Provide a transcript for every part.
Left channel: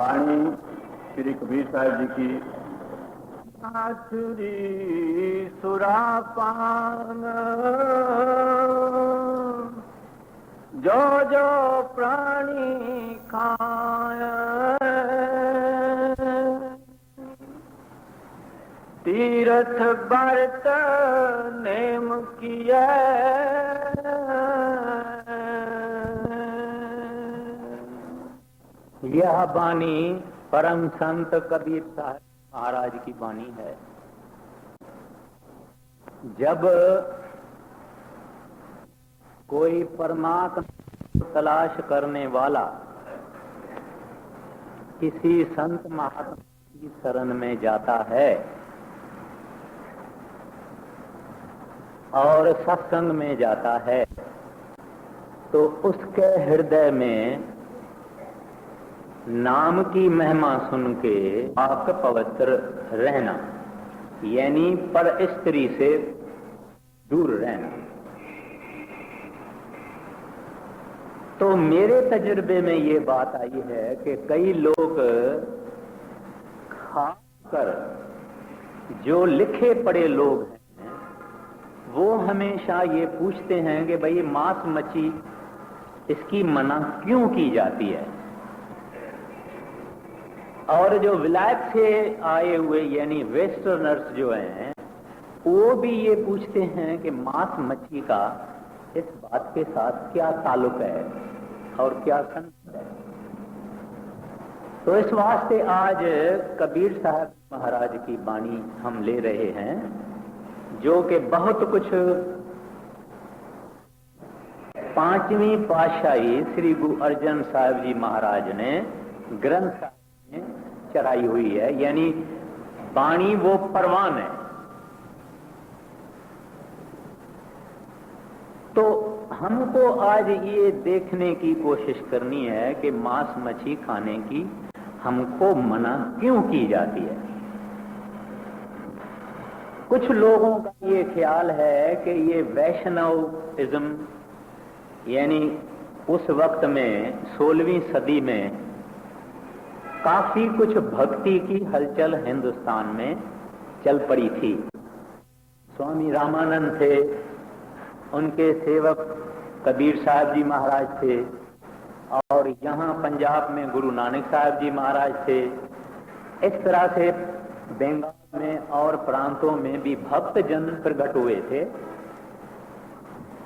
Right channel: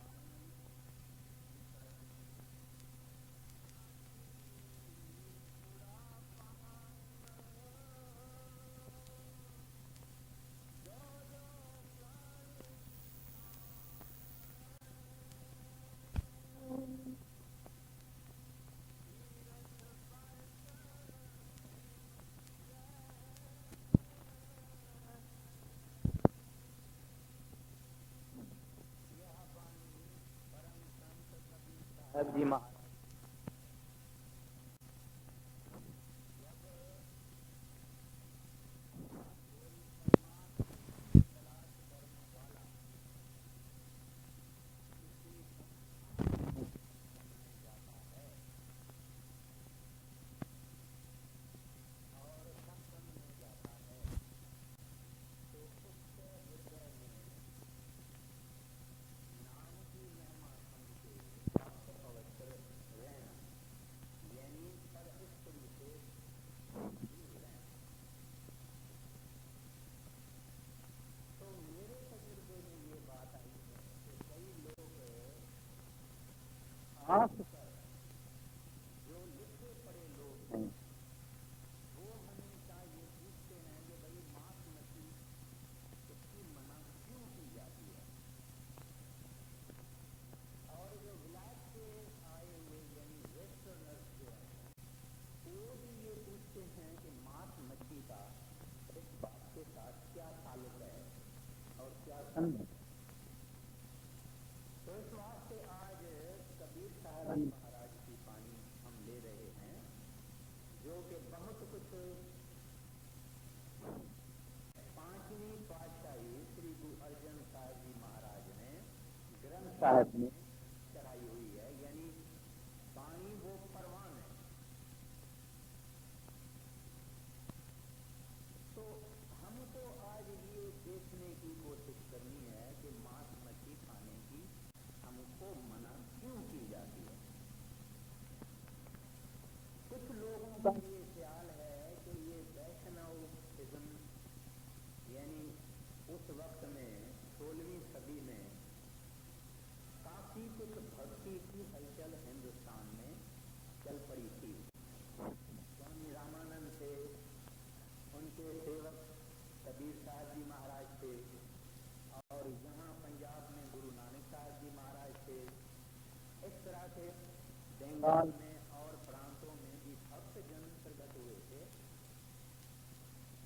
वाणी श्री कबीर साहब जी की। आसुरी सुरापान जो जो प्राणी खाय, तीर्थ व्रत नेम किया, यह वाणी परम संत कबीर साहब जी महाराज की वाणी है। जब कोई परमात्मा तलाश करने वाला किसी संत महात्मा की शरण में जाता है और सत्संग में जाता है, तो उसके हृदय में नाम की महिमा सुन के पाक पवित्र रहना, यानी पर स्त्री से दूर रहना। तो मेरे तजुर्बे में ये बात आई है कि कई लोग, खासकर जो लिखे पढ़े लोग हैं, वो हमेशा ये पूछते हैं कि भाई मांस मच्छी इसकी मना क्यों की जाती है। और जो विलायत से आए हुए यानी वेस्टर्नर्स जो हैं, वो भी ये पूछते हैं कि मांस मच्छी का इस बात के साथ क्या ताल्लुक है और क्या संबंध है। तो इस वास्ते आज कबीर साहब जी महाराज की वाणी हम ले रहे हैं, जो कि बहुत कुछ पांचवी पातशाही श्री गुरु अर्जन साहब जी महाराज ने ग्रंथ साहब में चढ़ाई हुई है, यानी वाणी वो परवान है। तो हमको आज ये देखने की कोशिश करनी है कि मांस मच्छी खाने की हमको मना क्यों की जाती है। कुछ लोगों का ये ख्याल है कि ये वैष्णविज्म, यानी उस वक्त में 16वीं सदी में काफी कुछ भक्ति की हलचल हिंदुस्तान में चल पड़ी थी। स्वामी रामानंद थे, उनके सेवक कबीर साहब जी महाराज थे, और यहाँ पंजाब में गुरु नानक साहब जी महाराज थे। इस तरह से बंगाल में और प्रांतों में भी भक्त जन प्रकट हुए थे।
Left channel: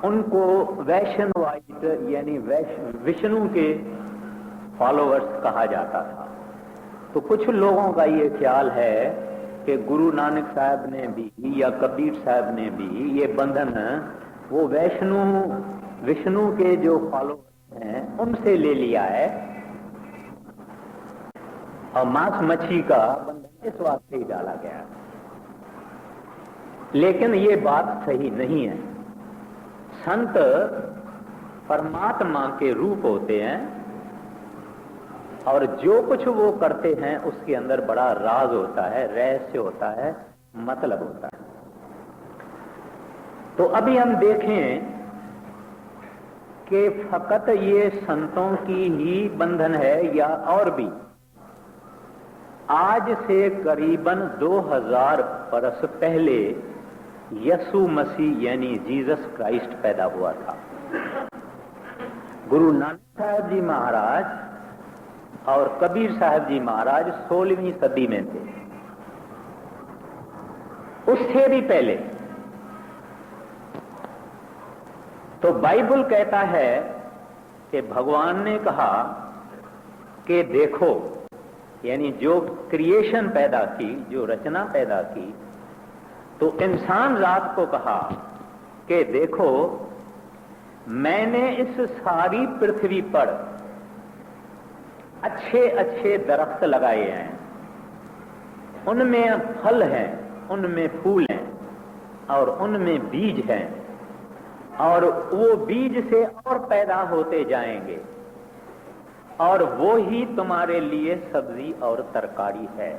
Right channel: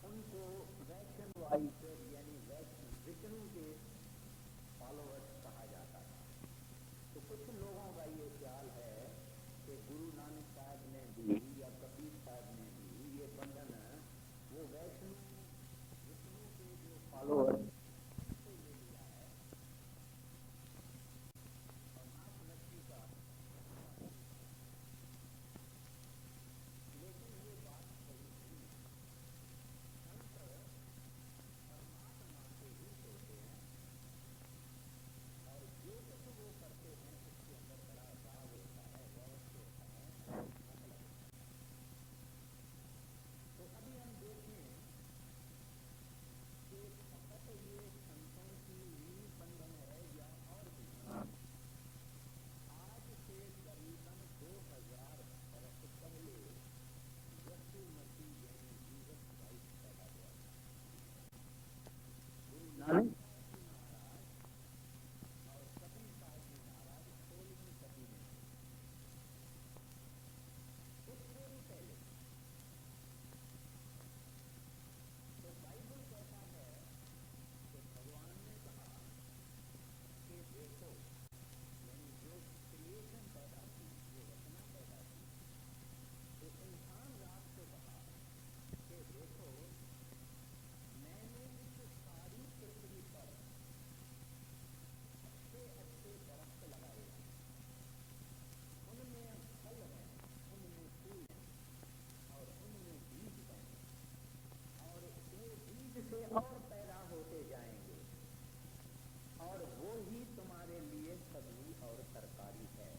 उनको वैष्णवाइट यानी विष्णु के फॉलोअर्स कहा जाता था। तो कुछ लोगों का ये ख्याल है कि गुरु नानक साहब ने भी या कबीर साहब ने भी ये बंधन वो विष्णु के जो फॉलोअर्स हैं उनसे ले लिया है, और मांस मच्छी का बंधन इस वास्ते ही डाला गया है। लेकिन ये बात सही नहीं है। संत परमात्मा के रूप होते हैं, और जो कुछ वो करते हैं उसके अंदर बड़ा राज होता है, रहस्य होता है, मतलब होता है। तो अभी हम देखें कि फकत ये संतों की ही बंधन है या और भी। आज से करीबन 2000 बरस पहले यसु मसीह यानी जीसस क्राइस्ट पैदा हुआ था। गुरु नानक साहब जी महाराज और कबीर साहब जी महाराज 16वीं सदी में थे। उससे भी पहले तो बाइबल कहता है कि भगवान ने कहा कि देखो, यानी जो क्रिएशन पैदा की, जो रचना पैदा की, तो इंसान रात को कहा कि देखो मैंने इस सारी पृथ्वी पर अच्छे अच्छे दरख्त लगाए हैं, उनमें फल हैं, उनमें फूल हैं, और उनमें बीज हैं, और वो बीज से और पैदा होते जाएंगे, और वो ही तुम्हारे लिए सब्जी और तरकारी है।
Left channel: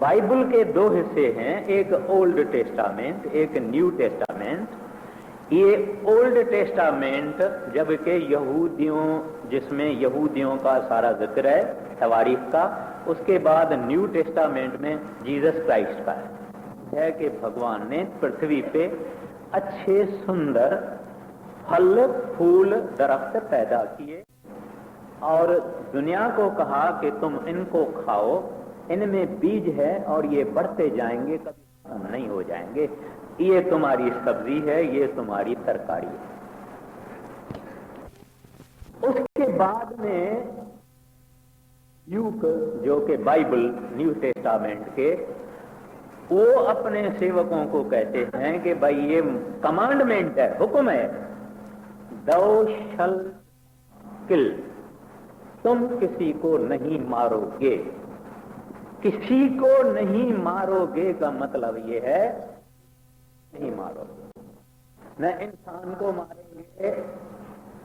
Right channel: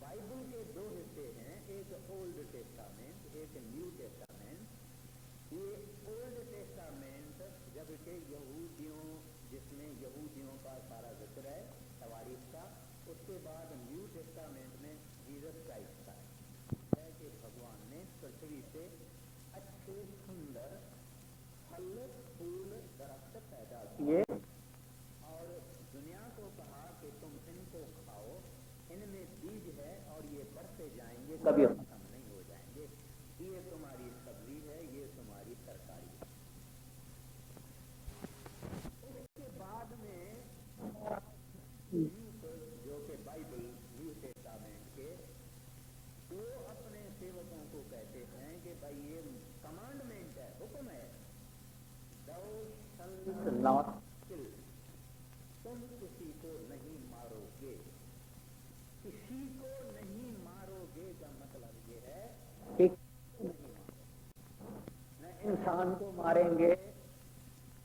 बाइबल के दो हिस्से हैं, एक ओल्ड टेस्टामेंट, एक न्यू टेस्टामेंट। ये ओल्ड टेस्टामेंट, जबकि यहूदियों, जिसमें यहूदियों का सारा जिक्र है तवारीख का, उसके बाद न्यू टेस्टामेंट में जीसस क्राइस्ट का है कि भगवान ने पृथ्वी पे अच्छे सुंदर फल फूल दरख्त पैदा किए और दुनिया को कहा कि तुम इनको खाओ, इनमें बीज है और ये बढ़ते जाएंगे, कभी खत्म नहीं हो जाएंगे, ये तुम्हारी सब्जी है, ये तुम्हारी तरकारी है। उसके बाद में ल्यूक, जो कि बाइबल न्यू टेस्टामेंट के, वो अपने सेवकों को कहते हैं कि भाई ये कमांडमेंट है, हुक्म है, thou shalt not kill, तुम किसी को नहीं मारोगे। किसी को नहीं मारोगे का मतलब ये है कि नहीं मारोगे, न इंसान को मारेंगे,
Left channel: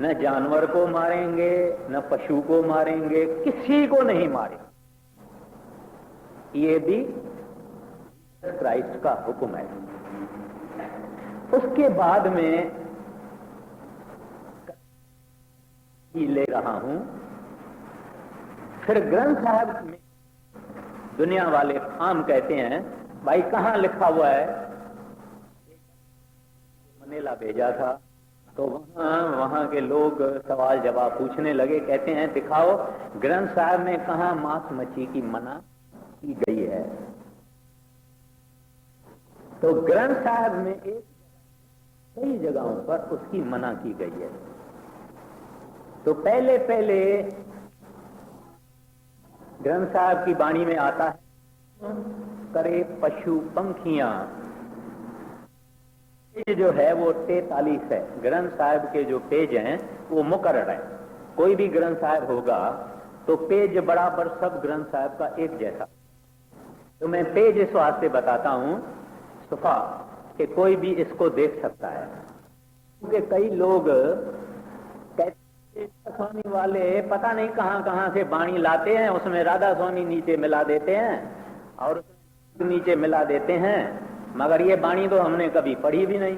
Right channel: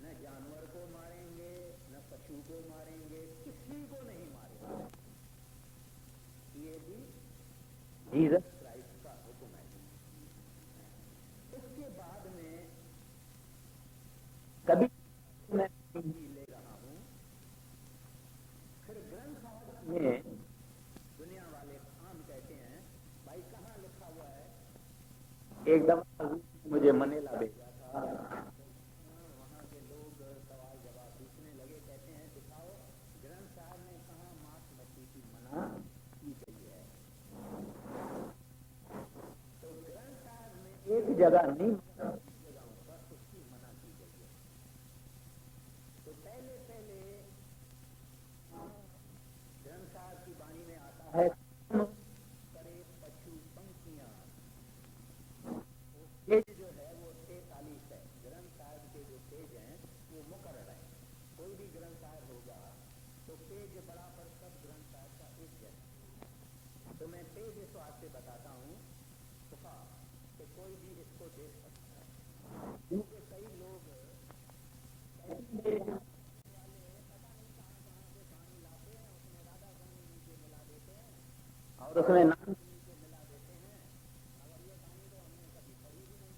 न जानवर को मारेंगे, न पशु को मारेंगे, किसी को नहीं मारेंगे। ये भी जीसस क्राइस्ट का हुक्म है। उसके बाद में कभी मैं भी ले रहा हूं, फिर ग्रंथ साहब में दुनिया वाले आम कहते हैं भाई कहां लिखा हुआ है। एक दफा मुझे मनीला भेजा था, तो वहां के लोग सवाल जवाब पूछने लगे, कहते हैं दिखाओ ग्रंथ साहब में कहां मांस मच्छी की मना की गई है। तो ग्रंथ साहब में एक जगह नहीं, कई जगहों पर उसकी मना की गई है। तो पहले पहले ग्रंथ साहब की वाणी में आता है, करे पशु पंखियां। पेज जो है वो 43 है। ग्रंथ साहब के जो पेज हैं वो मुकर्रर है। कोई भी ग्रंथ साहब होगा तो पेज बराबर सब ग्रंथ साहब का एक जैसा। तो मैं पेज इस वास्ते बताता हूं सुफा कि कोई भी इसको देख सकता है, क्योंकि कई लोग कहते हैं स्वामी वाले पता नहीं कहां कहां से वाणी लाते हैं, उसमें राधा स्वामी नीचे मिला देते हैं और उसमें नाम नीचे मिला देते हैं, मगर ये वाणी तो हमने कभी पढ़ी भी नहीं।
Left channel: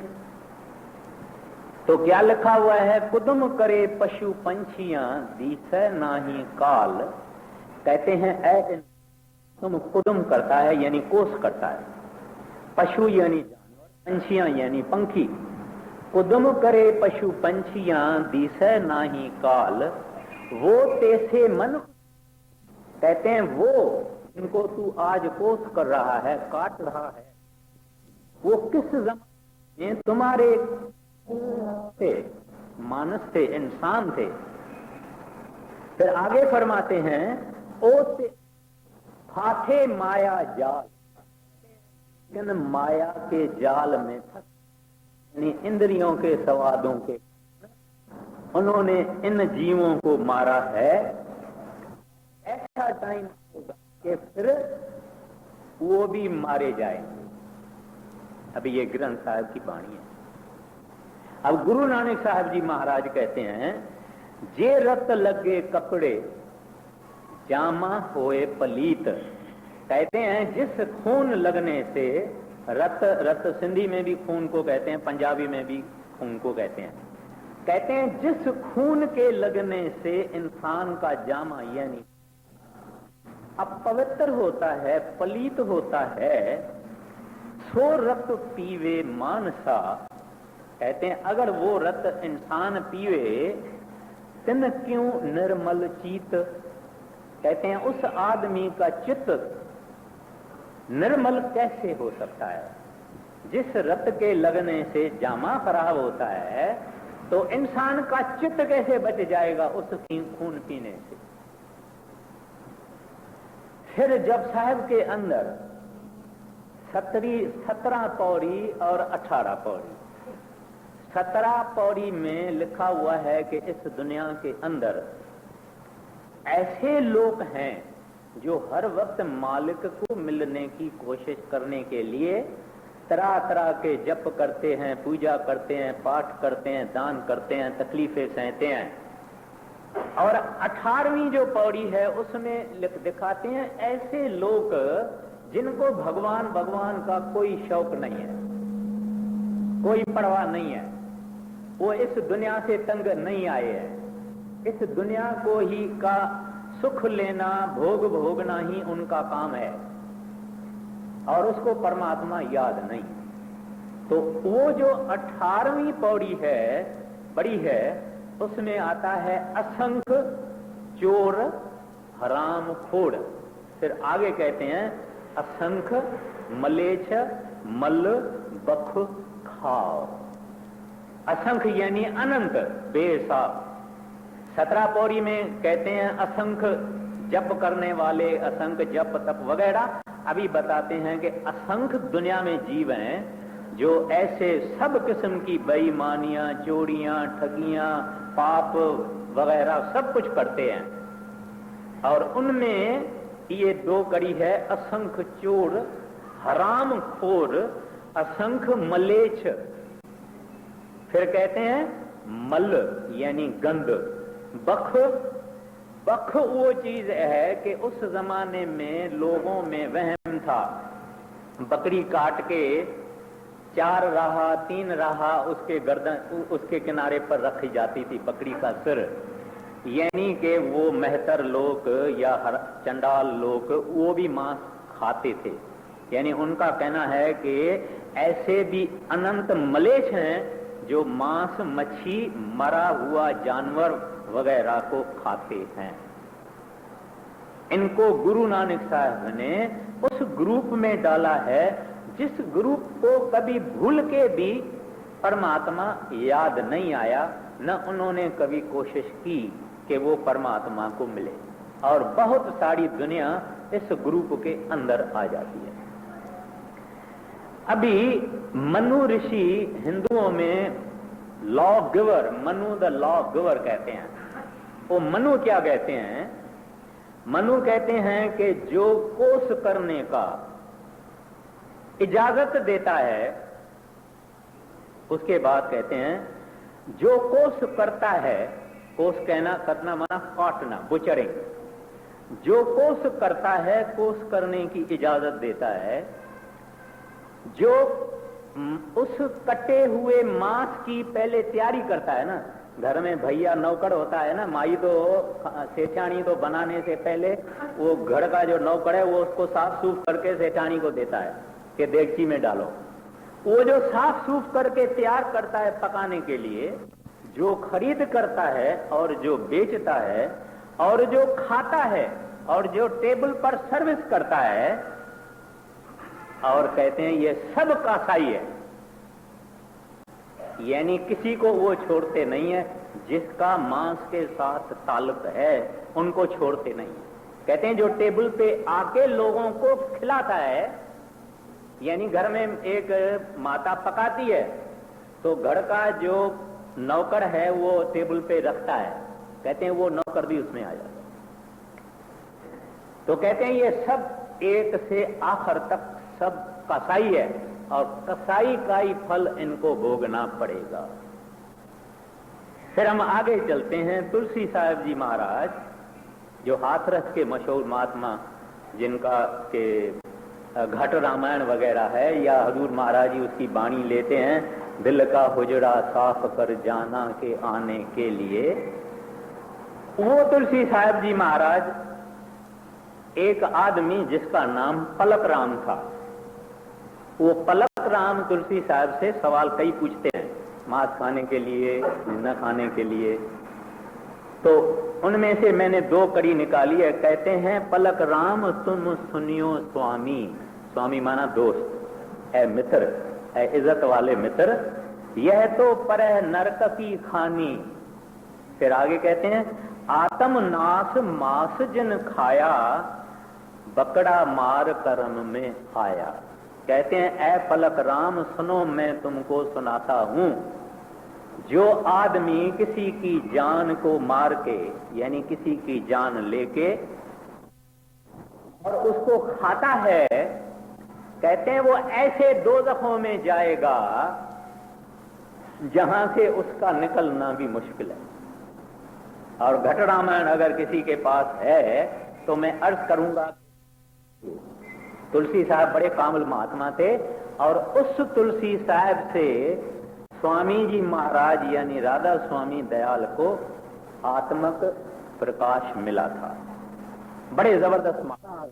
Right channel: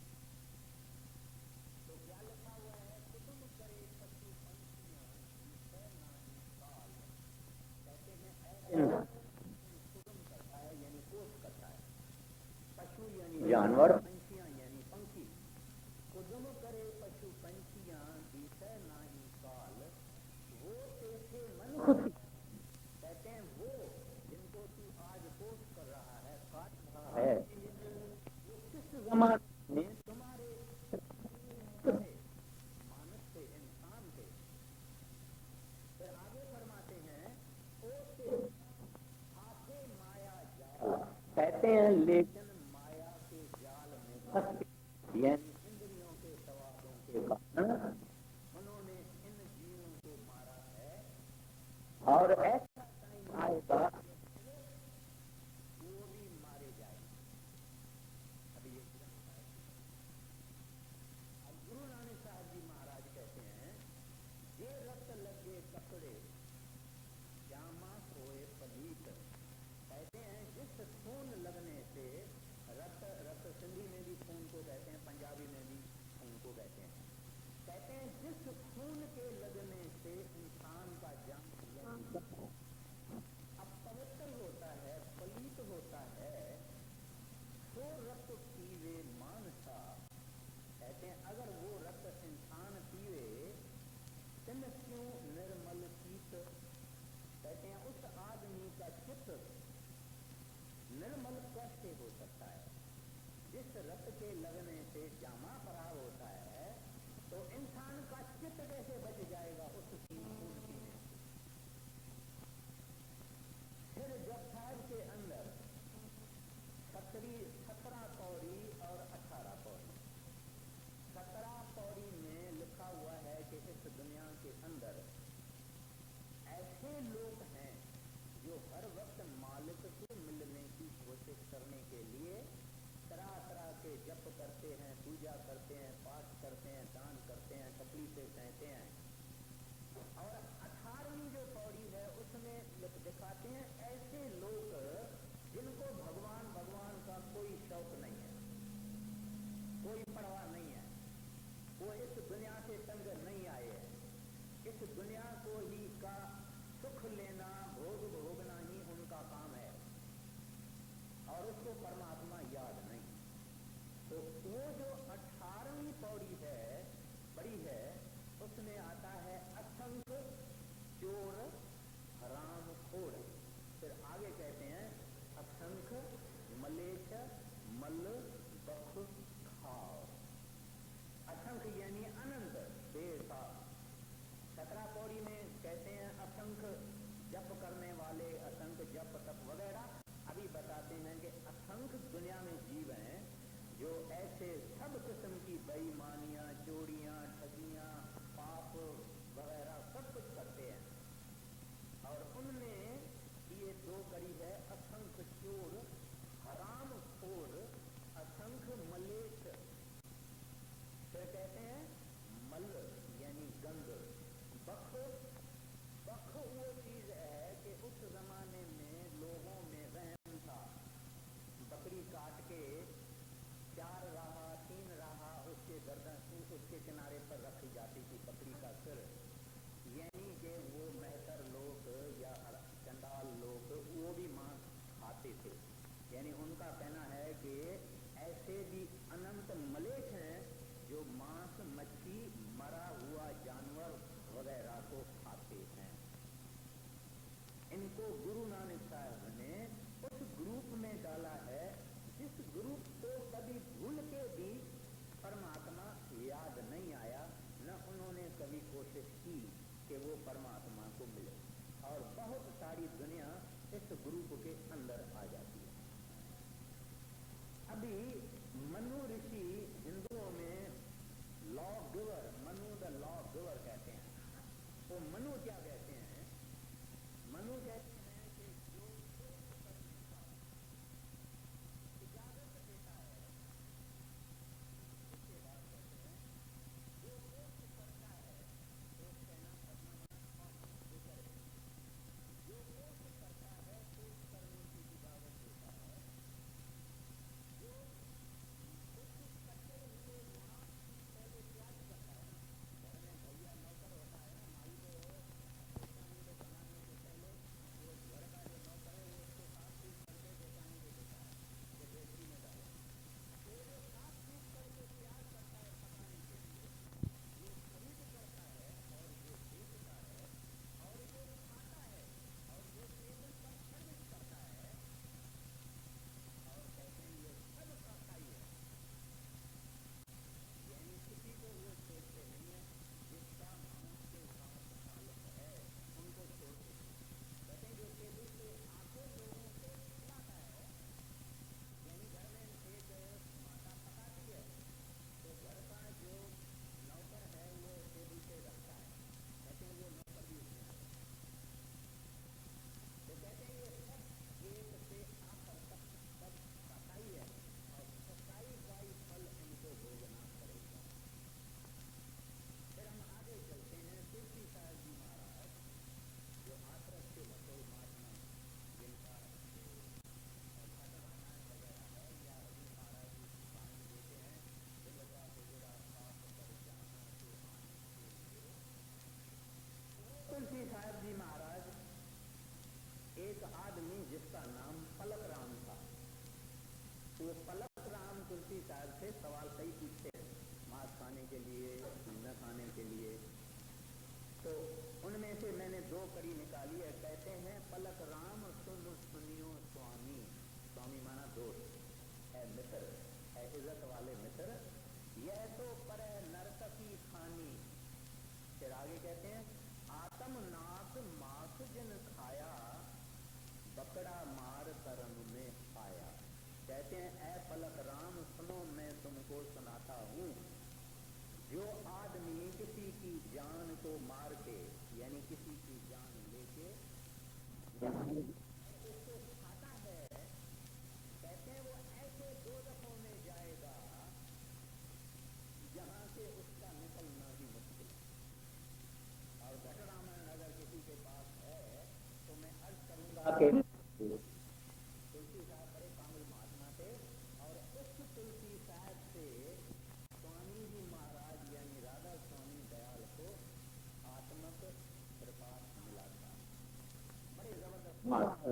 तो क्या लिखा हुआ है, कुदुम करे पशु पंछियां दिसै नाही काल। कहते हैं ऐ इंसान, तुम कुदुम करता है यानी कोस करता है, पशु यानी जानवर, पंछियां यानी पंखी। कुदुम करे पशु पंछियां दिसै नाही काल, वो तेसे मन खुशी। कहते हैं वो जिनको तू आज कोस कर रहा है, काट रहा है, वो किस जमाने में तुम्हारे थे, मानस थे, इंसान थे। फिर आगे फरमाते हैं ओ फाथे माया जाल। कहते हैं लेकिन माया के जाल में फंसे, यानी इंद्रियों के स्वादों के कारण उन्होंने इन जीवों को मारा है। और ऐसा टाइम आएगा कि फिर वो भी मारे जाएंगे। अभी ये ग्रंथ साहब की वाणी है। अब गुरु नानक साहब जी महाराज कहते हैं, जे रत लगे कपड़े जामा होए पलीत। कहते हैं जिस खून लगने से, रत, रत सिंधी में भी खून को कहते हैं, पंजाबी में भी खून को कहते हैं। कहते हैं जिस खून के लगने से इंसान का जामा यानी अपवित्र होता है, पलीत होता है, सो रत पीवे मानसा। कहते हैं अगर वो रत इंसान पीवे, तिन क्यों निर्मल चीत। कहते हैं उस आदमी का चित्त निर्मल कैसे हो सकता है। जिस रत के लगने से जामा खराब होता है तो इंसान का चित्त कैसे बच जाएगा उस खून पीने से। फिर जब साहब के अंदर 17 पौड़ी और 18 पौड़ी, 17 पौड़ी में लिखा हुआ है कि इस दुनिया के अंदर ऐसे लोग हैं जो हर वक्त मालिक को मिलने की कोशिश करने के लिए तरह तरह के जप करते हैं, पूजा करते हैं, पाठ करते हैं, दान करते हैं, तकलीफें सहते हैं। और 18वीं जो पौड़ी है उसमें दिखाते हैं ऐसे लोग जिनको भगवान का कोई शौक नहीं है, कोई परवाह नहीं है, वो इस दुनिया से तंग नहीं आए हैं। इस दुनिया को ही का सुख लेना, भोग भोगना ही उनका काम है और उसको परमात्मा याद नहीं। तो वो जो 18वीं पौड़ी है, बड़ी है, उसमें आता है असंख्य चोर हराम खोड़। फिर आगे कहते हैं असंख्य मलेच्छ मल बख खाओ। असंख्य यानी अनंत, बेसाब। 17 पौड़ी में कहते हैं असंख्य जप करने वाले, असंख्य जप तप वगैरह। अभी बताते हैं कि असंख्य दुनिया में जीव हैं जो ऐसे सब किस्म की बेईमानियां, चोरियां, ठगियां, पाप वगैरह सब कुछ करते हैं। और उनमें ये 2 कड़ी है, असंख्य चोर हराम खोर, असंख्य मलेच्छ। फिर कहते हैं मल यानी गंद। बख, बख वो चीज है कि उस जमाने में लोगों में वहम था, बकरी काट के 4 राहा 3 राहा उसके गर्दन, उसके किनारे पर रखी जाती थी बकरी का सिर, यानी कि वो मेहतर लोग या चंडाल लोग वो भी मांस खाते थे। यानी उनका कहना है कि ऐसे भी अनंत मलेच्छ हैं जो मांस, मच्छी, मरा हुआ जानवर वगैरह को खाते हैं। इनको गुरु नानक साहब ने उस ग्रुप में डाला है जिस ग्रुप को कभी भूल के भी परमात्मा याद नहीं आया, न उन्होंने कभी कोशिश की कि वो परमात्मा को मिले। और बहुत सारी दुनिया इस ग्रुप के अंदर आ जाती है। अभी मनु ऋषि हिंदुओं में law giver, Manu the law giver कहते हैं। वो मनु क्या कहते हैं? मनु कहते हैं कि जो कोष करने का इजाजत देता है, उसके बाद कहते हैं जो कोष करता है, कोष कहना करना माना काटना, बुचरिंग। जो कोष करता है, कोष करने की इजाजत देता है, जो उस कटे हुए मांस की पहले तैयारी करता है ना, घर में भैया नौकर होता है ना, माई तो सेठानी तो बनाने से पहले वो घर का जो नौकर है वो उसको साफ सूफ करके सेठानी को देता है कि देगची में डालो। वो जो साफ सूफ करके तैयार करता है पकाने के लिए, जो खरीद करता है और जो बेचता है और जो खाता है और जो टेबल पर सर्विस करता है, और कहते हैं ये सब कसाई है। यानी किसी को वो छोड़ते नहीं है, जिसका मांस के साथ ताल्लुक है उनको छोड़ते नहीं। कहते हैं जो टेबल पे आके लोगों को खिलाता है, यानी घर में एक माता पकाती है तो घर का जो नौकर है वो टेबल पे रखता है, कहते हैं वो नौकर भी उसमें आ जाता है। तो कहते हैं ये सब एक से आखिर तक सब कसाई है और कसाई का ही फल इनको भोगना पड़ेगा। फिर हम आगे चलते हैं। तुलसी साहब जी महाराज जो हाथरस के मशहूर महात्मा, जिनका के घट रामायण वगैरह है, या हजूर महाराज जी उसकी बाणी लेते हैं, दिल का हुजरा साफ कर जाना के आने के लिए। वो तुलसी साहब जी महाराज, एक आदमी जिसका नाम पलक राम था, वो पलक राम तुलसी साहब से सवाल कई पूछते हैं, मांस खाने के लिए, न खाने के लिए। तो उनमें से मैंने 2 कड़ी निकाली है। कहते हैं पलक राम तुम सुनियो स्वामी, स्वामी माना दोस्त, है मित्र, है इज्जत वाले मित्र, यह तो पर नरक की खानी। फिर आगे कहते हैं आत्म नाश मांस जिन खाया, बकड़ा मार कर्म में आया। कहते हैं ऐ पलक राम सुनो मैं तुमको सुनाता हूं, जो आदमी किसी की जान को मार के, यानी किसी की जान लेके और उसको खाता है, कहते हैं वो ऐसे दोज़खों में जाएगा जहां से उसका निकलना भी मुश्किल है। और घट रामायण अगर किसी के पास है तो मैं अर्ज करूंगा कि तुलसी साहब बड़े कामिल महात्मा थे और उस तुलसी साहब से स्वामी जी महाराज यानी राधा स्वामी दयाल को आत्मक प्रकाश मिला था। बड़े जबरदस्त महाराज,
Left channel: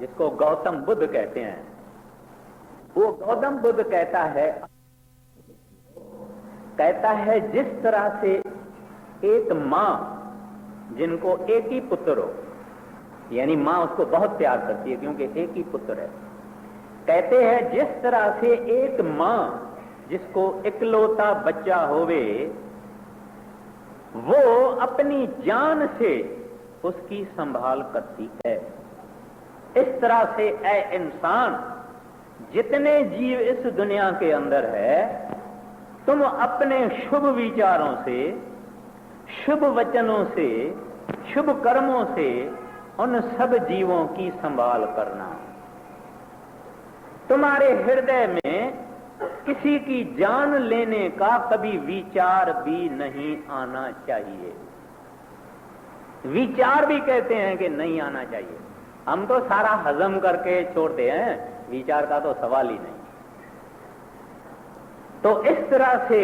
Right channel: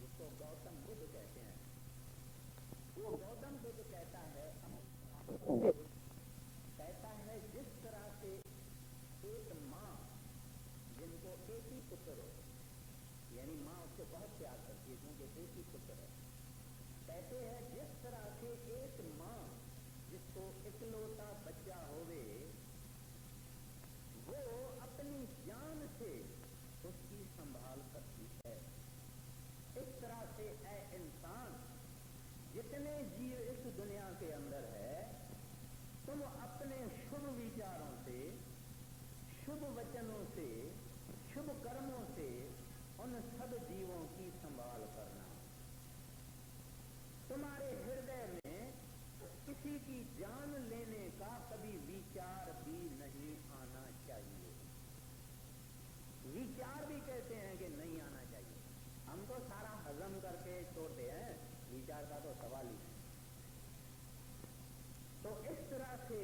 जिसको गौतम बुद्ध कहते हैं, वो गौतम बुद्ध कहता है जिस तरह से एक मां जिनको एक ही पुत्र हो, यानी मां उसको बहुत प्यार करती है क्योंकि एक ही पुत्र है, कहते हैं जिस तरह से एक मां जिसको इकलौता बच्चा होवे वो अपनी जान से उसकी संभाल करती है, इस तरह से ऐ इंसान जितने जीव इस दुनिया के अंदर है, तुम अपने शुभ विचारों से, शुभ वचनों से, शुभ कर्मों से उन सब जीवों की संभाल करना। तुम्हारे हृदय में किसी की जान लेने का कभी विचार भी नहीं आना चाहिए। विचार भी कहते हैं कि नहीं आना चाहिए, हम तो सारा हजम करके छोड़ते हैं, विचार का तो सवाल ही नहीं। तो इस तरह से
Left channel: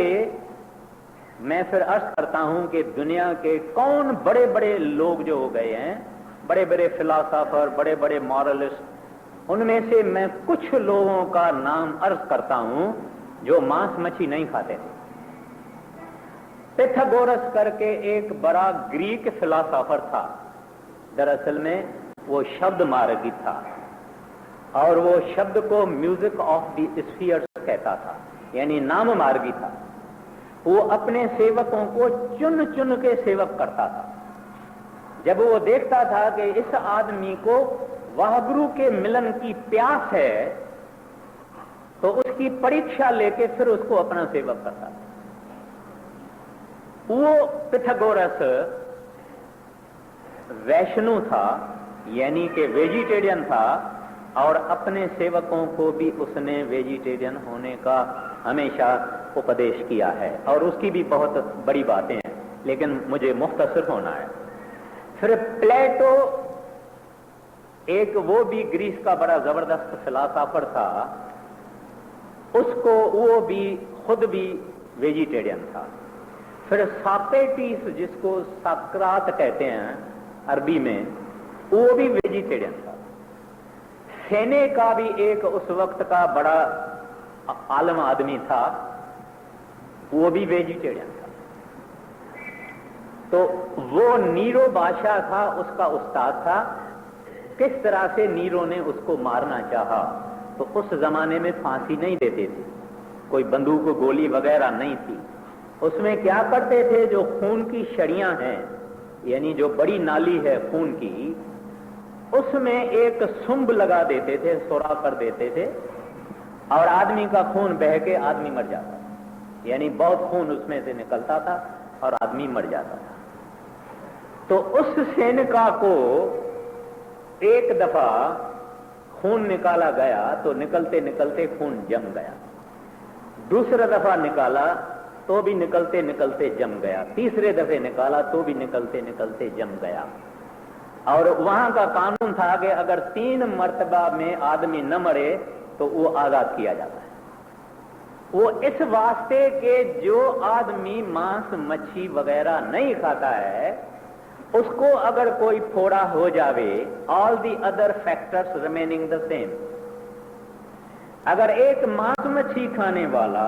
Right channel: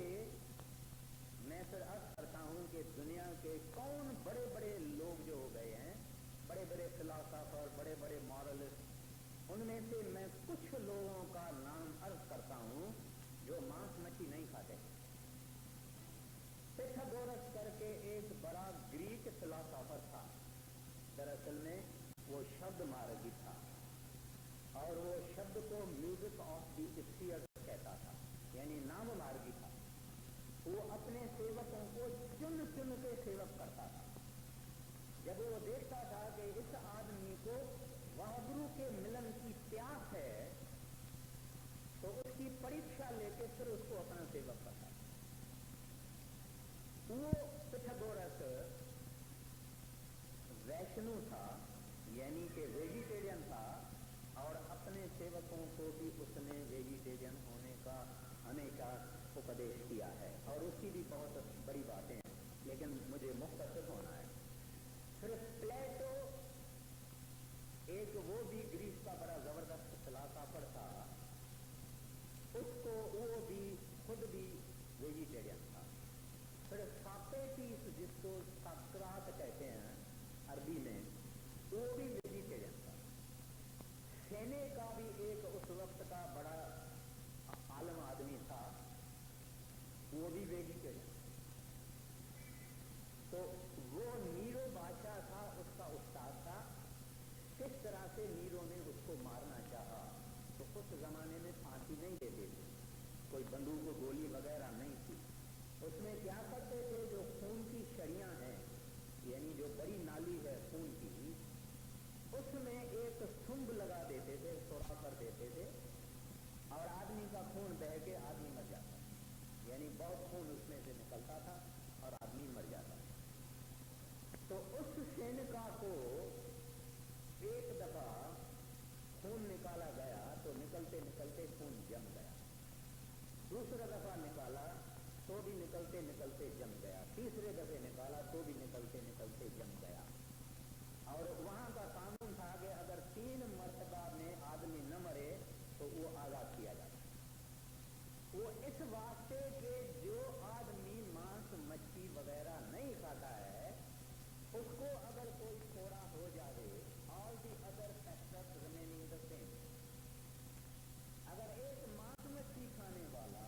मैं फिर अर्ज करता हूं कि दुनिया के कौन बड़े बड़े लोग जो हो गए हैं, बड़े बड़े फिलोसोफर, बड़े बड़े मॉरलिस्ट, उनमें से मैं कुछ लोगों का नाम अर्ज करता हूं जो मांस मच्छी नहीं खाते थे। पिथागोरस करके एक बड़ा ग्रीक फिलोसोफर था, दरअसल में वो शब्द मार्गी था और वो शब्द को म्यूजिक ऑफ द स्फीयर्स कहता था, यानी नाम मार्गी था। वो अपने सेवकों को चुन चुन के सेवक करता था। जब वो देखता था कि इस आदमी को वाहगुरु के मिलन की प्यास है तो उसकी परीक्षा लेके फिर उसको अपना सेवक करता था। वो पिथागोरस वैष्णु था, यानी कि वेजिटेरियन था, और अपने सेवकों को भी उसने वेजिटेरियन होने का हमेशा उपदेश किया है, और उसकी भी बहुत बड़ी बातें हैं, लेकिन मुझे मुख्तसर होना है। फिर प्लेटो, एक वो भी ग्रीस का बड़ा जबरदस्त फिलोसोफर था, उसको वो भी खुद भी वेजिटेरियन था। फिर सोक्रेटिस, जिसको सॉक्रात कहते हैं अरबी में, वो भी वेजिटेरियन था। सेनेका भी एक उस वक्त का बड़ा आलम आदमी था, वो भी वेजिटेरियन था। तो वो नीरो बादशाह था, उसका उस्ताद था। किस तरह से नीरो ने उसको मारना चाहा, तो उस जमाने में फांसी नहीं देते थे, कोई बंदूक गोली वगैरह नहीं थी। उसमें क्या करते थे, जो खून की छड़ियां हैं, यानी जो बड़ी नाली है खून की, उसमें एक सुंब लगा देते थे, सुराख कर देते थे, और आदमी का खून बह के आदमी मर जाता था, यानी बहुत खून उसमें से निकलता था और आदमी मर जाता था। तो उस सेनिका को एक दफा खून निकाला गया तो निकलते निकलते खून जम गया, दूसरा दफा निकाला तो भी निकलते निकलते जम गया, तीसरे दफे निकाला तो भी निकलते निकलते जम गया। और वहां का कानून था कि अगर 3 मर्तबा में आदमी न मरे तो वो आजाद किया जाता है। वो इस वास्ते के जो आदमी मांस मच्छी वगैरह नहीं खाता है, उसको अगर कोई फोड़ा हो जावे, all the other factors remaining the same. अगर एक मांस मच्छी खाने वाला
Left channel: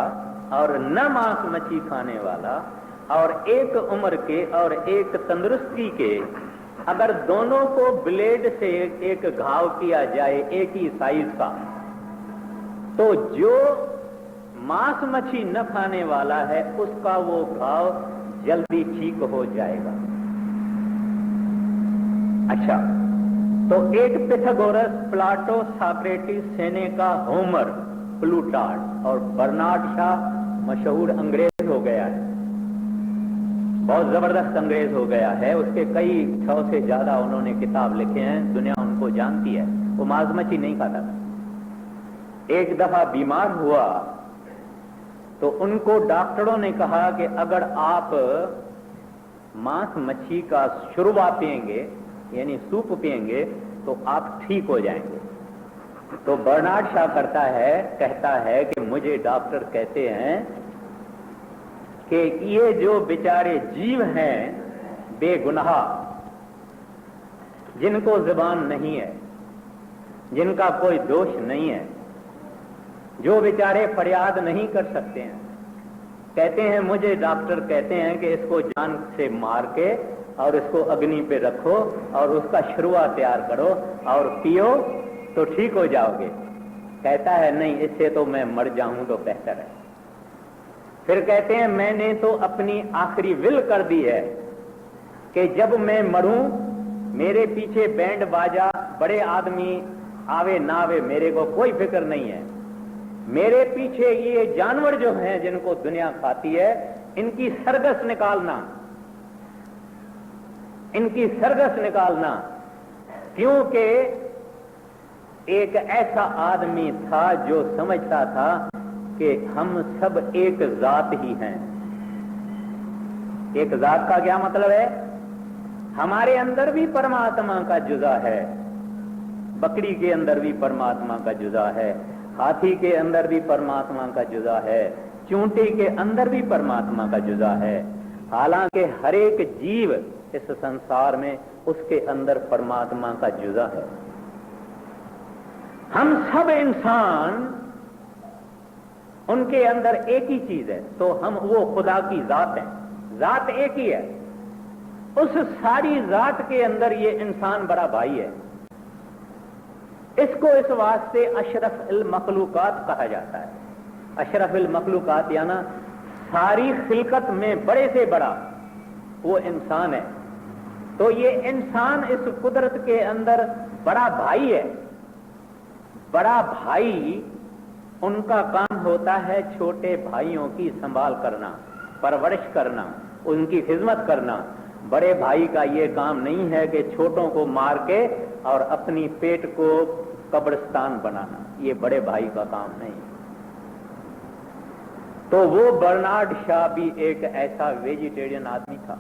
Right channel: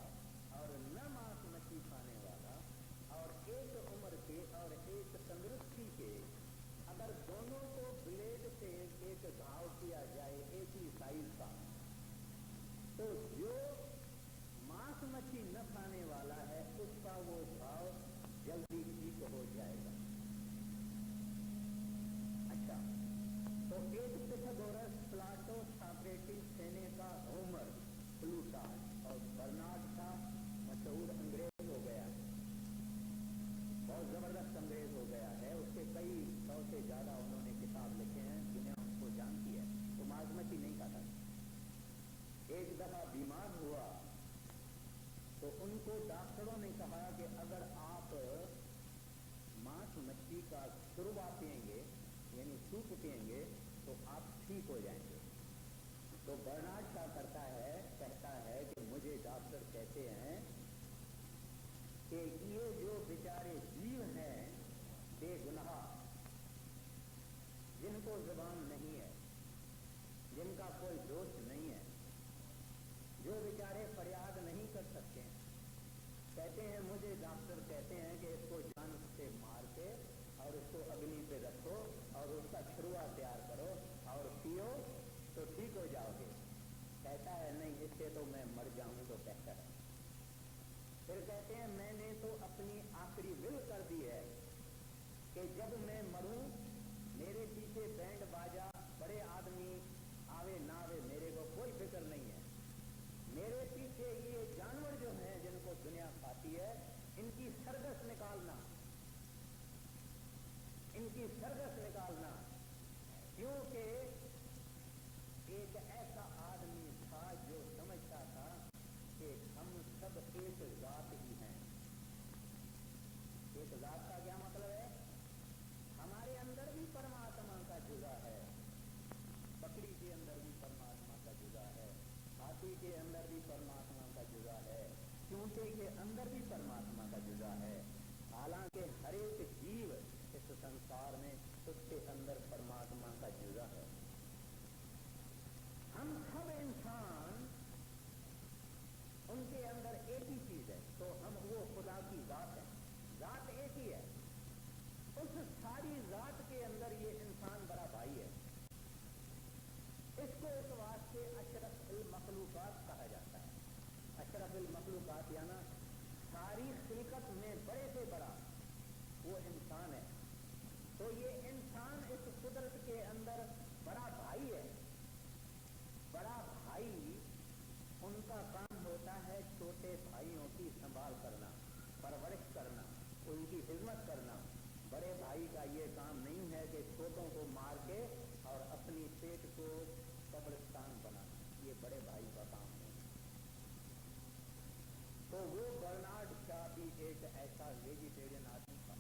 और न मांस मच्छी खाने वाला, और एक उम्र के और एक तंदुरुस्ती के, अगर दोनों को ब्लेड से एक घाव किया जाए एक ही साइज का, तो जो मांस मच्छी न खाने वाला है उसका वो घाव जल्दी ठीक हो जाएगा। अच्छा, तो एक Pythagoras, Plato, Socrates, Seneca, Homer, प्लूटार्ड और बर्नार्ड शॉ मशहूर अंग्रेज हो गया है, बहुत जबरदस्त अंग्रेज हो गया है। उसके कई 100 से ज्यादा उन्होंने किताब लिखे हैं, दुनिया उनको जानती है। वो मांस मच्छी नहीं खाता था। एक दफा बीमार हुआ तो उनको डॉक्टरों ने कहा कि अगर आप मांस मच्छी का शुरुआत पिएंगे, यानी सूप पिएंगे, तो आप ठीक हो जाएंगे। तो बर्नार्ड शॉ कहता है कि मुझे डॉक्टर कहते हैं कि ये जो बेचारे जीव हैं बेगुनाह, जिनको जुबान नहीं है, जिनका कोई दोष नहीं है, जो बेचारे फरियाद नहीं कर सकते हैं, कहते हैं, मुझे डॉक्टर कहते हैं कि इसको जान से मार के और इसको अग्नि पे रखो और उसका शुरुआ तैयार करो और पियो तो ठीक हो जाओगे। कहता है नहीं, इससे तो मैं मर जाऊं तो बेहतर है। फिर कहते हैं, मैंने तो अपनी आखिरी विल कर दी है कि जब मैं मरूं मेरे पीछे बैंड बाजा, बड़े आदमी आवे ना आवे, मेरे को कोई फिक्र नहीं है। मेरे पीछे ये जानवर जो हैं जिनको दुनिया खाती है, इनकी सरगस निकालना, इनकी सरगस निकालना। क्योंकि एक ऐसा आदमी था जो समझता था कि हम सब एक जात ही हैं। एक जात का क्या मतलब है? हमारे अंदर भी परमात्मा का जुज़ा है, बकरी के अंदर भी परमात्मा का जुज़ा है, हाथी के अंदर भी परमात्मा का जुज़ा है, चूंटी के अंदर भी परमात्मा का जुज़ा है। हालांकि हर एक जीव इस संसार में उसके अंदर परमात्मा का जुज़ा है। हम सब इंसान, उनके अंदर एक ही चीज है, तो हम वो खुदा की जात है, जात एक ही है। उस सारी जात के अंदर ये इंसान बड़ा भाई है। इसको इस वास्ते अशरफ इल मखलूकात कहा जाता है। अशरफ इल मखलूकात याना सारी खिलकत में बड़े से बड़ा वो इंसान है। तो ये इंसान इस कुदरत के अंदर बड़ा भाई है। बड़ा भाई, उनका काम होता है छोटे भाइयों की संभाल करना, परवरिश करना, उनकी खिदमत करना। बड़े भाई का ये काम नहीं है कि छोटों को मार के और अपनी पेट को कब्रिस्तान बनाना, ये बड़े भाई का काम नहीं। तो वो बर्नार्ड शॉ भी एक ऐसा वेजिटेरियन आदमी था।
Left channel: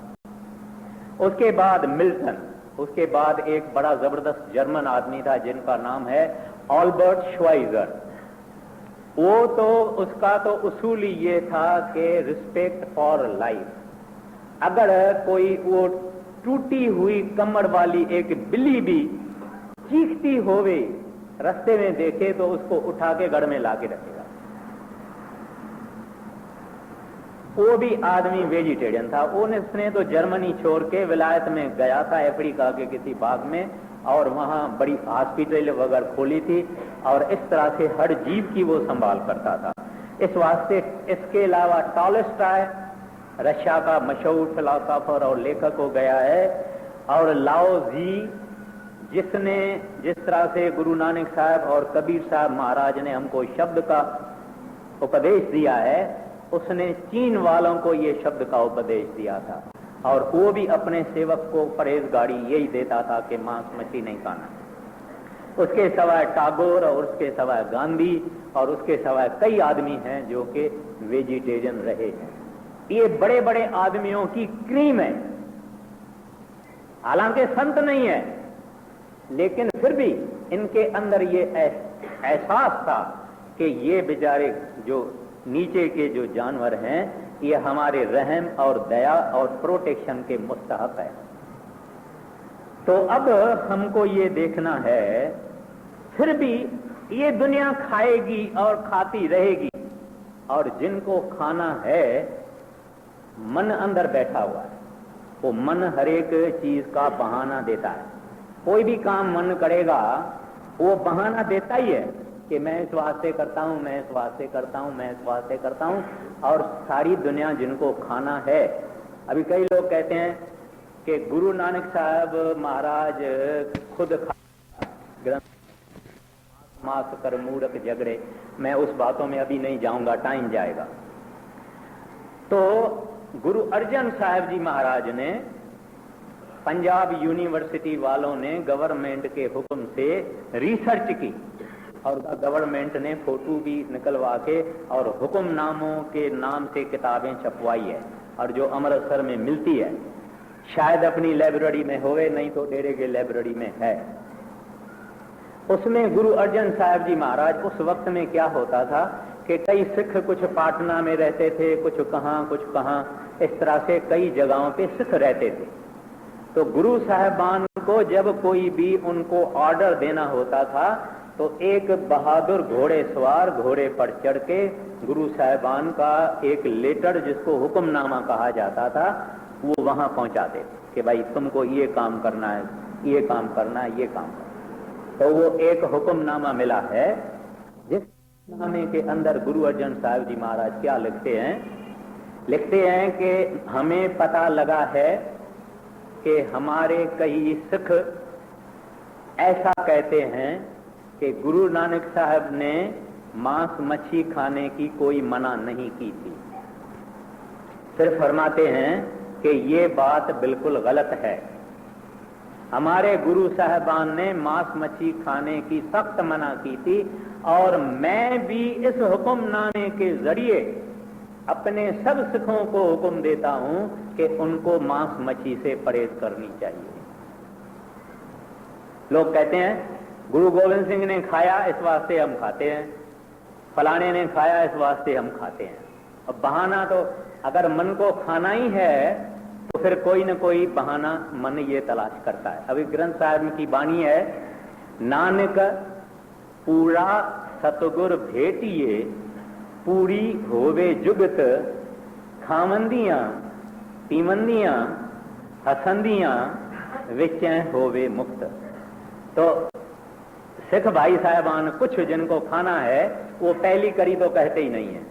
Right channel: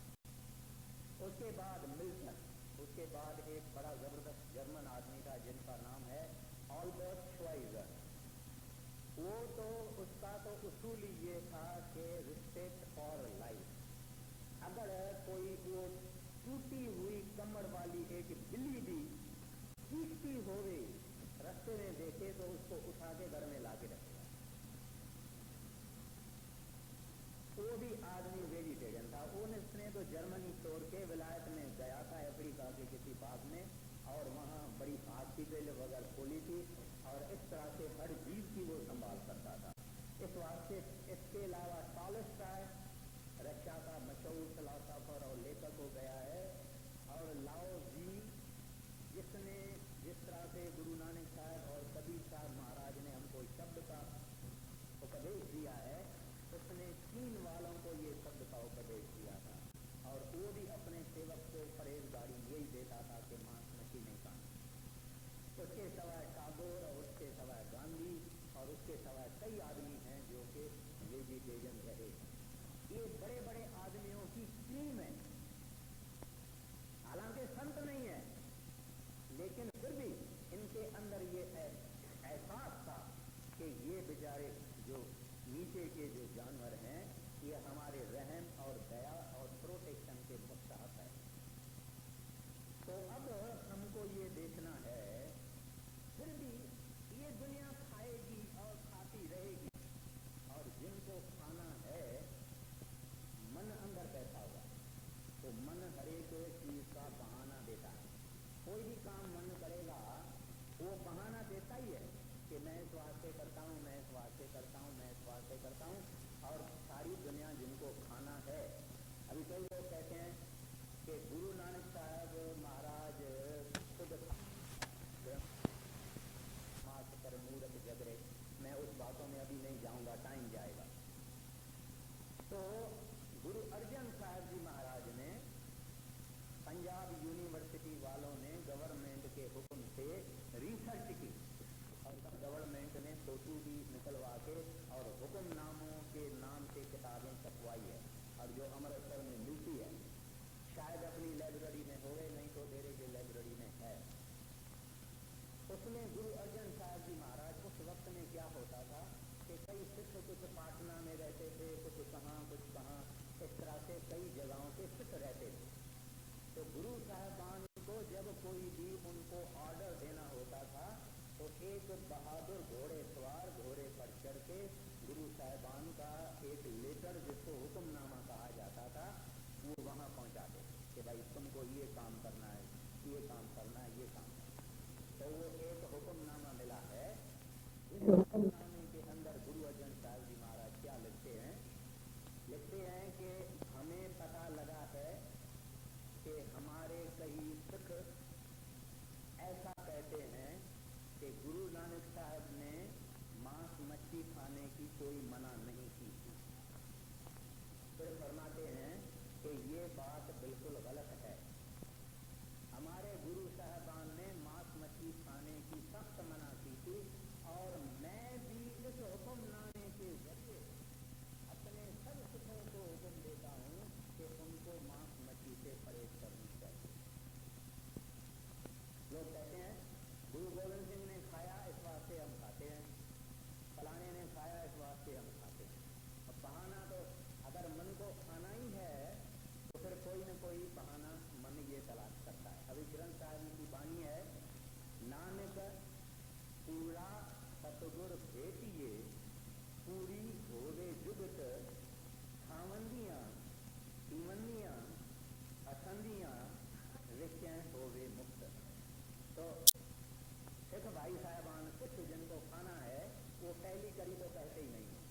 उसके बाद मिल्टन, उसके बाद एक बड़ा जबरदस्त जर्मन आदमी था जिनका नाम है ऑल्बर्ट श्वाइजर। वो तो उसका तो उसूल ही ये था कि रिस्पेक्ट फॉर लाइफ। अगर कोई वो टूटी हुई कमर वाली एक बिल्ली भी चीखती होवे रास्ते में देखे तो उसको उठा के गढ़ में लाके रखेगा। वो भी आदमी वेजिटेरियन था। उसने तो जर्मनी छोड़ के विलायत में गया था, अफ्रीका के किसी बाग में, और वहां बड़ी हॉस्पिटल वगैरह खोली थी और इस तरह से हर जीव की वो संभाल करता था। इस वास्ते इसके अलावा टॉलस्टॉय रशिया का मशहूर फिलोसोफर और लेखक हो गया है, और लाओ जी, जिसने जिस तरह से गुरु नानक साहब और कबीर साहब महाराज ने हमको शब्द का उपदेश दिया है, उसने चीन वालों को ये शब्द का उपदेश दिया था। और वो भी अपने सेवक को परहेजगारी यही देता था कि मांस मछली नहीं खाना। उसके सिवाय टैगोर और उसके सिवाय गांधी और उसके सिवाय कई आदमी हैं जो कि वेजिटेरियन रहे हैं। ये बड़े बड़े आदमियों की क्रीम है। हालांकि संत नहीं है, लेकिन फिर भी इनके अंदर ये एहसास था कि ये बेचारे जो नीचे के जो जानवर हैं, ये हमारे रहम और दया और प्रोटेक्शन के मुस्तहक है। तो अब हमको ये देखना है, फिर भी ये दुनिया खाएगी और खाती रहेगी, और जिनको खाना है मन अंदर बैठा हुआ है। वो मन हर एक चीज का बहाना देता है। कोई भी काम मन करेगा वो बहाना देता ही है कि मैं इस वास्ते करता हूं, मैं इस वास्ते करता हूं, मैं इस वास्ते करता हूं। और सारी दुनिया जिनको खाना है, अभी कई लोग कहते हैं कि गुरु नानक साहब महाराज खुद मास कर मूर्ख झगड़े, मैं उस बातों में अभी नहीं जाऊंगा, टाइम जाएगा। तो गुरु अर्जन साहब जी महाराज ने, पंजाब यूनिवर्सिटी वालों ने गवर्नमेंट के हुक्म से रिसर्च की और गवर्नमेंट ने फोटो भी निकलवा के और हुक्मनामों के नाम से किताबें छपवाई है, और जो अमृतसर में मिलती है, शायद अपनी लाइब्रेरी में होवे, नहीं तो डेरे के लाइब्रेरी में है। उसमें गुरु अर्जन साहब जी महाराज, उस वक्त में क्या होता था कि कई सिख कुछ पाटना में रहते थे, कुछ कहाँ, इस तरह से कई जगहों पे सिख रहते थे। तो गुरु साहबान को जब कोई भी उनको ऑर्डर देना होता था तो एक बहादुर घोड़े सवार घोड़े पर चढ़ के गुरु साहबान का एक लेटर, जिसको हुक्मनामा कहा जाता था, वो वहां पहुंचाते कि भाई तुमको ये काम करना है, ये काम करना है, ये काम करना। तो वो एक हुक्मनामा मिला है, जिस हुक्मनामे के अंदर गुरु अर्जन साहब जी महाराज क्या लिखते हैं कि हमें पता लगा है कि हमारे कई सिख ऐसा कहते हैं कि गुरु नानक साहब ने मांस मच्छी खाने की कोई मना नहीं की थी, सिर्फ फरमाते हैं कि ये बात बिल्कुल गलत है। हमारे गुरु साहबान ने मांस मच्छी खाने की सख्त मना की थी, और मैं भी इस हुक्मनामे के जरिए अपने सब सिखों को हुक्म देता हूं कि उनको मांस मच्छी से परहेज करनी चाहिए। लोग कहते हैं गुरु गोविंद सिंह ने खाया इस वास्ते हम खाते हैं, फलाने ने खाया इस वास्ते हम खाते हैं। अब बहाना तो अगर मन को खाना ही है तो फिर कोई न कोई बहाना मन ये तलाश करता है। अभी ग्रंथ साहब की बाणी है, नानक पूरा सतगुर भेटिए, पूरी होवे जुगत, खावंदियां पीवंदियां हसंदियां विचैं होवे मुक्त। तो सिख भाई साहबान कुछ जिनको खाना है वो पहली कड़ी तो कहते ही नहीं है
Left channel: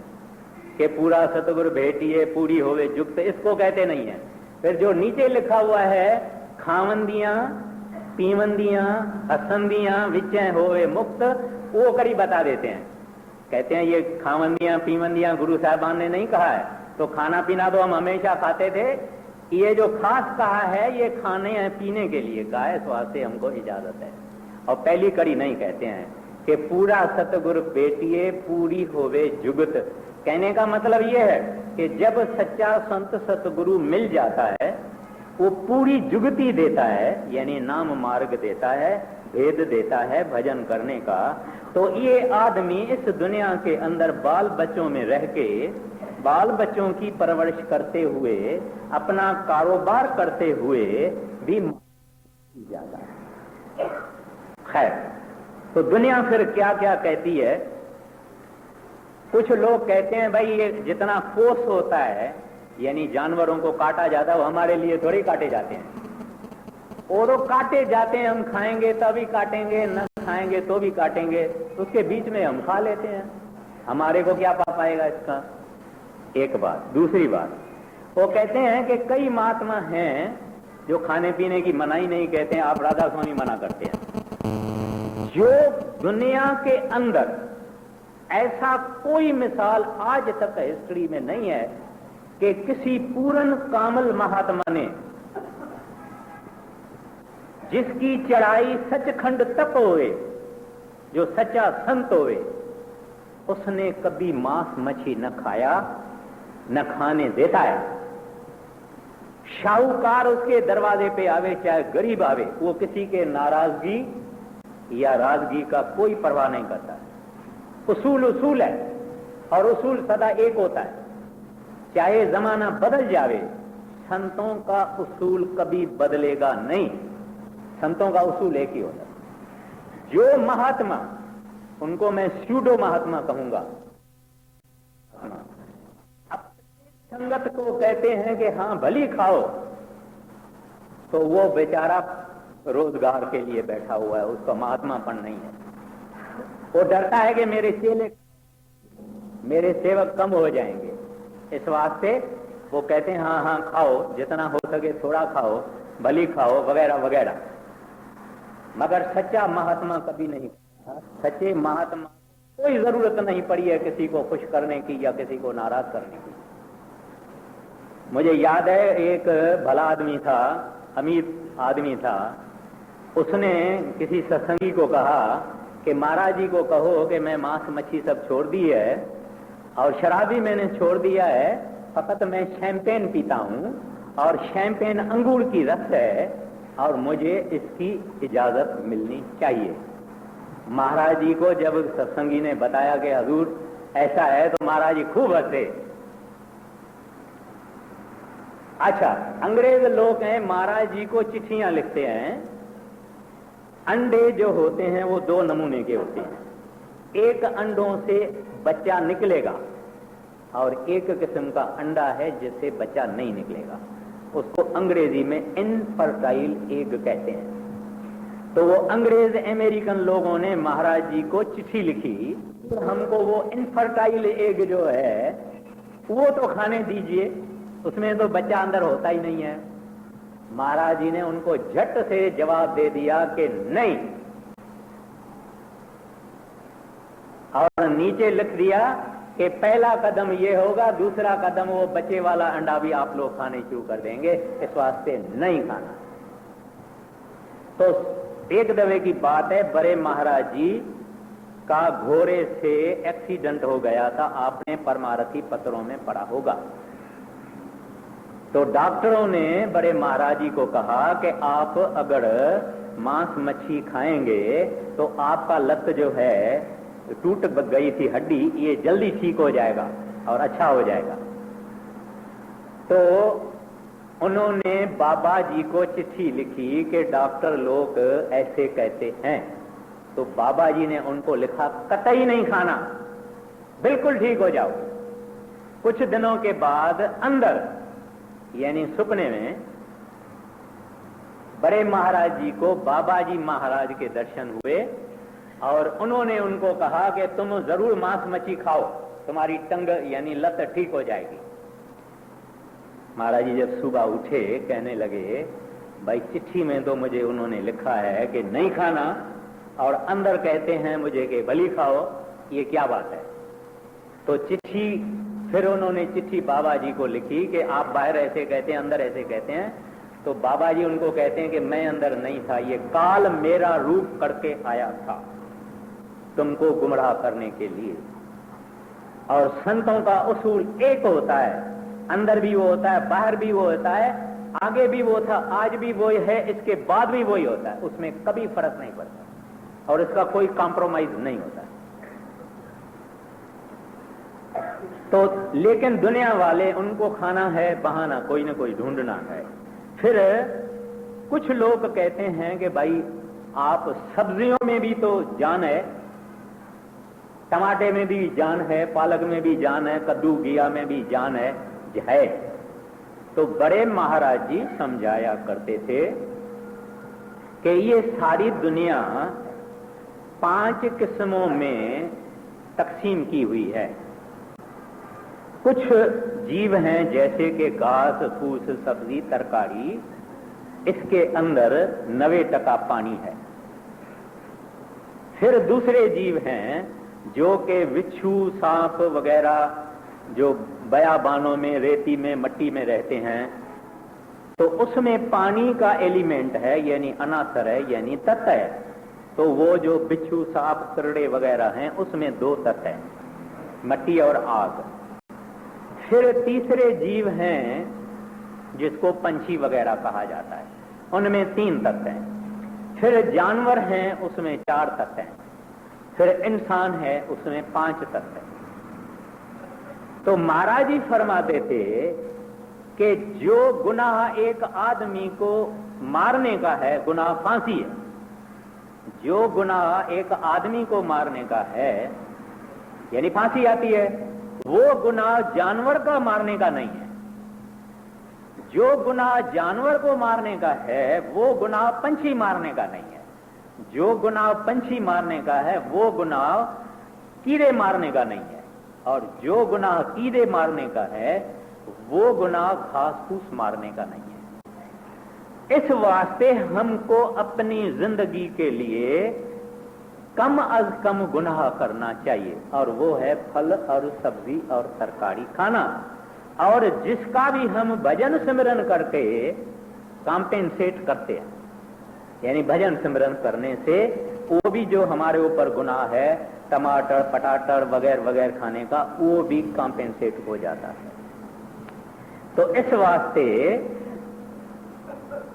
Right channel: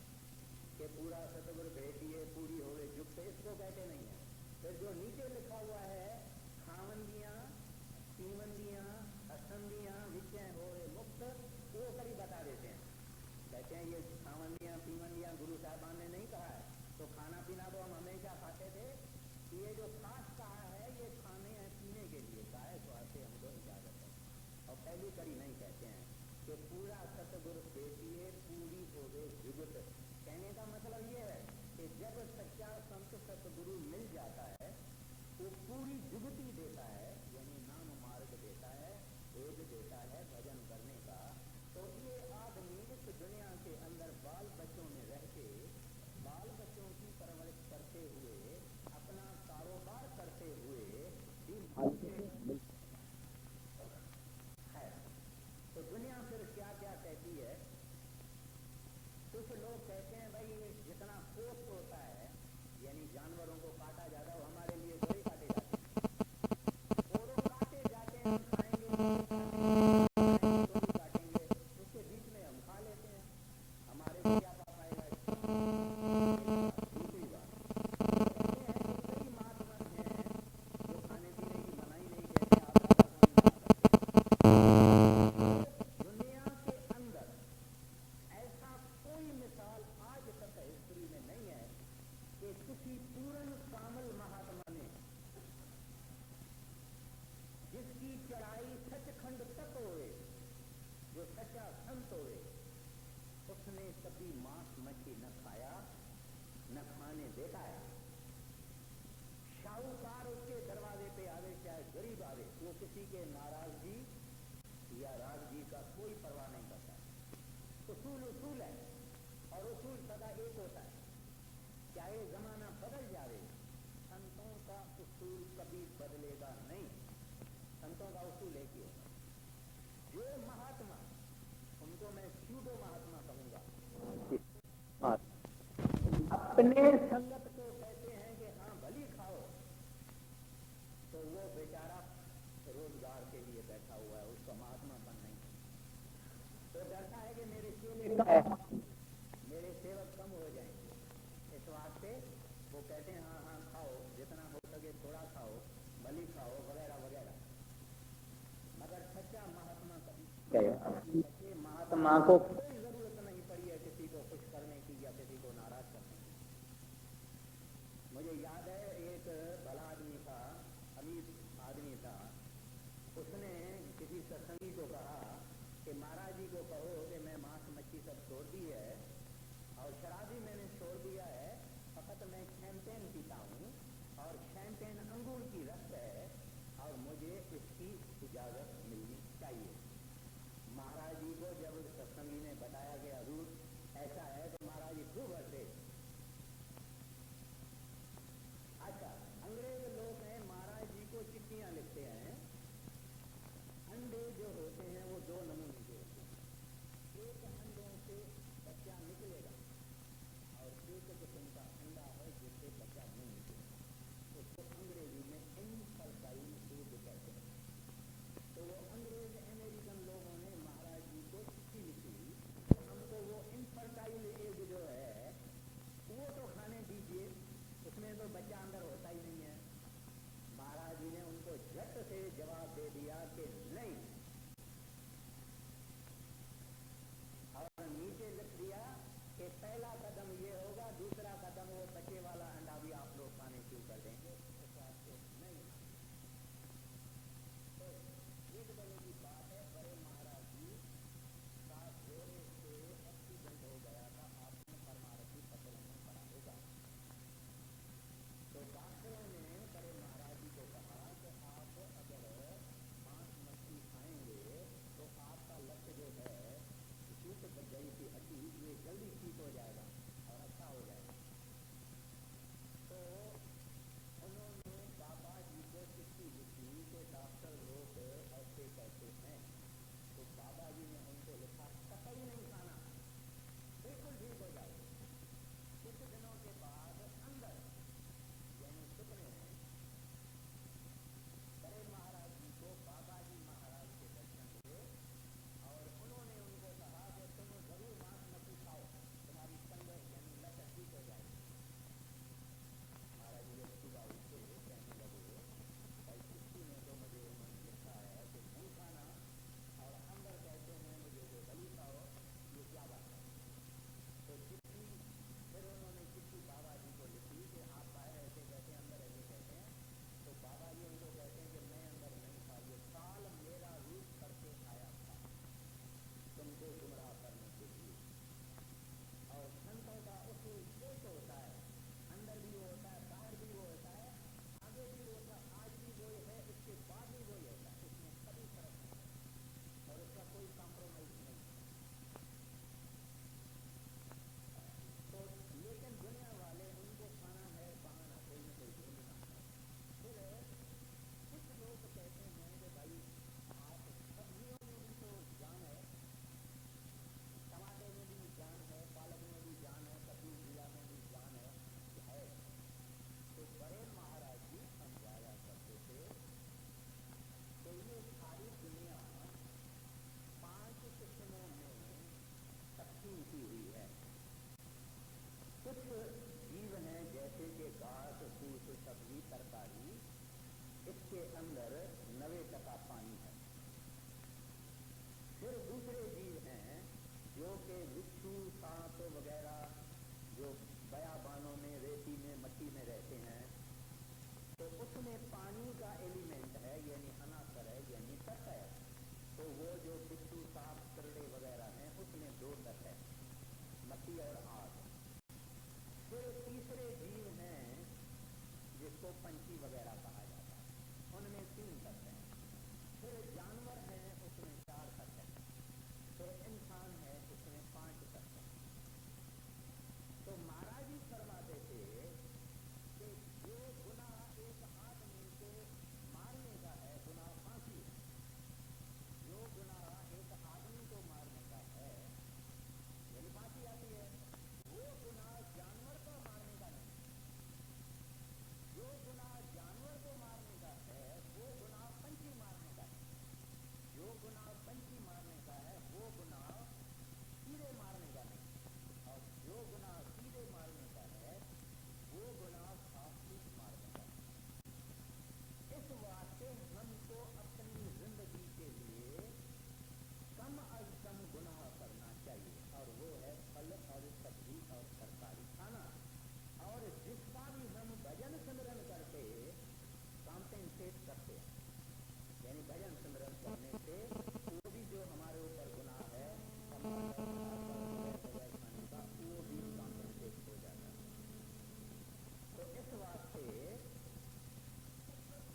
कि पूरा सतगुर भेटिए पूरी होवे जुगत, इसको कहते नहीं है। फिर जो नीचे लिखा हुआ है खावंदियां पीवंदियां हसंदियां विचैं होवे मुक्त, वो कड़ी बता देते हैं। कहते हैं ये खावंदियां पीवंदियां गुरु साहबान ने नहीं कहा है, तो खाना पीना तो हम हमेशा खाते थे, ये जो खास कहा है ये खाने पीने के लिए कहा है, इस वास्ते हमको इजाजत है। और पहली कड़ी नहीं कहते हैं कि पूरा सतगुरु बेटिए पूरी होवे जुगत। कहने का मतलब ये है कि जब सच्चा संत सतगुरु मिल जाता है वो पूरी जुगती देता है, यानी नाम मार्ग देता है, भेद देता है भजन करने का। तो ये आदमी इस दुनिया के अंदर बाल बच्चों में रह के, बाल बच्चों की परवरिश करते हुए, अपना कारोबार करते हुए भी मिल जाता है। खैर, तो दुनिया फिर क्या क्या कहती है। कुछ लोग कहते हैं भाई ये जितना फोर्स होता है, यानी जानवरों को काटा जाता है, वो हमारे लिए थोड़ी काटे जाते हैं, और वो काटे जाते हैं, हम खाएंगे तभी काटेंगे, न खाएंगे तो भी काटेंगे, उसके बीच में हम खा लेते हैं, हमारे को क्या पा पाएगा इसका। एक बात। दूसरी बात, वो कहते हैं कि कई महात्मा हैं जो खाने पीने की मनाही नहीं कहते हैं, आप राधा स्वामी मना करते हैं। जो दुनिया के अंदर ऐसा कोई मिसाल आज तक हिस्ट्री में नहीं है कि किसी पूर्ण कामल महात्मा ने, जिसकी चढ़ाई सचखंड तक होए, जो सच्चा संत होए, उसने कभी मांस मच्छी न खाया, न खाने देता है। शाहूकार उसके दरवाजे पे आवे, चाहे गरीब आवे, वो किसी के नाराजगी या राजगी का कोई परवाह नहीं करता है। उसूल उसूल है, और उसूल सदा एक होता है, चाहे जमाना बदल जावे, संतों का उसूल कभी बदलेगा नहीं। संतों का उसूल एक ही होता है। जो महात्मा, उनको मैं स्यूडो महात्मा कहूंगा, महात्मा अपने संगत को कहते हैं कि हाँ भली खाओ, तो वो बेचारा रोजगार के लिए बैठा हुआ है, उसका महात्मापन नहीं है। वो डरता है कि मेरे चेले मेरे सेवक कम हो जाएंगे, इस वास्ते वो कहते हैं हाँ हाँ खाओ, जितना हो सके थोड़ा खाओ, भली खाओ, वगैरह वगैरह। मगर सच्चा महात्मा कभी नहीं कहेगा। सच्चे महात्मा को कोई जरूरत नहीं पड़ी है किसी को खुश करने की या किसी को नाराज करने की। मुझे याद है एक भला आदमी था, अमीर आदमी था, उसने किसी सत्संगी को कहा कि महाराज जी को कहो कि मैं मांस मच्छी सब छोड़ दी है और शराब भी मैंने छोड़ दिया है, फकत मैं शैंपेन पीता हूं, और शैंपेन अंगूर की रस है और मुझे इसकी इजाजत मिलनी चाहिए। महाराज जी को जब सत्संगी ने बताया कि हजूर ऐसा है, तो महाराज जी खूब हंसे। अच्छा, अंग्रेज लोग हैं, महाराज जी को चिट्ठियां लिखते हैं। अंडे जो होते हैं वो दो नमूने के होते हैं। एक अंडों से बच्चा निकलेगा और एक किस्म का अंडा है जिससे बच्चा नहीं निकलेगा। उसको अंग्रेजी में इनफर्टाइल एग कहते हैं। तो वो अंग्रेज अमेरिकन लोगों ने महाराज जी को चिट्ठी लिखी, हमको वो इनफर्टाइल एग जो है वो तो खाने दीजिए, उसमें तो बच्चा अंदर होता ही नहीं है। महाराज जी ने उनको झट से जवाब दे दिया कि नहीं, और नीचे लिख दिया कि पहला कदम ये होगा, दूसरा कदम वो बच्चे वाला अंडा भी आप लोग खाने शुरू कर देंगे, इस वास्ते नहीं खाना। तो एक दफे की बात है, बड़े महाराज जी का घोड़े से एक्सीडेंट हो गया था, आपने परमारथी पत्रों में पढ़ा होगा। तो डॉक्टरों ने बड़े महाराज जी को कहा कि आप अगर मांस मच्छी खाएंगे तो आपका लत जो है टूट गई थी हड्डी, ये जल्दी ठीक हो जाएगा और अच्छा हो जाएगा। तो उन्होंने बाबा जी को चिट्ठी लिखी कि डॉक्टर लोग ऐसे कहते हैं। तो बाबा जी ने उनको लिखा, कतई नहीं खाना, बिल्कुल ठीक हो जाओ। कुछ दिनों के बाद अंदर यानी सपने में बड़े महाराज जी को बाबा जी महाराज के दर्शन हुए और उन्होंने उनको कहा कि तुम जरूर मांस मच्छी खाओ, तुम्हारी टंग यानी लत ठीक हो जाएगी। महाराज जी जब सुबह उठे कहने लगे, भाई चिट्ठी में तो मुझे उन्होंने लिखा है कि नहीं खाना और अंदर कहते हैं मुझे कि बलि खाओ, ये क्या बात है। तो चिट्ठी फिर उन्होंने चिट्ठी बाबा जी को लिखी कि आप बाहर ऐसे कहते हैं, अंदर ऐसे कहते हैं। तो बाबा जी उनको कहते हैं कि मैं अंदर नहीं था, ये काल मेरा रूप करके आया था तुमको गुमराह करने के लिए। और संतों का उसूल एक होता है, अंदर भी वो होता है, बाहर भी वो होता है, आगे भी वो था, आज भी वो है, इसके बाद भी वही होता है, उसमें कभी फर्क नहीं पड़ता और इसका कोई कॉम्प्रोमाइज नहीं होता। तो लेकिन दुनिया वाले उनको खाना है बहाना, कोई ना कोई ढूंढना है। फिर कुछ लोग कहते हैं कि भाई आप सब्जियों में भी तो जान है, टमाटे में भी जान है, पालक में भी जान है, कद्दू घिया में भी जान है। तो बड़े महाराज जी समझाया करते थे कि ये सारी दुनिया 5 किस्मों में तकसीम की हुई है। कुछ जीव हैं जैसे कि घास फूस सब्जी तरकारी, इसके अंदर 90% पानी है। फिर दूसरे जीव हैं जो कि बिच्छू सांप वगैरह जो बयाबानों में रेती में मट्टी में रहते हैं, तो उसमें पानी का एलिमेंट है यानी अनासर है यानी तत्व है। तो वो जो बिच्छू सांप करड़े वगैरह हैं उसमें 2 तत्व है, मट्टी और आग। फिर तीसरे जीव हैं जिसको पंछी वगैरह कहा जाता है, उनमें 3 तत्व हैं। फिर जानवर हैं उसमें 4 तत्व हैं। फिर इंसान है उसमें 5 तत्व हैं। तो महाराज जी फरमाते थे कि जो गुनाह एक आदमी को मारने का है, गुनाह फांसी है। जो गुनाह एक आदमी को मारने का है यानी फांसी आती है, वो गुनाह जानवर का मारने का नहीं है। जो गुनाह जानवर को मारने का है वो गुनाह पंछी मारने का नहीं है। जो गुनाह पंछी मारने का है वो गुनाह कीड़े मारने का नहीं है। और जो गुनाह कीड़े मारने का है वो गुनाह घास फूस मारने का नहीं है। इस वास्ते हमको अपनी जिंदगी के लिए कम अज कम गुनाह करना चाहिए, और वो है फल और सब्जी और तरकारी खाना। और जिसका भी हम भजन सिमरन करके कॉम्पेंसेट करते हैं, यानी भजन सिमरन करने से वो भी जो हमारे ऊपर गुनाह है टमाटर पटाटर वगैरह वगैरह खाने का, वो भी कॉम्पेंसेट हो जाता है। तो इस वास्ते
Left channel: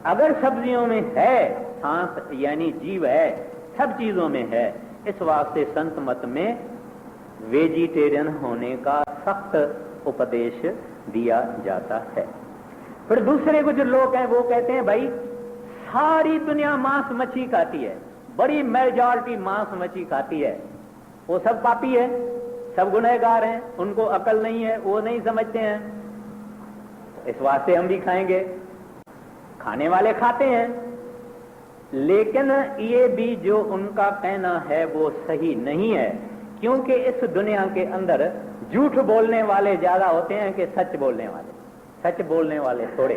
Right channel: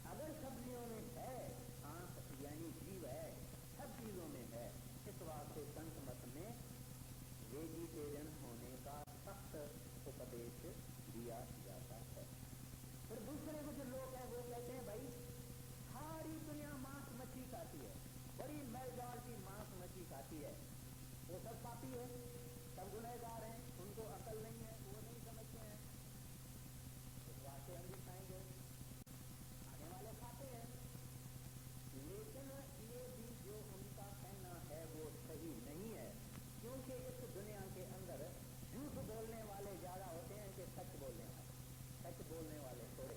अगर सब्जियों में है सांस यानी जीव है, सब चीजों में है, इस वास्ते संत मत में वेजिटेरियन होने का सख्त उपदेश दिया जाता है। फिर दूसरे कुछ लोग हैं वो कहते हैं भाई सारी दुनिया मांस मच्छी खाती है, बड़ी मेजॉरिटी मांस मच्छी खाती है, वो सब पापी है, सब गुनहगार हैं, उनको अकल नहीं है, वो नहीं समझते हैं, इस वास्ते हम भी खाएंगे। खाने वाले खाते हैं, लेकिन ये भी जो उनका कहना है वो सही नहीं है, क्योंकि इस दुनिया के अंदर झूठ बोलने वाले ज्यादा होते हैं कि सच बोलने वाले। सच बोलने वाले थोड़े।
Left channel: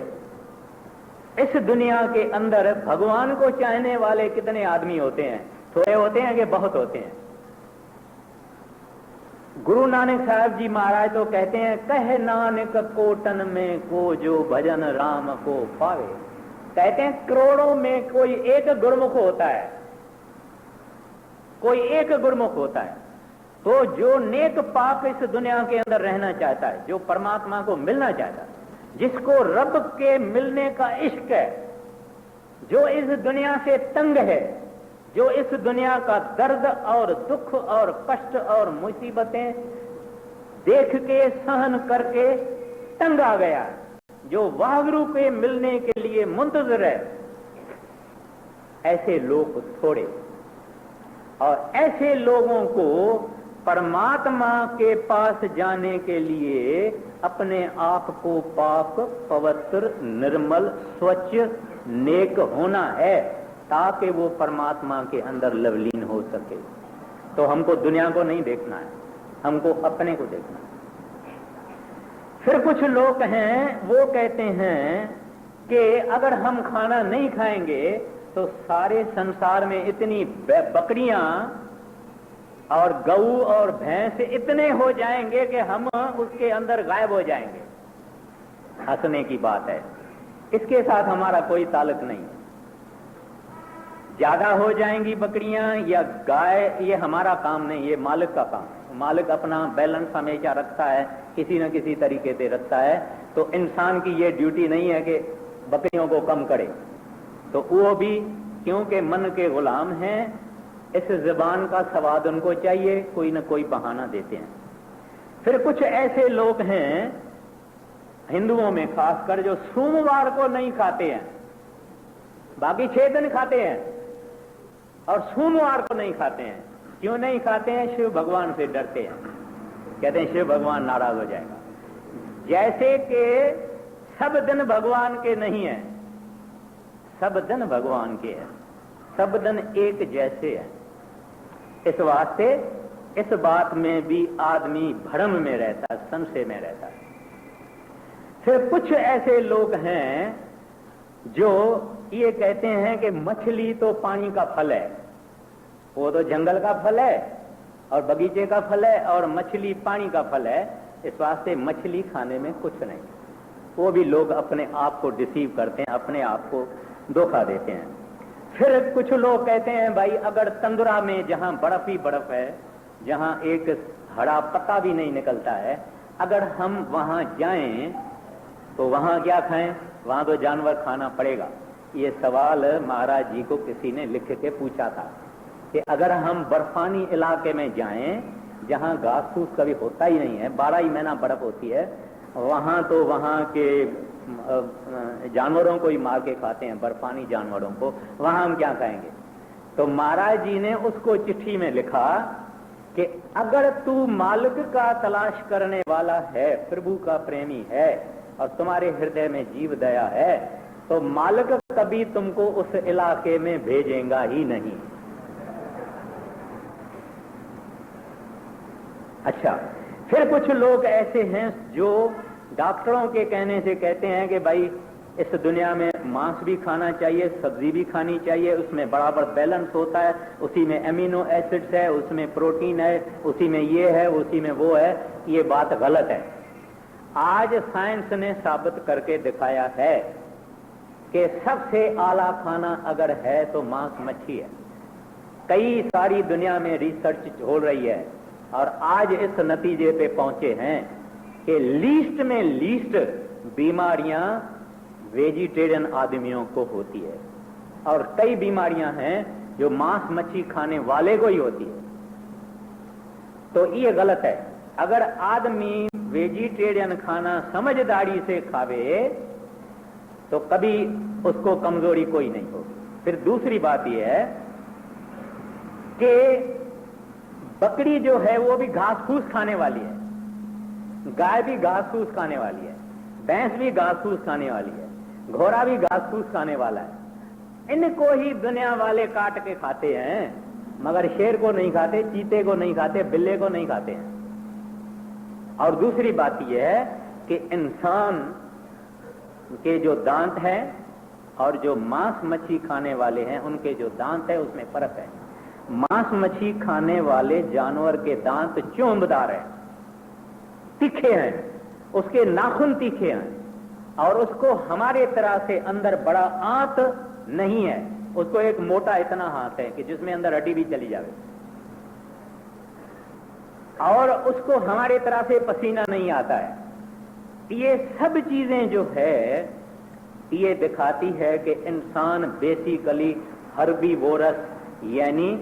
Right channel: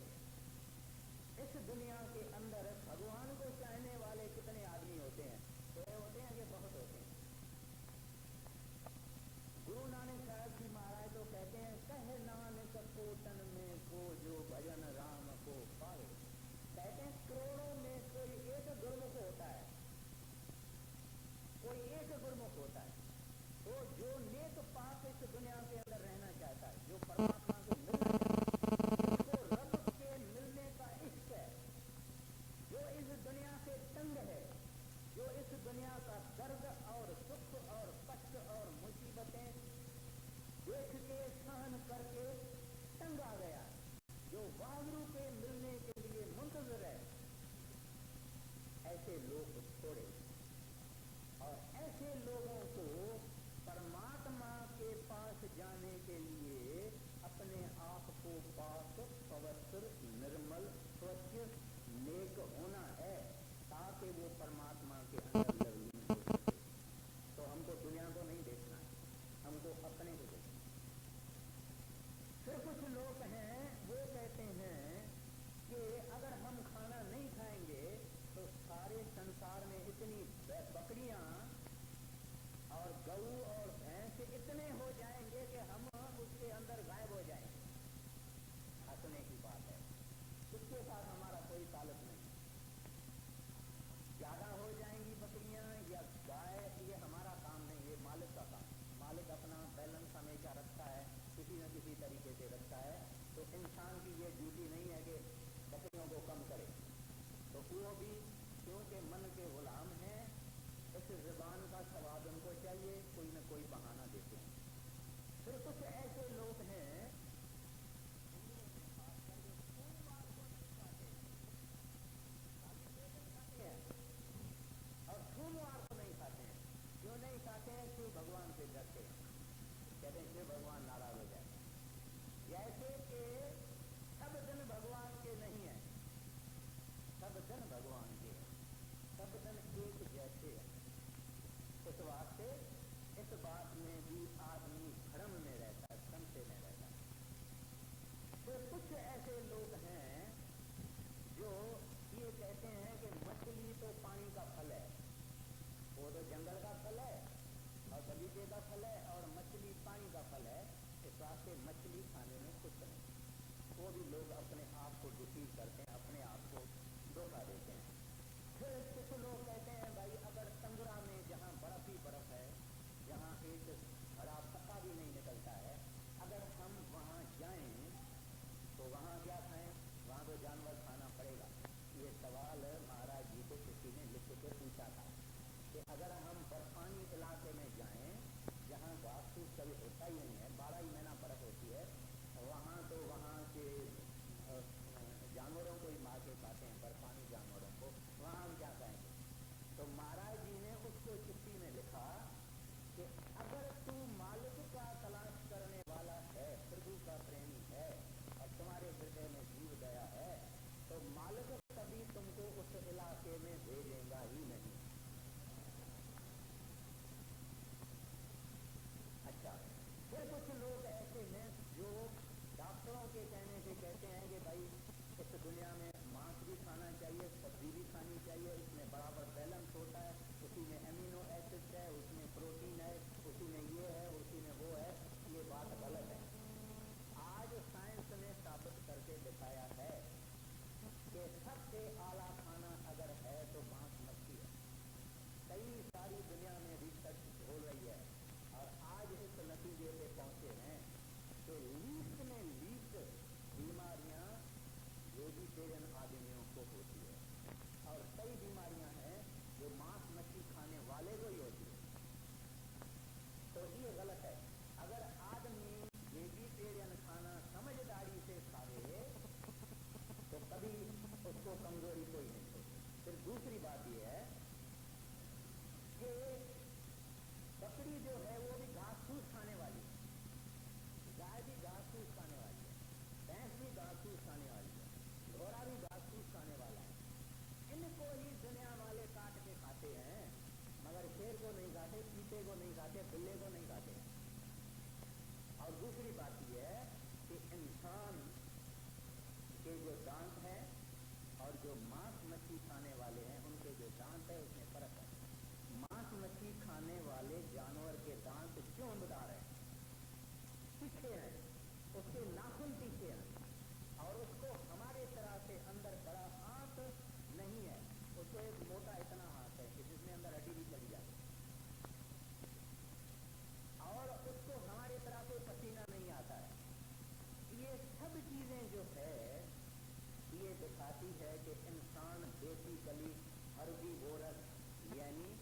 इस दुनिया के अंदर भगवान को चाहने वाले कितने आदमी होते हैं? थोड़े होते हैं कि बहुत होते हैं? गुरु नानक साहब जी महाराज तो कहते हैं, कह नानक कोटन में को जो भजन राम को पावे। कहते हैं करोड़ों में कोई एक गुरमुख होता है, कोई एक गुरमुख होता है। तो जो नेक पाक इस दुनिया के अंदर रहना चाहता है, जो परमात्मा को मिलना चाहता है, जिसको रब के मिलने का इश्क है, जो इस दुनिया से तंग है, जो इस दुनिया का दर्द और दुख और कष्ट और मुसीबतें देख के सहन करके तंग आ गया है, जो वाहगुरु के मिलने के लिए मुंतजर है, ऐसे लोग थोड़े। और ऐसे लोगों को परमात्मा के पास जाने के लिए अपने आप को पाक पवित्र निर्मल स्वच्छ नेक होना है, ताकि वो परमात्मा के अंदर लवलीन हो सके। तो हमको दुनिया को नहीं देखना है, हमको अपने को देखना है। फिर कुछ लोग हैं वो कहते हैं कि अगर हम खाना नहीं खाएंगे तो सारे संसार में इतनी बकरियां और गऊ और भैंस इतने हो जाएंगे कि हम उसके अंदर गायब हो जाएंगे। हंसने की बात है, इसके साथ हमारा कोई ताल्लुक नहीं। ज्यादा हो जाएंगी बकरियां या गाय, ये हमारा काम नहीं, ये मालिक का काम। मालिक अपना बैलेंस हमेशा रखता है, किसी न किसी तरीके से रखता है। तो इंसान की ये ड्यूटी नहीं है कि बकरियों को कम करे। तो वो भी क्योंकि मन के गुलाम हैं, इस जुबान का स्वाद उनको चाहिए, कोई न कोई बहाना देते हैं। फिर कुछ ऐसे लोग हैं हिंदुओं में खासकर जो सोमवार को नहीं खाते हैं, बाकी 6 दिन खाते हैं और सोमवार को नहीं खाते हैं। क्यों नहीं खाते हैं? शिव भगवान से डरते हैं, कहते हैं शिव भगवान नाराज हो जाएगा। जैसे कि सब दिन भगवान के नहीं है, सब दिन भगवान के हैं, सब दिन एक जैसे है। इस वास्ते इस बात में भी आदमी भ्रम में रहता है, संशय में रहता है। फिर कुछ ऐसे लोग हैं जो ये कहते हैं कि मछली तो पानी का फल है, वो तो जंगल का फल है और बगीचे का फल है, और मछली पानी का फल है, इस वास्ते मछली खाने में कुछ नहीं। वो भी लोग अपने आप को डिसीव करते हैं, अपने आप को धोखा देते हैं। फिर कुछ लोग कहते हैं भाई अगर तंदुरा में जहां बर्फ ही बर्फ है, जहां एक हरा पत्ता भी नहीं निकलता है, अगर हम वहां जाएं तो वहां क्या खाएं? वहां तो जानवर खाना पड़ेगा। ये सवाल महाराज जी को किसी ने लिख के पूछा था कि अगर हम बर्फानी इलाके में जाएं जहां घास फूस कभी होता ही नहीं है, 12 ही महीना बर्फ होती है, वहां तो वहां के जानवरों को ही मार के खाते हैं, बर्फानी जानवरों को, वहां हम क्या खाएंगे? तो महाराज जी ने उसको चिट्ठी में लिखा कि अगर तू मालिक का तलाश करने वाला है, प्रभु का प्रेमी है और तुम्हारे हृदय में जीव दया है, तो मालिक कभी तुमको उस इलाके में भेजेगा ही नहीं। अच्छा, फिर कुछ लोग ऐसे हैं जो डॉक्टरों के कहने से कहते हैं कि भाई इस दुनिया में मांस भी खाना चाहिए, सब्जी भी खानी चाहिए, उसमें बराबर बैलेंस होता है, उसी में एमिनो एसिड्स है, उसमें प्रोटीन है, उसी में ये है, उसी में वो है। ये बात गलत है। आज साइंस ने साबित करके दिखाया है कि सबसे आला खाना अगर है तो मांस मच्छी है। कई सारी दुनिया में रिसर्च हो रही है और आज इस नतीजे पे पहुंचे हैं कि लीस्ट में लीस्ट बीमारियां वेजिटेरियन आदमियों को होती है, और कई बीमारियां हैं जो मांस मच्छी खाने वाले को ही होती है। तो ये गलत है। अगर आदमी वेजिटेरियन खाना समझदारी से खावे तो कभी उसको कमजोरी कोई नहीं होगी। फिर दूसरी बात यह है कि बकरी जो है वो भी घास फूस खाने वाली है, गाय भी घास फूस खाने वाली है, भैंस भी घास फूस खाने वाली है, घोड़ा भी घास फूस खाने वाला है। इनको ही दुनिया वाले काट के खाते हैं, मगर शेर को नहीं खाते, चीते को नहीं खाते, बिल्ले को नहीं खाते हैं। और दूसरी बात यह है कि इंसान के जो दांत हैं और जो मांस मच्छी खाने वाले हैं उनके जो दांत है उसमें फर्क है। मांस मच्छी खाने वाले जानवर के दांत चोंबदार हैं, तीखे हैं, उसके नाखून तीखे हैं, और उसको हमारे तरह से अंदर बड़ा आंत नहीं है। उसको एक मोटा इतना हाथ है कि जिसमें अंदर हड्डी भी चली जाए, और उसको हमारे तरह से पसीना नहीं आता है। ये सब चीजें जो है ये दिखाती है कि इंसान बेसिकली हर्बीवोरस यानी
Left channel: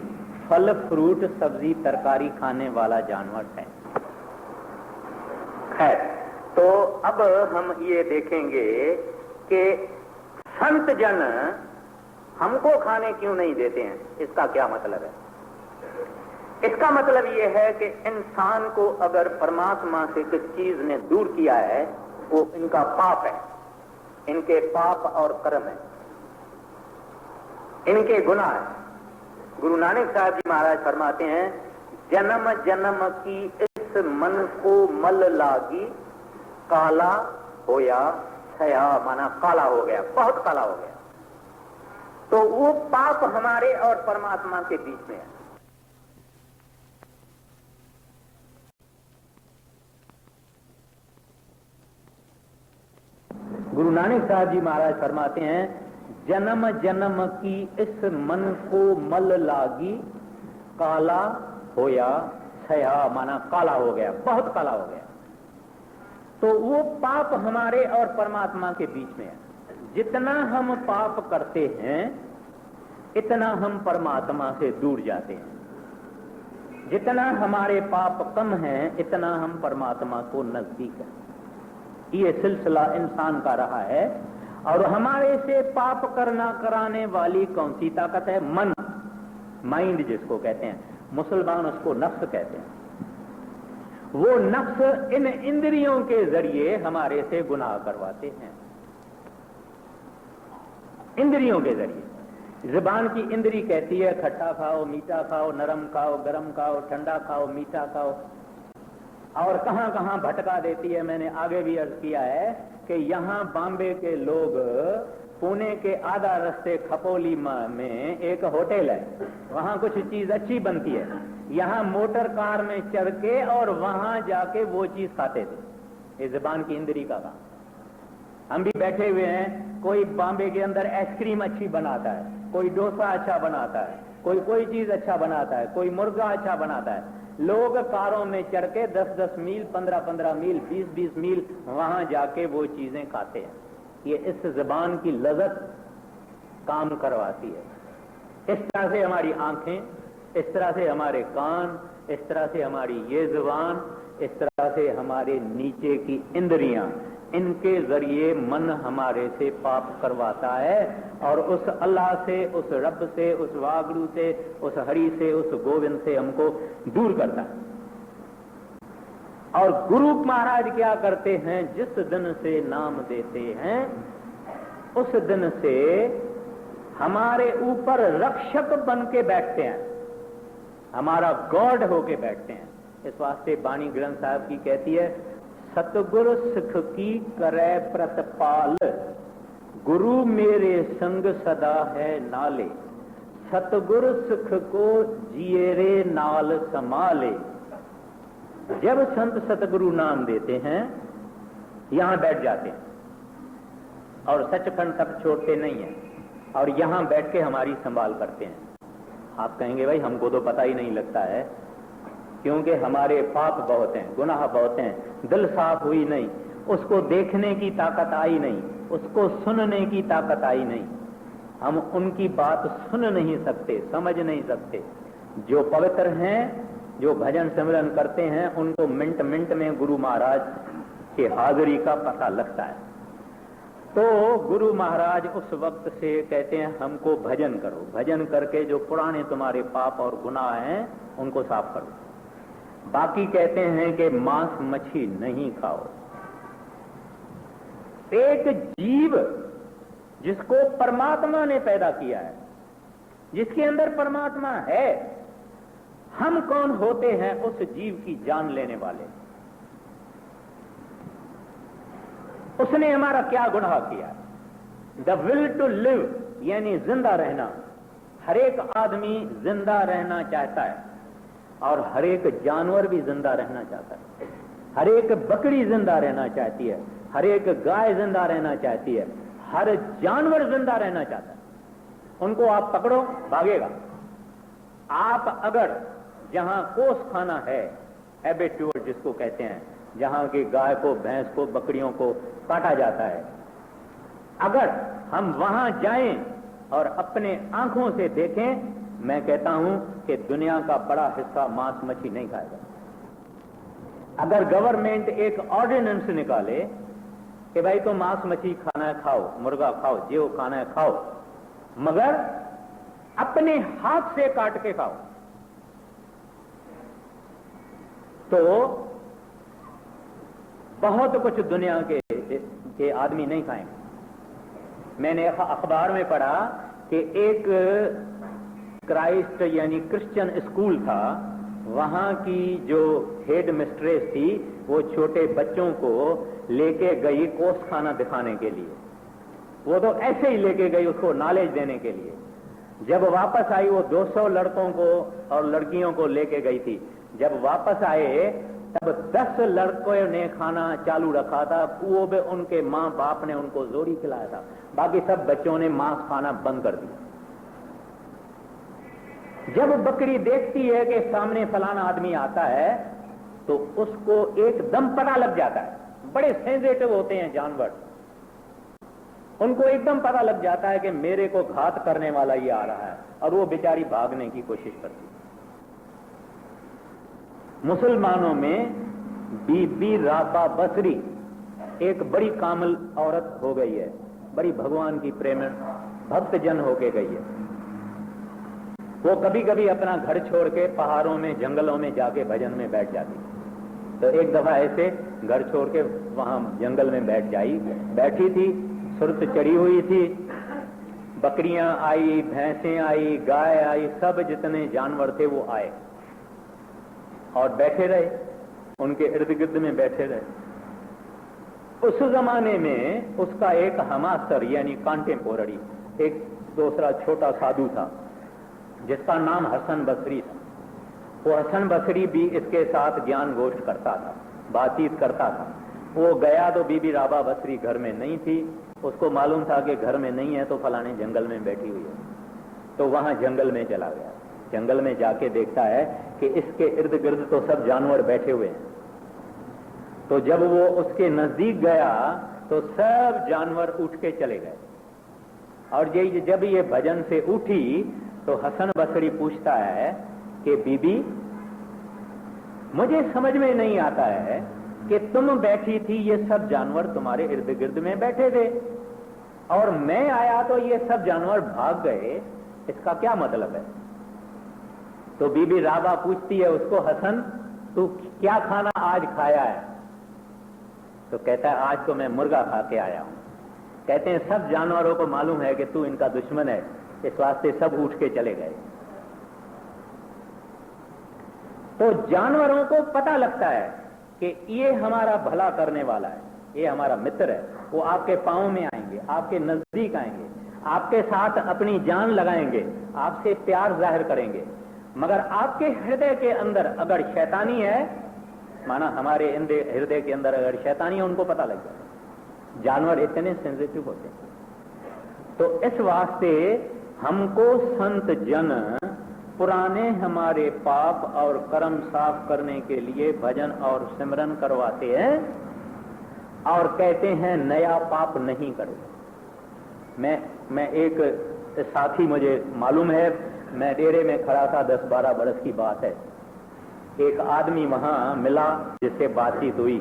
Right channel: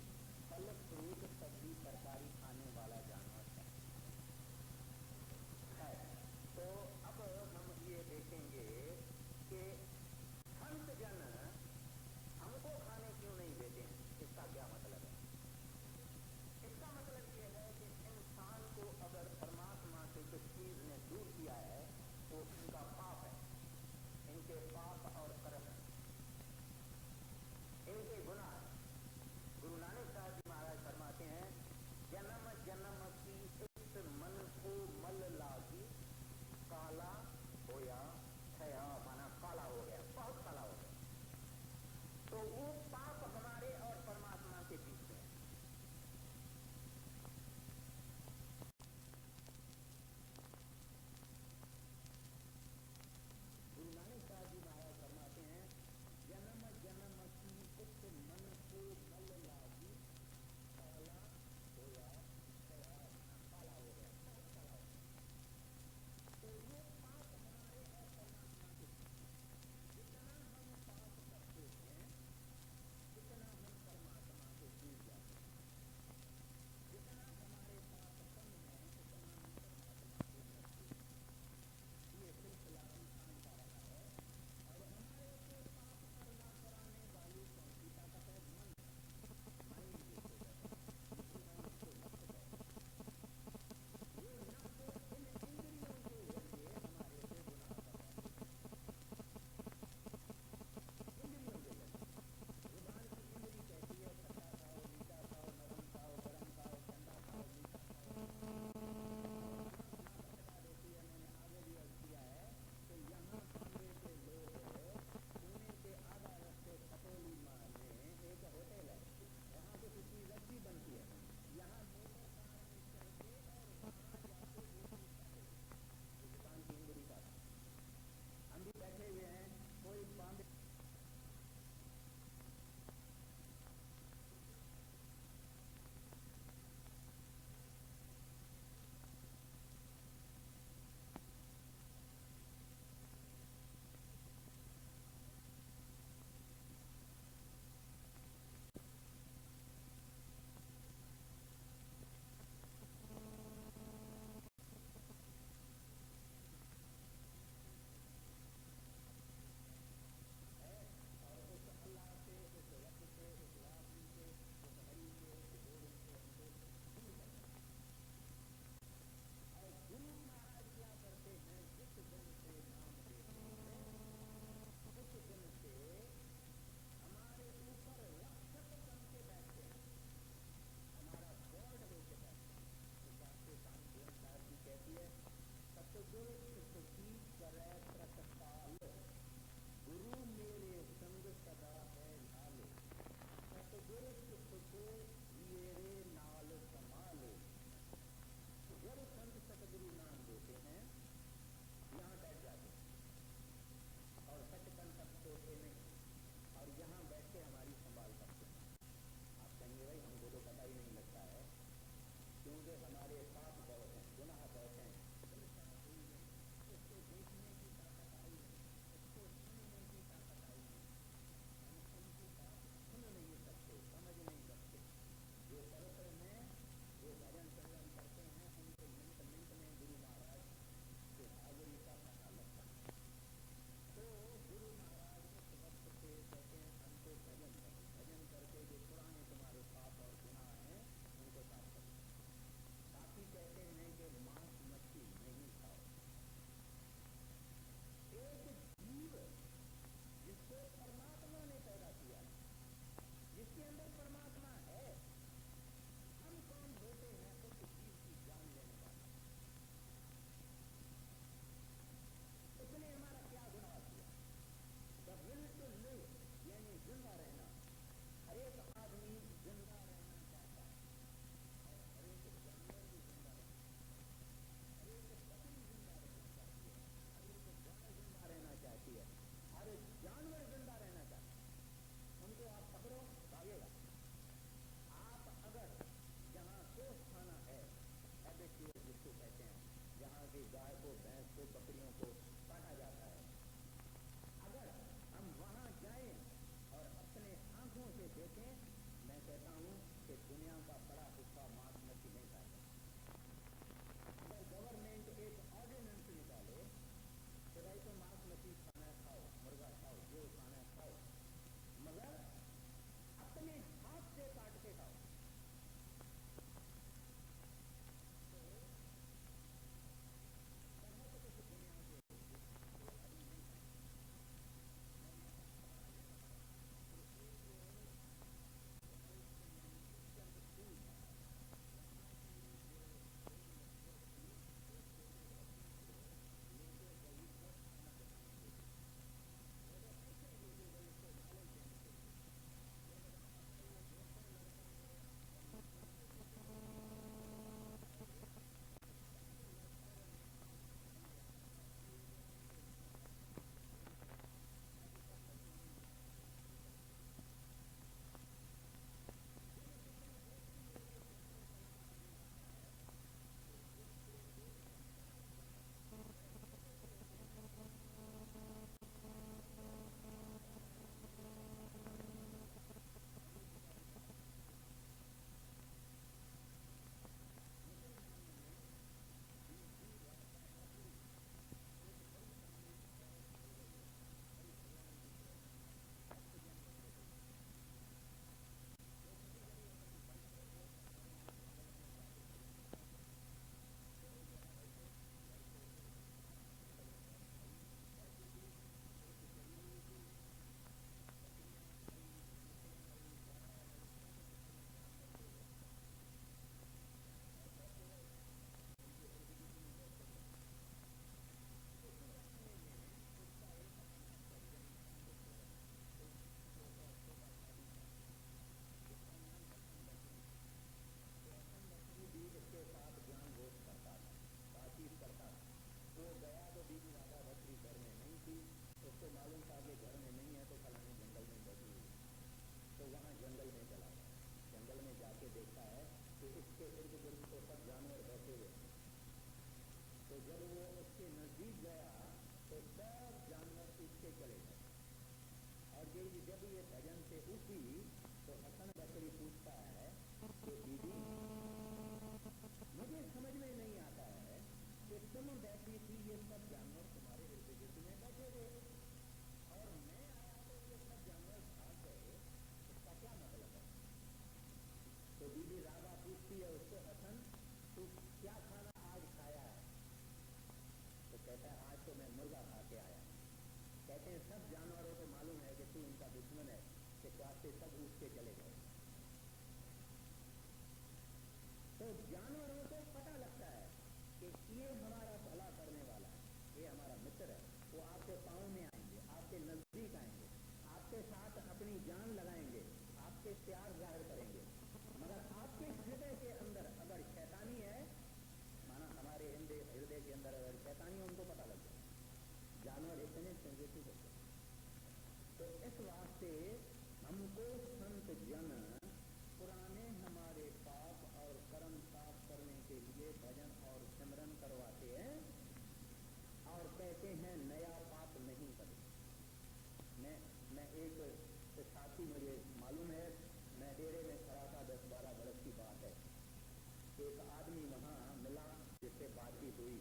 फल फ्रूट सब्जी तरकारी खाने वाला जानवर है। खैर, तो अब हम ये देखेंगे कि संत जन हमको खाने क्यों नहीं देते हैं। इसका क्या मतलब है? इसका मतलब यह है कि इंसान को अगर परमात्मा से किस चीज ने दूर किया है वो इनका पाप है, इनके पाप और कर्म है, इनके गुनाह है। गुरु नानक साहब जी महाराज फरमाते हैं, जन्म जन्म की इस मन को मल लागी, काला होया छया, माना काला हो गया, बहुत काला हो गया। तो वो पाप हमारे और परमात्मा के बीच में है। गुरु नानक साहब जी महाराज फरमाते हैं, जन्म जन्म की इस मन को मल लागी, काला होया छया, माना काला हो गया, बहुत काला हो गया। तो वो पाप हमारे और परमात्मा के बीच में है। जितना हम पाप करते हैं इतना हम परमात्मा से दूर जाते हैं। जितना हमारे पाप कम हैं इतना हम परमात्मा को नजदीक हैं। ये सिलसिला इंसान का रहा है। और हमारे से पाप करना कराने वाली कौन सी ताकत है? मन, माइंड जिसको कहते हैं, मुसलमान उसको नफ्स कहते हैं। वो नफ्स इन इंद्रियों के जरिए हमारे से गुनाह करवाते हैं, इंद्रियों के जरिए। जुबान की इंद्री कहती है खट्टा खाओ, मीठा खाओ, नरम खाओ, गरम खाओ, ठंडा खाओ, मीठा खाओ, और कहां कहां भटका देती है। मैंने आगे भी अर्ज किया है कि यहां बॉम्बे के लोग, पुणे के आधा रास्ते खपोली में एक होटल है, वहां कुछ चीज अच्छी बनती है, यहां मोटर कार में चढ़ के और वहां जाके वो चीज खाते थे। ये जुबान की इंद्री का काम। हम भी बैठे हुए हैं, कोई बॉम्बे के अंदर आइसक्रीम अच्छी बनाता है, कोई डोसा अच्छा बनाता है, कोई चीज अच्छा बनाता है, कोई मुर्गा अच्छा बनाता है। लोग कारों में चढ़ के 10-10 मील, 15-15 मील, 20-20 मील वहां जाके वो चीजें खाते हैं। ये इस जुबान की लज़्ज़त काम करवाती है। इस तरह से हमारी आंखें, इस तरह से हमारे कान, इस तरह से हमारी ये जुबान, इस तरह से हमारे नीचे की इंद्रियां, इनके जरिए मन हमारे से पाप करवाता है और उस अल्लाह से, उस रब से, उस वागुरु से, उस हरि से, उस गोविंद से हमको दूर करता है। और गुरु महाराज क्या करते हैं? जिस दिन से नाम देते हैं उस दिन से हमारे ऊपर रक्षक बन के बैठते हैं, हमारा गॉड होके बैठते हैं। इस वास्ते बाणी ग्रंथ साहब की कहती है, सतगुरु सिख की करे प्रतपाल, गुरु मेरे संग सदा है नाले, सतगुरु सिख को जिए रे नाल संभाले। जब संत सतगुरु नाम देते हैं यहां बैठ जाते हैं और सचखंड तक छोड़ते नहीं है और यहां बैठ के हमारी संभाल करते हैं। आप कहेंगे भाई हमको तो पता ही नहीं लगता है, क्योंकि हमारे पाप बहुत हैं, गुनाह बहुत हैं, दिल साफ हुई नहीं, उसको देखने की ताकत आई नहीं, उसको सुनने की ताकत आई नहीं। हम उनकी बात सुन नहीं सकते, समझ नहीं सकते। जो पवित्र हैं, जो भजन सिमरन करते हैं, उनको मिनट मिनट में गुरु महाराज की हाजिरी का पता लगता है। तो गुरु महाराज उस वक्त से कहते हैं हमको भजन करो, भजन करके जो पुराने तुम्हारे पाप और गुनाह हैं उनको साफ करो। बाकी कहते हैं कि मांस मछली नहीं खाओ। एक जीव जिसको परमात्मा ने पैदा किया है, जिसके अंदर परमात्मा है, हम कौन होते हैं उस जीव की जान लेने वाले? उसने हमारा क्या गुनाह किया? द विल टू लिव, यानी जिंदा रहना। हर एक आदमी जिंदा रहना चाहता है और हर एक जानवर भी जिंदा रहना चाहता है। हर एक बकरी जिंदा रहना चाहती है, हर एक गाय जिंदा रहना चाहती है, हर जानवर जिंदा रहना चाहता है। उनको आप पकड़ो, भागेगा। आप अगर जहां कोस खाना है, एबेट्यूर जिसको कहते हैं, जहां की गाय को, भैंस को, बकरियों को काटा जाता है, अगर हम वहां जाएं और अपने आंखों से देखें, मैं कहता हूं कि दुनिया का बड़ा हिस्सा मांस मछली नहीं खाएगा। अगर गवर्नमेंट एक ऑर्डिनेंस निकाले कि भाई तो मांस मछली खाना है खाओ, मुर्गा खाओ, जो खाना है खाओ, मगर अपने हाथ से काट के खाओ, तो बहुत कुछ दुनिया के आदमी नहीं खाएंगे। मैंने अखबार में पढ़ा कि एक क्राइस्ट यानी क्रिश्चियन स्कूल था, वहां की जो हेड मिस्ट्रेस थी वो छोटे बच्चों को लेके गई कोस खाना दिखाने के लिए। वो तो ऐसे ही लेके गई उसको नॉलेज देने के लिए। जब वापस आई वो 200 लड़कों को और लड़कियों को लेके गई थी। जब वापस आए तब 10 लड़कों ने खाना चालू रखा था, वो भी उनके माँ बाप ने उनको जोरी खिलाया था। बाकी सब बच्चों ने मांस खाना बंद कर दिया। जब बकरी देखती है कि सामने फलाना आदमी आता है तो उसको एकदम पता लग जाता है। बड़े सेंसिटिव होते हैं जानवर, उनको एकदम पता लग जाता है कि मेरे को घात करने वाला ये आ रहा है, और वो बेचारी भागने की कोशिश करती है। मुसलमानों में बीबी राबा बसरी एक बड़ी कामिल औरत हो गई है, बड़ी भगवान की प्रेम भक्त जन होके गई है। वो कभी कभी अपना घर छोड़ के पहाड़ों में, जंगलों में जाके भजन में बैठ जाती। तो एक दफा ऐसे घर छोड़ के वहां जंगल में बैठी थी, सुरत चढ़ी हुई थी, बकरियां आई, भैंसें आई, गाय आई, सब जितने जानवर थे वो आए और बैठे रहे, उनके इर्द गिर्द में बैठे रहे। उस जमाने में उसका एक हमासर यानी कंटेम्पोररी एक दूसरा छोटा साधु था जिसका नाम हसन बसरी था। वो हसन बसरी भी इसके साथ ज्ञान गोष्ठ करता था, बातचीत करता था। वो गया तो बीबी राबा बसरी घर में नहीं थी। उसको मालूम था कि घर में नहीं है तो फलाने जंगल में बैठी हुई है, तो वहां जंगल में चला गया। जंगल में जाके देखता है कि इसके इर्द गिर्द तो सब जानवर बैठे हुए हैं। तो जब वो उसके नजदीक गया तो सब जानवर उठ के चले गए। और जब ये भजन से उठी तो हसन बसरी पूछता है कि बीबी, मुझे समझ में नहीं आता है कि तुम बैठी थी, ये सब जानवर तुम्हारे इर्द गिर्द में बैठे थे, और मैं आया तो ये सब जानवर भाग गए, इसका क्या मतलब है? तो बीबी राबा पूछती है उसको, हसन तू क्या खाना आज खाया है? तो कहता है आज तो मैं मुर्गा खा के आया हूं। कहते हैं सब जानवरों को मालूम है कि तू इनका दुश्मन है, इस वास्ते सब उठ के चले गए। तो जानवरों को पता लगता है कि ये हमारा भला करने वाला है, ये हमारा मित्र है। वो आपके पांव में आएंगे, आपके नजदीक आएंगे, आपके साथ अपनी जान लगाएंगे, आपसे प्यार जाहिर करेंगे। मगर आपके हृदय के अंदर अगर शैतानी है, माना हमारे हृदय के अंदर अगर शैतानी है, उनको पता लग जाए। जानवर इतने सेंसिटिव होते हैं। तो इस वास्ते हमको संत जन पुराने हमारे पाप और कर्म साफ करने के लिए भजन और सिमरन करवाते हैं और कहते हैं नया पाप नहीं करो। मैं एक साथ ही मुझे मालूम है, मैं डेरे में खड़ा था, 10-12 बरस की बात है। एक आदमी वहां मिला जिससे बातचीत हुई।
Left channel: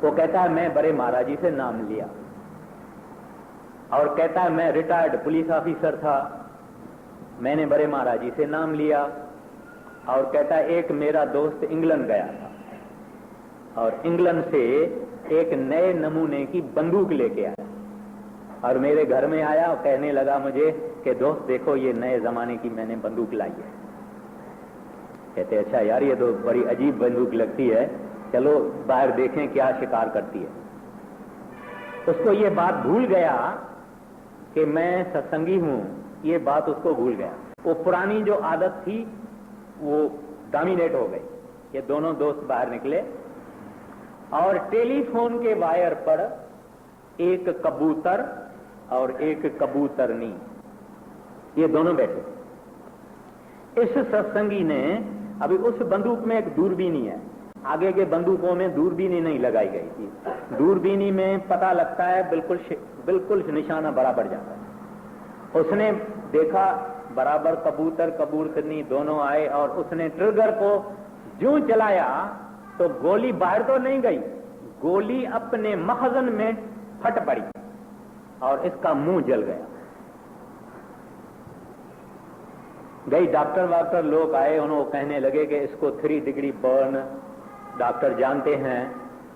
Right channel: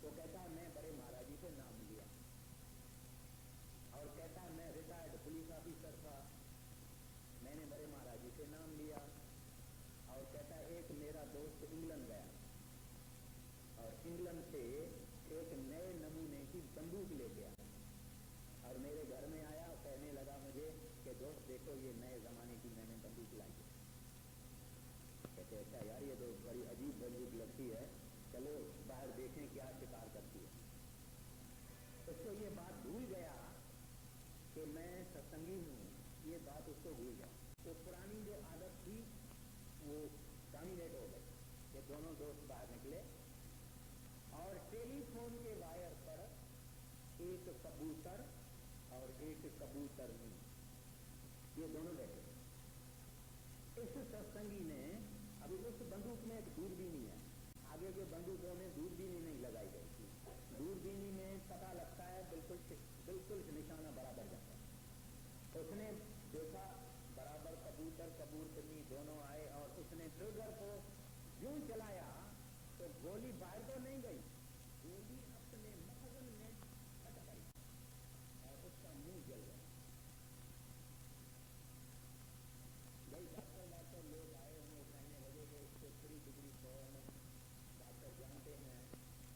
वो कहता है मैं बड़े महाराज जी से नाम लिया, और कहता है मैं रिटायर्ड पुलिस ऑफिसर था, मैंने बड़े महाराज जी से नाम लिया। और कहता है एक मेरा दोस्त इंग्लैंड गया था और इंग्लैंड से एक नए नमूने की बंदूक लेके आया और मेरे घर में आया और कहने लगा मुझे कि दोस्त देखो ये नए जमाने की मैंने बंदूक लाई है। कहते अच्छा यार ये तो बड़ी अजीब बंदूक लगती है, चलो बाहर देखें क्या शिकार करती है। उसको ये बात भूल गया कि मैं सत्संगी हूं, ये बात उसको भूल गया। वो पुरानी जो आदत थी वो डोमिनेट हो गई। ये दोनों दोस्त बाहर निकले और टेलीफोन के वायर पर एक कबूतर और एक कबूतरनी, ये दोनों बैठे। इस सत्संगी ने, अभी उस बंदूक में एक दूरबीनी है, आगे के बंदूकों में दूरबीनी नहीं लगाई गई थी। दूरबीनी में पता लगता है बिल्कुल निशाना बराबर जाता है। उसने देखा बराबर कबूतर कबूतरनी दोनों आए और उसने ट्रिगर को ज्यों चलाया तो गोली बाहर तो नहीं गई, गोली अपने मखजन में फट पड़ी और इसका मुंह जल गया। गई डॉक्टर लोग आए, उन्होंने कहने लगे कि इसको 3 डिग्री बर्न, डॉक्टर जानते हैं,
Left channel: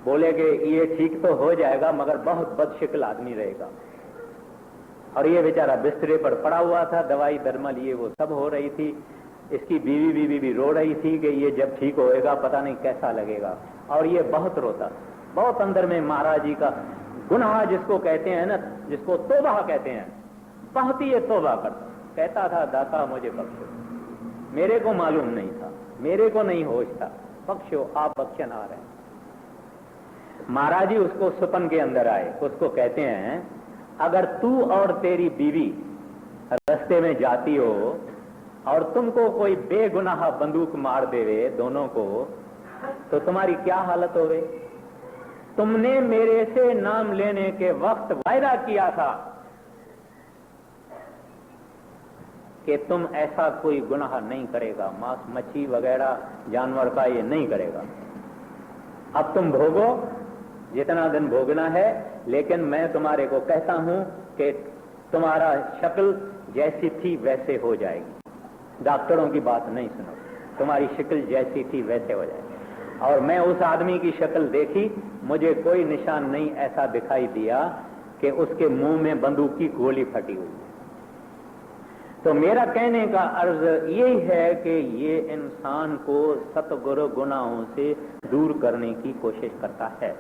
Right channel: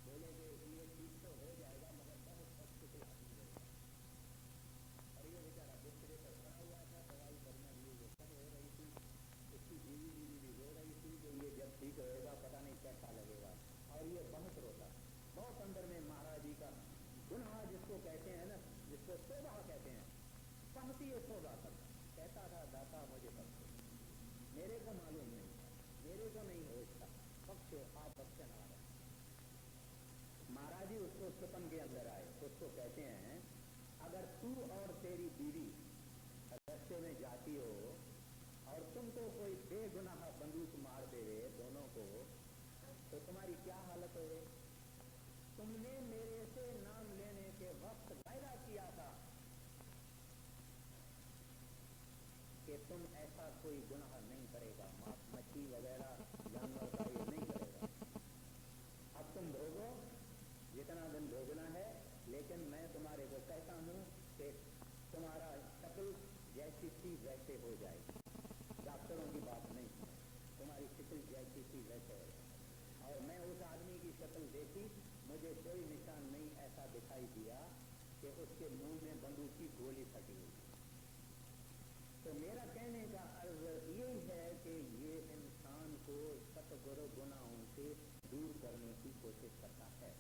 बोले कि ये ठीक तो हो जाएगा मगर बहुत बदशक्ल आदमी रहेगा। और ये बेचारा बिस्तरे पर पड़ा हुआ था, दवाई दरमल ये वो सब हो रही थी। इसकी बीवी भी रो रही थी कि ये जब ठीक होएगा पता नहीं कैसा लगेगा। और ये बहुत रोता, बहुत अंदर में महाराज जी का गुनाह जिसको कहते हैं ना, जिसको तौबा कहते हैं, बहुत ही ये तौबा करता। कहता था दाता मुझे बख्शो, मेरे को मालूम नहीं था, मेरे को नहीं होश था, बख्शो आप बख्शनहार हैं। महाराज जी उसको सुपन के अंदर आए, उसको कहते हैं अगर तू और तेरी बीवी रास्ते में जाती हो और तुमको कोई बेगुनाह बंदूक मार देवे दोनों को, तो तुम्हारी क्या हालत होवे? तुमने मेरे से नाम लेने के वक्त वायदा किया था कि तुम ऐसा कोई गुनाह नहीं करेगा, मांस मच्छी वगैरह जानवर का ये नहीं करेगा। अब तुम भोगो जितना दिन भोगना है, लेकिन मैं तुम्हारे को कहता हूं कि तुम्हारा शक्ल जैसी थी वैसे हो जाएगी। डॉक्टरों की बात नहीं सुनो, तुम्हारी शक्ल जैसी थी वैसे हो जाएगी। और मैं उस आदमी की शक्ल देखी, मुझे कोई निशान नहीं ऐसा दिखाई दिया कि उसके मुंह में बंदूक की गोली फटी हुई। तो मेरा कहने का अर्ज यही है कि ये इंसान को सतगुरु गुनाहों से दूर करने की कोशिश करता है।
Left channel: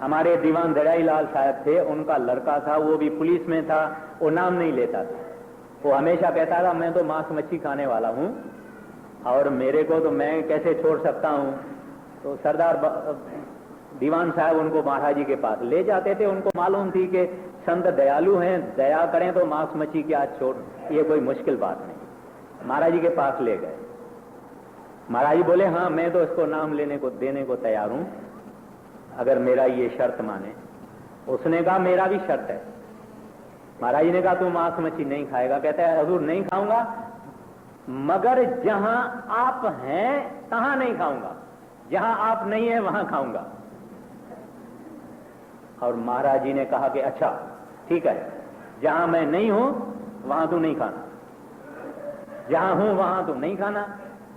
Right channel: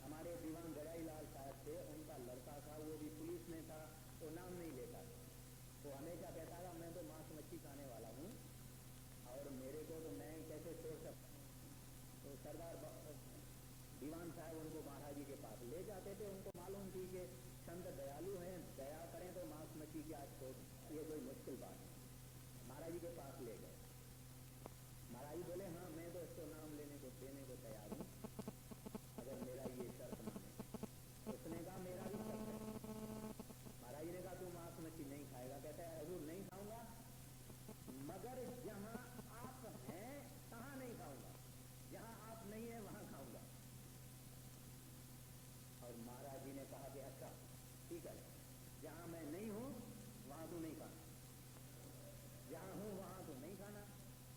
हमारे दीवान दड़ाई लाल साहब थे, उनका लड़का था, वो भी पुलिस में था, वो नाम नहीं लेता था। वो हमेशा कहता था मैं तो मांस मच्छी खाने वाला हूं और मेरे को तो मैं कैसे छोड़ सकता हूं। तो सरदार दीवान साहब उनको महाराज जी के पास ले जाते थे। उनको मालूम थी कि संत दयालु हैं, दया करें तो मांस मच्छी की आज छोड़, ये कोई मुश्किल बात नहीं। महाराज जी के पास ले गए। महाराज जी बोले हाँ मैं तो इसको नाम लेने को देने को तैयार हूं अगर मेरा ये शर्त माने। उसने कहा मेरा भी शर्त है। महाराज जी ने कहा तू मांस मच्छी नहीं खाएगा? कहता है हजूर नहीं खाऊंगा, मगर जहां आप हैं तहां नहीं खाऊंगा, जहां आप नहीं है वहां खाऊंगा। और महाराज जी ने कहा कि अच्छा ठीक है, जहां मैं नहीं हूं वहां तू नहीं खाना, जहां हूं वहां तू नहीं खाना,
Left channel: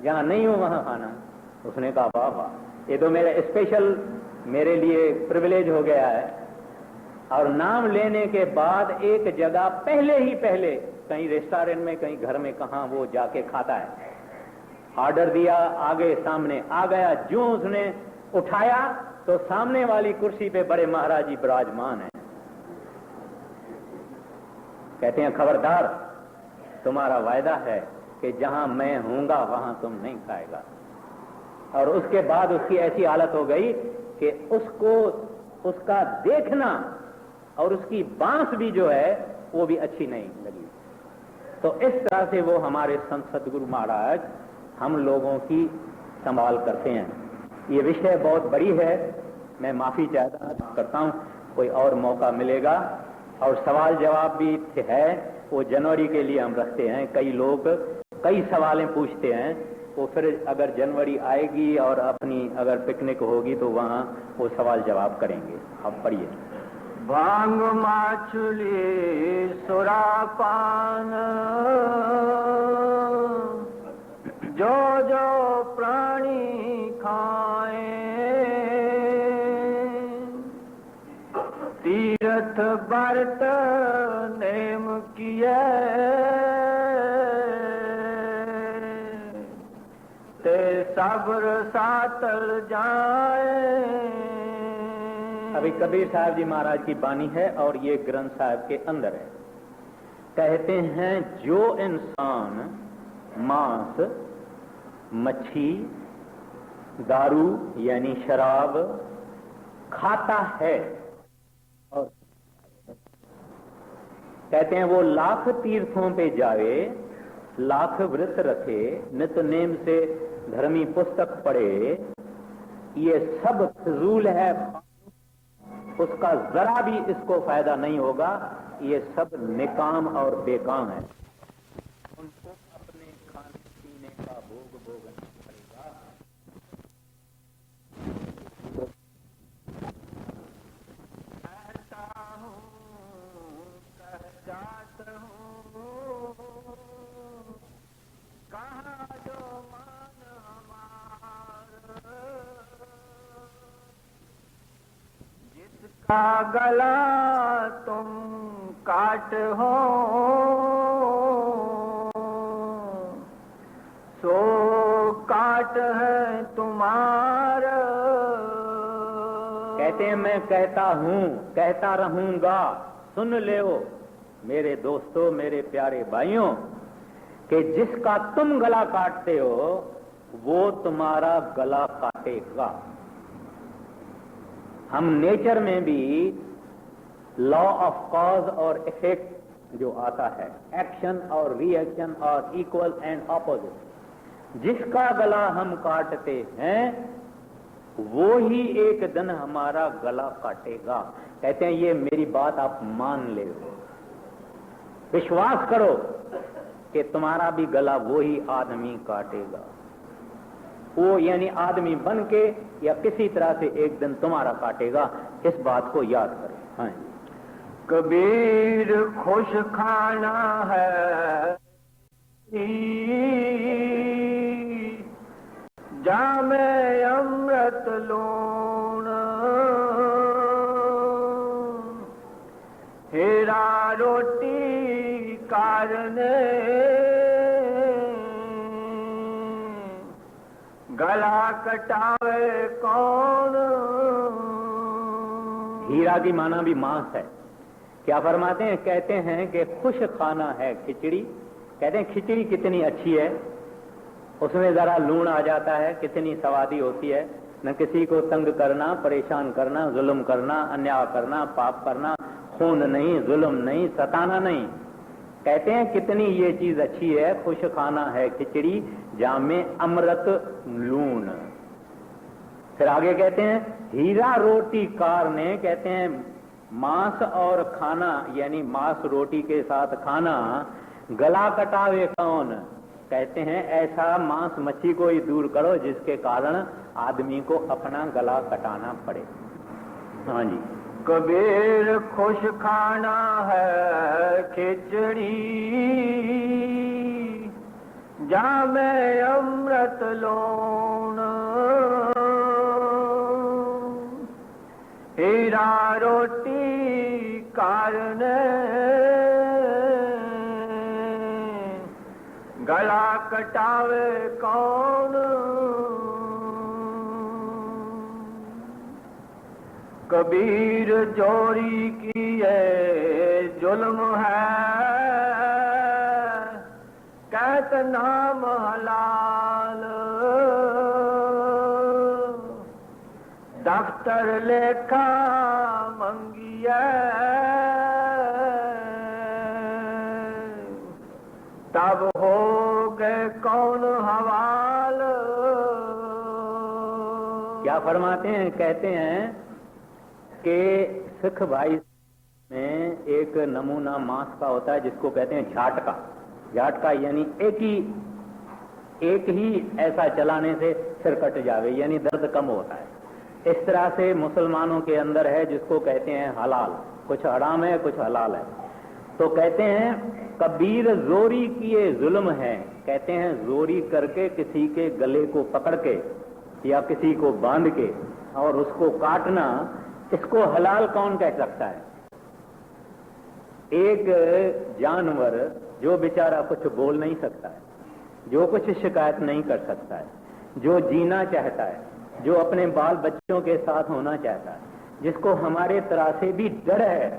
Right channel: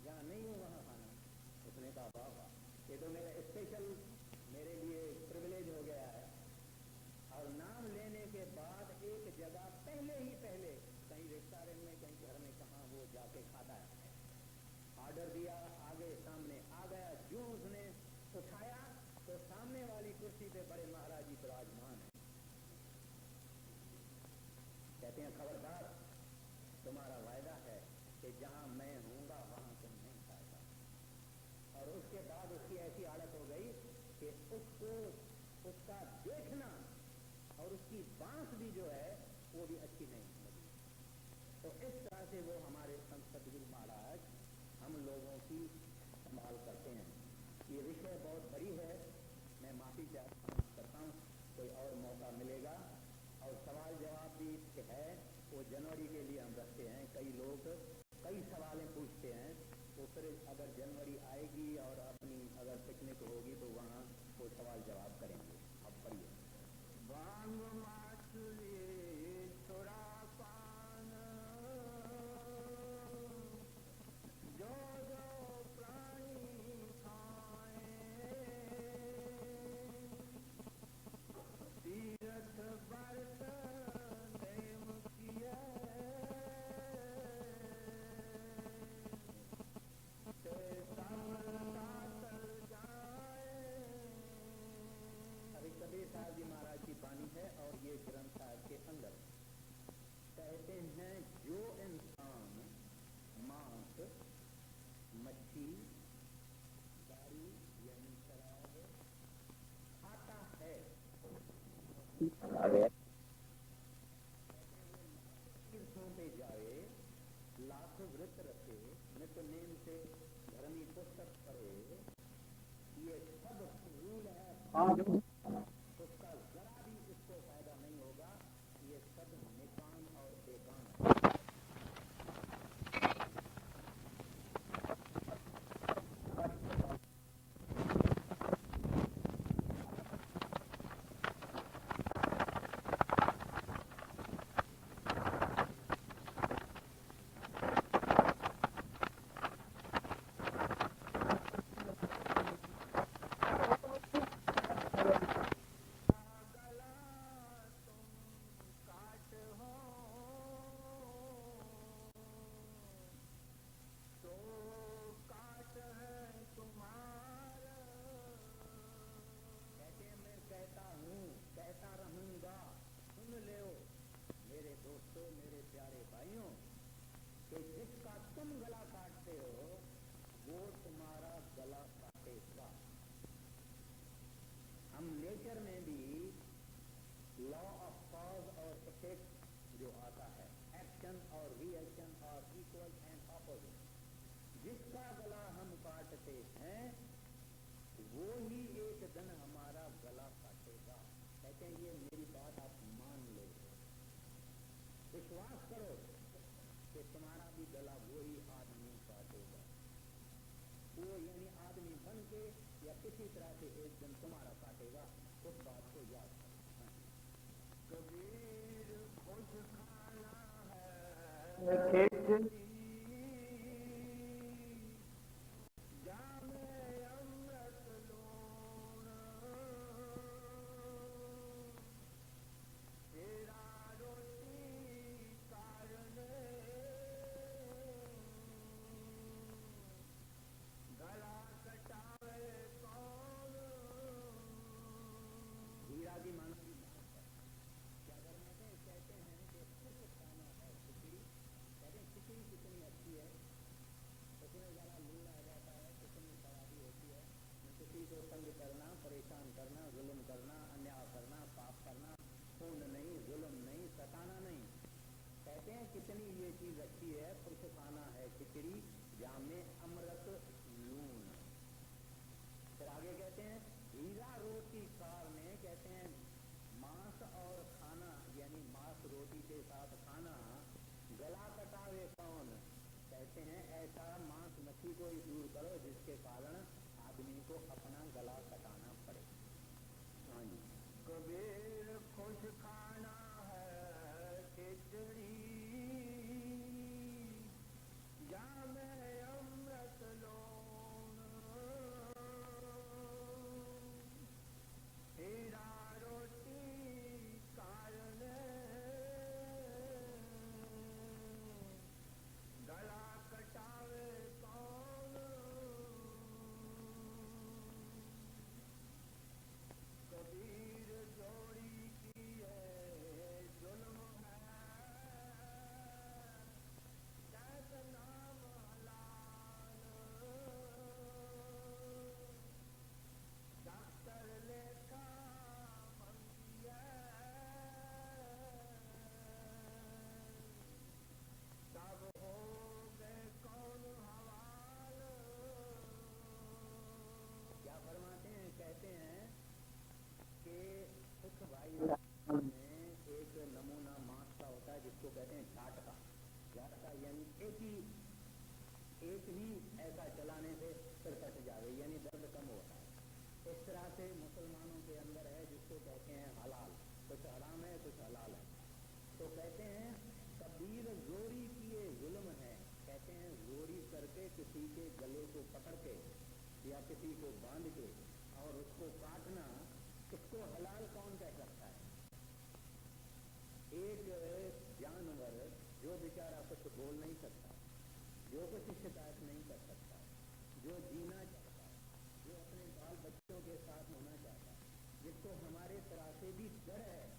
जहां नहीं हूं वहां खाना। उसने कहा वाह वाह, ये तो मेरा स्पेशल मेरे लिए प्रिविलेज हो गया है। और नाम लेने के बाद एक जगह पहले ही पहले कहीं रेस्टोरेंट में, कहीं घर में, कहां वो जाके खाता है। ऑर्डर दिया, आगे सामने आ गया, जो उसने उठाया तो सामने वाली कुर्सी पे बड़े महाराज जी विराजमान हैं। कहते हैं खबरदार, तुम्हारा वायदा है कि जहां मैं हूंगा वहां तुम नहीं खाएगा। और उसके बाद उसकी ऐसी हालत हो गई कि उसको उसका देखना और उसकी बांस भी जो है वो भी अच्छी नहीं लगी। तो इस तरह से वो हमारे संत सदगुरु महाराज हम लोगों की संभाल करते हैं। ये विषय बहुत बड़ी है, मैं माफी चाहता करता हूं, कोई और मौका मिलेगा और सवाल जवाब भी है, वो जनवरी के लिए हम रखते हैं। कई लोग कई सवालें पूछते हैं, वो फिर अगर जनवरी आएगी और अपनी अगर पिकनिक होगी तो वहाँ वो सवाल जवाब करेंगे। आप पढ़िए। भांग मछली सुरापान जो जो प्राणी खाए, तीर्थ व्रत नेम किए ते सब्र सातल जाए। अभी कबीर साहब जी महाराज की बानी है और ये ग्रंथ साहब के अंदर है। कहते हैं जो इंसान मांस, मच्छी, दारू यानी शराब खाता है और कहते हैं वो लाख तीर्थों पे जावे, लाख व्रत रखे, नित नेम से धर्मी पुस्तक पढ़े, ये सब फिजूल है, उसका जरा भी इसको फायदा नहीं होगा, ये सब निकाम और बेकाम है। उनको अपने खाने पीने का भोग भोगना पड़ेगा। गला तुम काट हो सो काट है तुम्हारा। कहते हैं मैं कहता हूँ, कहता रहूंगा, सुन ले मेरे दोस्तों, मेरे प्यारे भाइयों, कि जिसका तुम गला काटते हो वो तुम्हारा गला काटेगा। हम नेचर में भी लॉ ऑफ कॉज और इफेक्ट जो आता है, एक्शन और रिएक्शन और इक्वल एंड ऑपोजिट, जिसका गला हम काटते हैं वो ही एक दिन हमारा गला काटेगा। कहते हैं ये मेरी बात आप मान ले, विश्वास करो कि तुम्हारा भी गला वो ही आदमी काटेगा। वो यानी आदमी बन के या किसी तरह से एक दिन तुम्हारा काटेगा। इस बात को याद करो। हाँ, कबीर खुश खाना है खिचड़ी, जामे अमृत लूण, हीरा रोटी कारने गला कटावे कौन। हीरा की माना भी मांस है। क्या फरमाते हैं? कहते हैं कि खुश खाना है खिचड़ी। कहते हैं खिचड़ी कितनी अच्छी है, उसमें जरा लूण आ जाता है, कितनी स्वादी होती है। न किसी को तंग करना, परेशान करना, जुल्म करना, अन्याय करना, पाप करना, खून नहीं, जुल्म नहीं, सताना नहीं। कहते हैं कितनी ये चीज अच्छी है, खुश खाना है खिचड़ी, जामे अमृत लूण। फिर आगे कहते हैं हीरा रोटी कारने। कहते हैं मांस और खाना यानी मांस रोटी के साथ खाना गला कटावे कौन। कहते हैं ऐसा मांस मच्छी को ही दूर करो जिसके कारण आदमी को अपना गला कटाना पड़े। हाँ जी। कबीर खुश खाना है खिचड़ी, जामे अमृत लूण, हीरा रोटी कारने गला कटावे कौन। कबीर जोरी की ये जुल्म है, कहत नाम हलाल, दफ्तर लेखा मंगिए तब हो गए कौन हवाल। क्या फरमाते हैं? कहते हैं कि सिख भाई में एक नमूना मांस का होता है जिसको कहते हैं झाटका। झाटका यानी एक ही ऐसा चलाने से सिर कट जावे, यानी दर्द कम होता है। इस तरह से मुसलमानों के अंदर है जिसको कहते हैं हलाल, कुछ हराम है कुछ हलाल है। तो कहते हैं कबीर जोरी किए जुल्म है, कहते हैं जोरी करके किसी के गले को पकड़ के या किसी को बांध के और उसको काटना, इसको हलाल कौन कह सकता है? एक जानवर जो बेचारा कुछ बोल नहीं सकता है, जो कुछ शिकायत नहीं कर सकता है, जो जीना चाहता है, जो अपने बाल बच्चों के साथ होना चाहता है, जिसको हमारे तरह से भी डर है,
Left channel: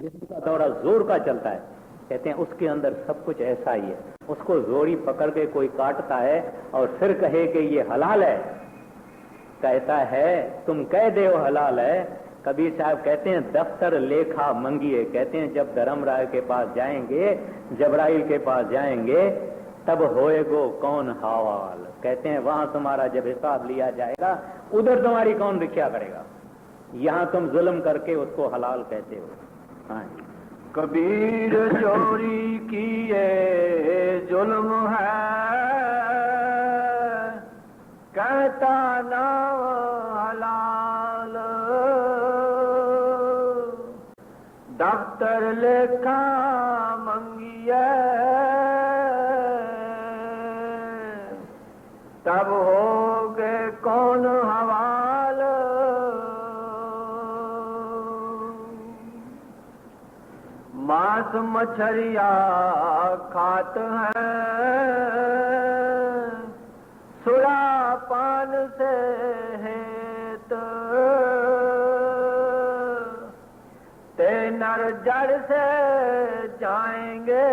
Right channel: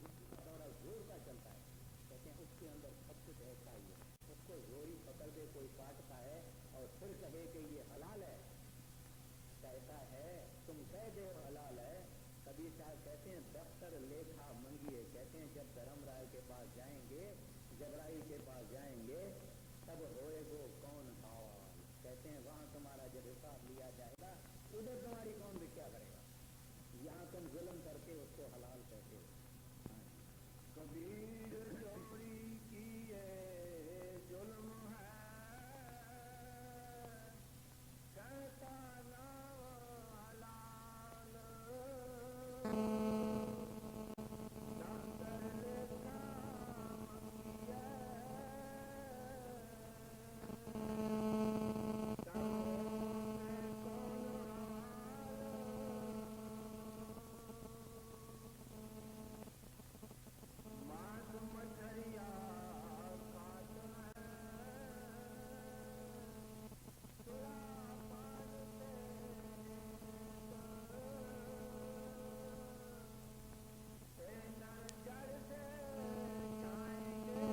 जिसका दौरा जोर का चलता है, कहते हैं उसके अंदर सब कुछ ऐसा ही है। उसको जोरी पकड़ के कोई काटता है और फिर कहे कि ये हलाल है, कहता है तुम कह दे वो हलाल है। कबीर साहब कहते हैं दफ्तर लेखा मंगिए, कहते हैं जब धर्मराय के पास जाएंगे, जबराइल के पास जाएंगे, तब होएगो कौन हवाल, कहते हैं वहां तुम्हारा जब हिसाब लिया जाएगा उधर तुम्हारी कौन रक्षा करेगा, यहां तुम जुल्म करके उसको हलाल कहते हो। हाँ, कबीर चोरी किए जुल्म है, कहता नाम हलाल, दफ्तर लेखा मंगिए, तब हो गए कौन हवाल। मांस मछरिया खात है, सुरा पान से हेत, ते नर जड़ से जाएंगे,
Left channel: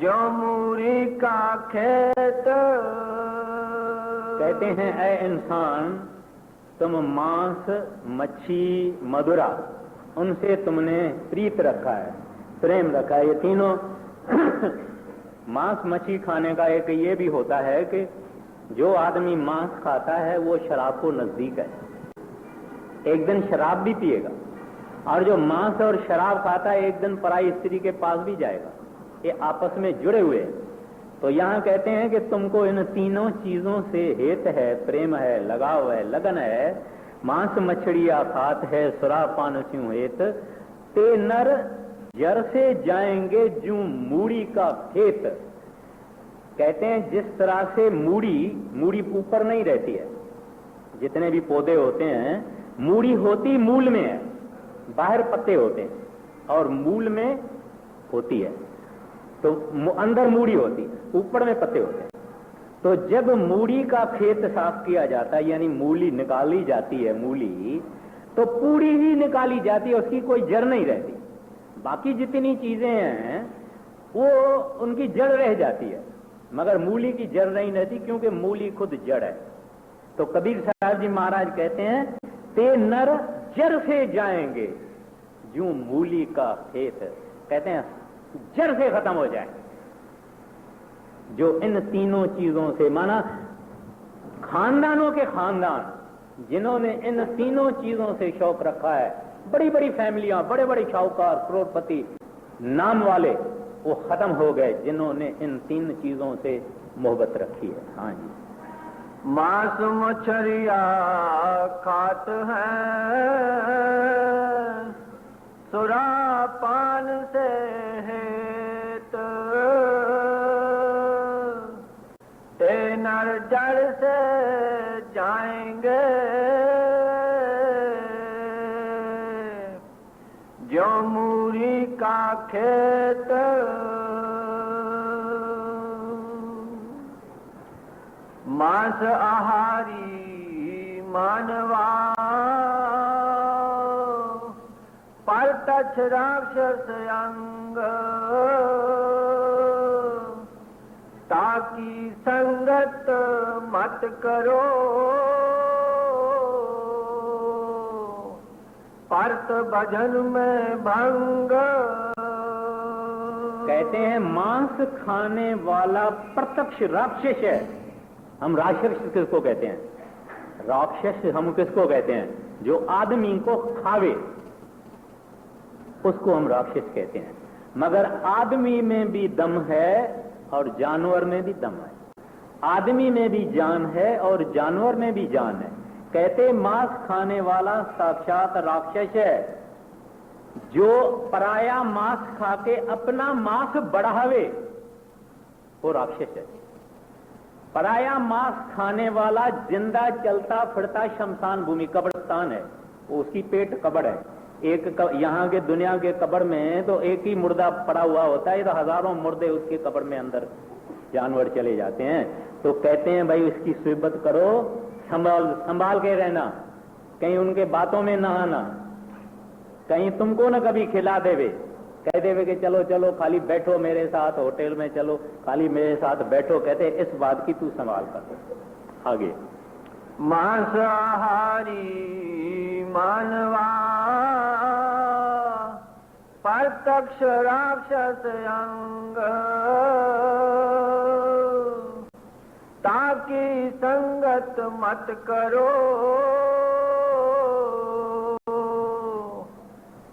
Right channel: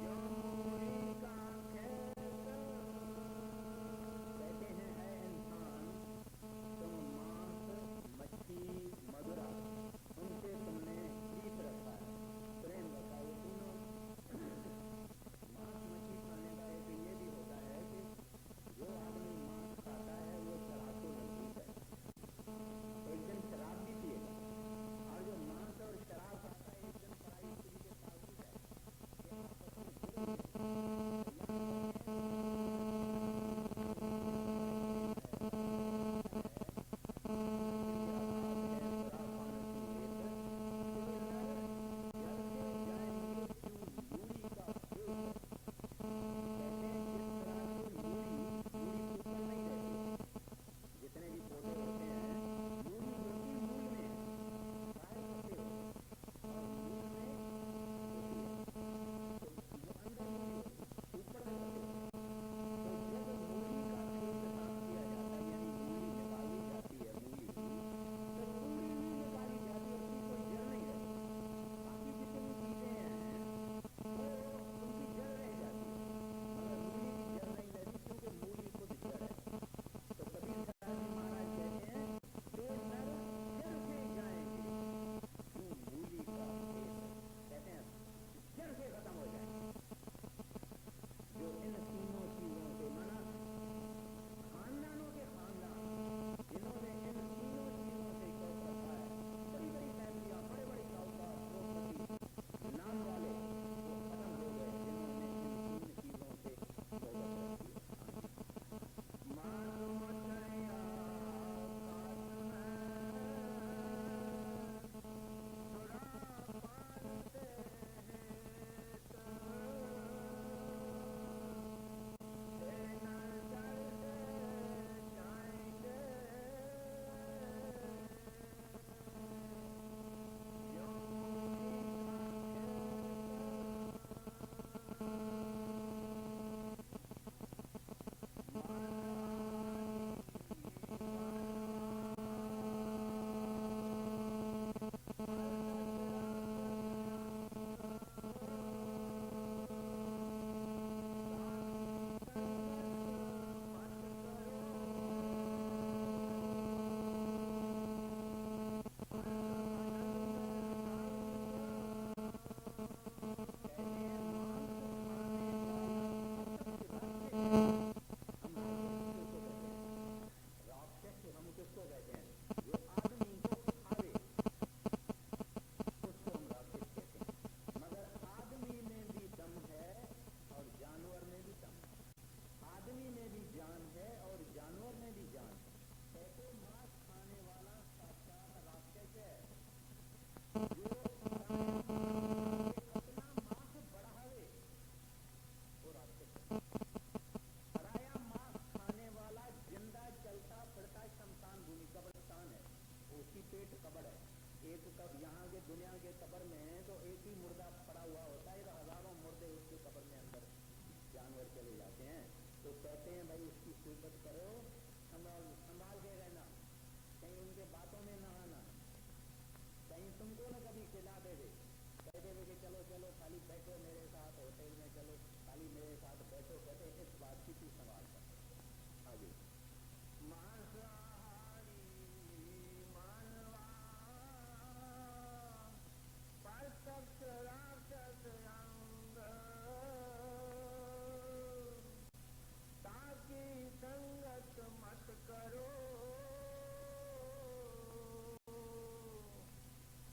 जो मूरी का खेत। कहते हैं ऐ इंसान, तुम मांस मच्छी मदुरा उनसे तुमने प्रीत रखा है, प्रेम रखा है। ये तीनों मांस मच्छी खाने का एक ये भी होता है कि जो आदमी मांस खाता है वो शराब को नजदीक है, एक दिन शराब भी पिएगा, और जो मांस और शराब खाता है एक दिन पराई स्त्री के पास भी जाएगा, ये आपस में जुड़े हुए हैं। तो यहाँ कहते हैं कि तुमको इन तीनों चीजों से हेत है, प्रेम है, लगाव है, लगन है। मांस मछलिया खात है, सुरा पान स्यों हेत, ते नर जर से जाएंगे जू मूड़ी का खेत। कहते हैं जिस तरह से मूड़ी ऊपर नहीं रहती है, जितने भी पौधे होते हैं मूड़ी होती मूल में है, बाहर पत्ते होते हैं और मूल में होती है, तो अंदर मूड़ी होती, ऊपर में पत्ते होते हैं। तो जब मूड़ी का खेत साफ किया जाता है, यानी मूली निकाली जाती है, मूली तो पूरी ही निकाली जाती है, उसकी कोई जड़ नहीं रहती। बाकी जितनी चीजें हैं वो उनकी जड़ रह जाती है, मगर मूली की जड़ नहीं रहती, क्योंकि मूली खुद जड़ है। तो कबीर साहब जी महाराज कहते हैं ते नर जड़ से जाएंगे जूं मूली का खेत, कहते हैं जड़ से खत्म हो जाए। जो इन तीनों चीजों से, माना खानदानों के खानदान जिन्होंने इन तीनों चीजों से शौक रखा है, बड़ी बड़ी फैमिलियां, बड़े बड़े शाहूकार, करोड़पति नाम वाले, वो खत्म हो गए जिन्होंने इन तीन चीजों से मोहब्बत रखी है। हाँ जी, मांस मछरिया खात है, सुरा पान से हेत, ते नर जड़ से जाएंगे, जो मूरी का खेत। मांस आहारी मानवा, परतछ राक्षस अंग, ताकि संगत मत करो, परत भजन में भंग। कहते हैं मांस खाने वाला प्रत्यक्ष राक्षस है। हम राक्षस किसको कहते हैं? राक्षस हम किसको कहते हैं? जो आदमी को खावे उसको हम राक्षस कहते हैं। मगर आदमी में भी दम है और जानवर में भी दम है। आदमी में भी जान है और जानवर में भी जान है। कहते मांस खाने वाला साक्षात राक्षस है। जो पराया मांस खा के अपना मांस बढ़ावे वो राक्षस है। पराया मांस खाने वाला जिंदा चलता फिरता शमशान भूमि कब्रिस्तान है, उसकी पेट कब्र है। यहाँ के दुनिया के कब्र में तो एक ही मुर्दा पड़ा हुआ होता है, तो हजारों मुर्दे उसके कब्र में अंदर जानवर चले जाते हैं। तो कहते हैं भाई उसकी सुबत करो, संभाल के रहना, कहीं उनके बातों में ना आना, कहीं तुमको ना कभी खिला देवे, कह देवे कि चलो चलो खाली बैठो मेरे साथ होटल में, चलो खाली मेरे साथ बैठो। कहते इस बात की तू संभाल कर। आगे मांसाहारी मानवा प्रत्यक्ष राक्षस अंग, ताकि संगत मत करो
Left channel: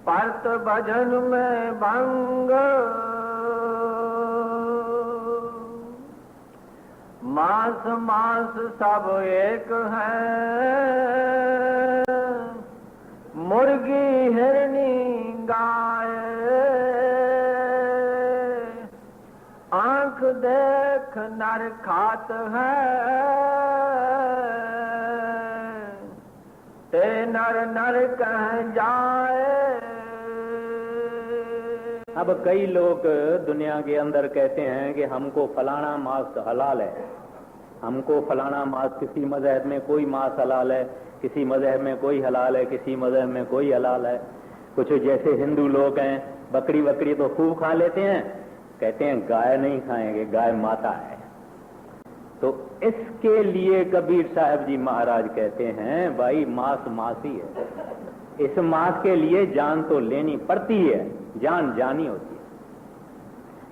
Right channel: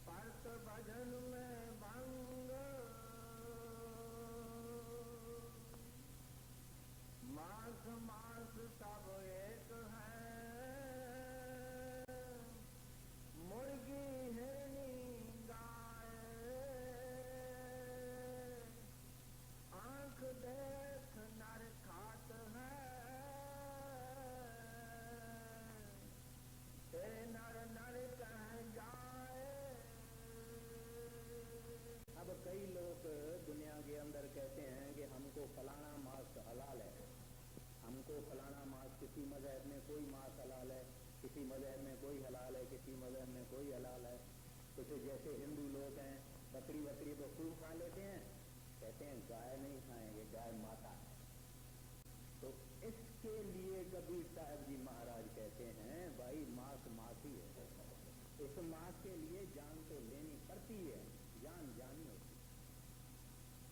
परत भजन में भंग। मांस मांस सब एक है, मुर्गी हिरनी गाय, आंख देख नर खात है, ते नर नर कह जाए। अब कई लोग दुनिया के अंदर कहते हैं कि हमको फलाना मांस हलाल है, हमको फलाना मांस, किसी मजहब में कोई मांस हलाल है, किसी मजहब में कोई हलाल है, किसी मजहब में कोई हलाल है। कुछ जैसे हिंदू लोग हैं बकरी बकरी तो खूब खा लेते हैं, कहते हैं गाय नहीं खाएंगे, गाय माता है। तो इसके लिए कबीर साहब जी महाराज कहते हैं भाई मांस मांस ही है, इस मांस के लिए जान तो लेनी पड़ती है, जान जानी होती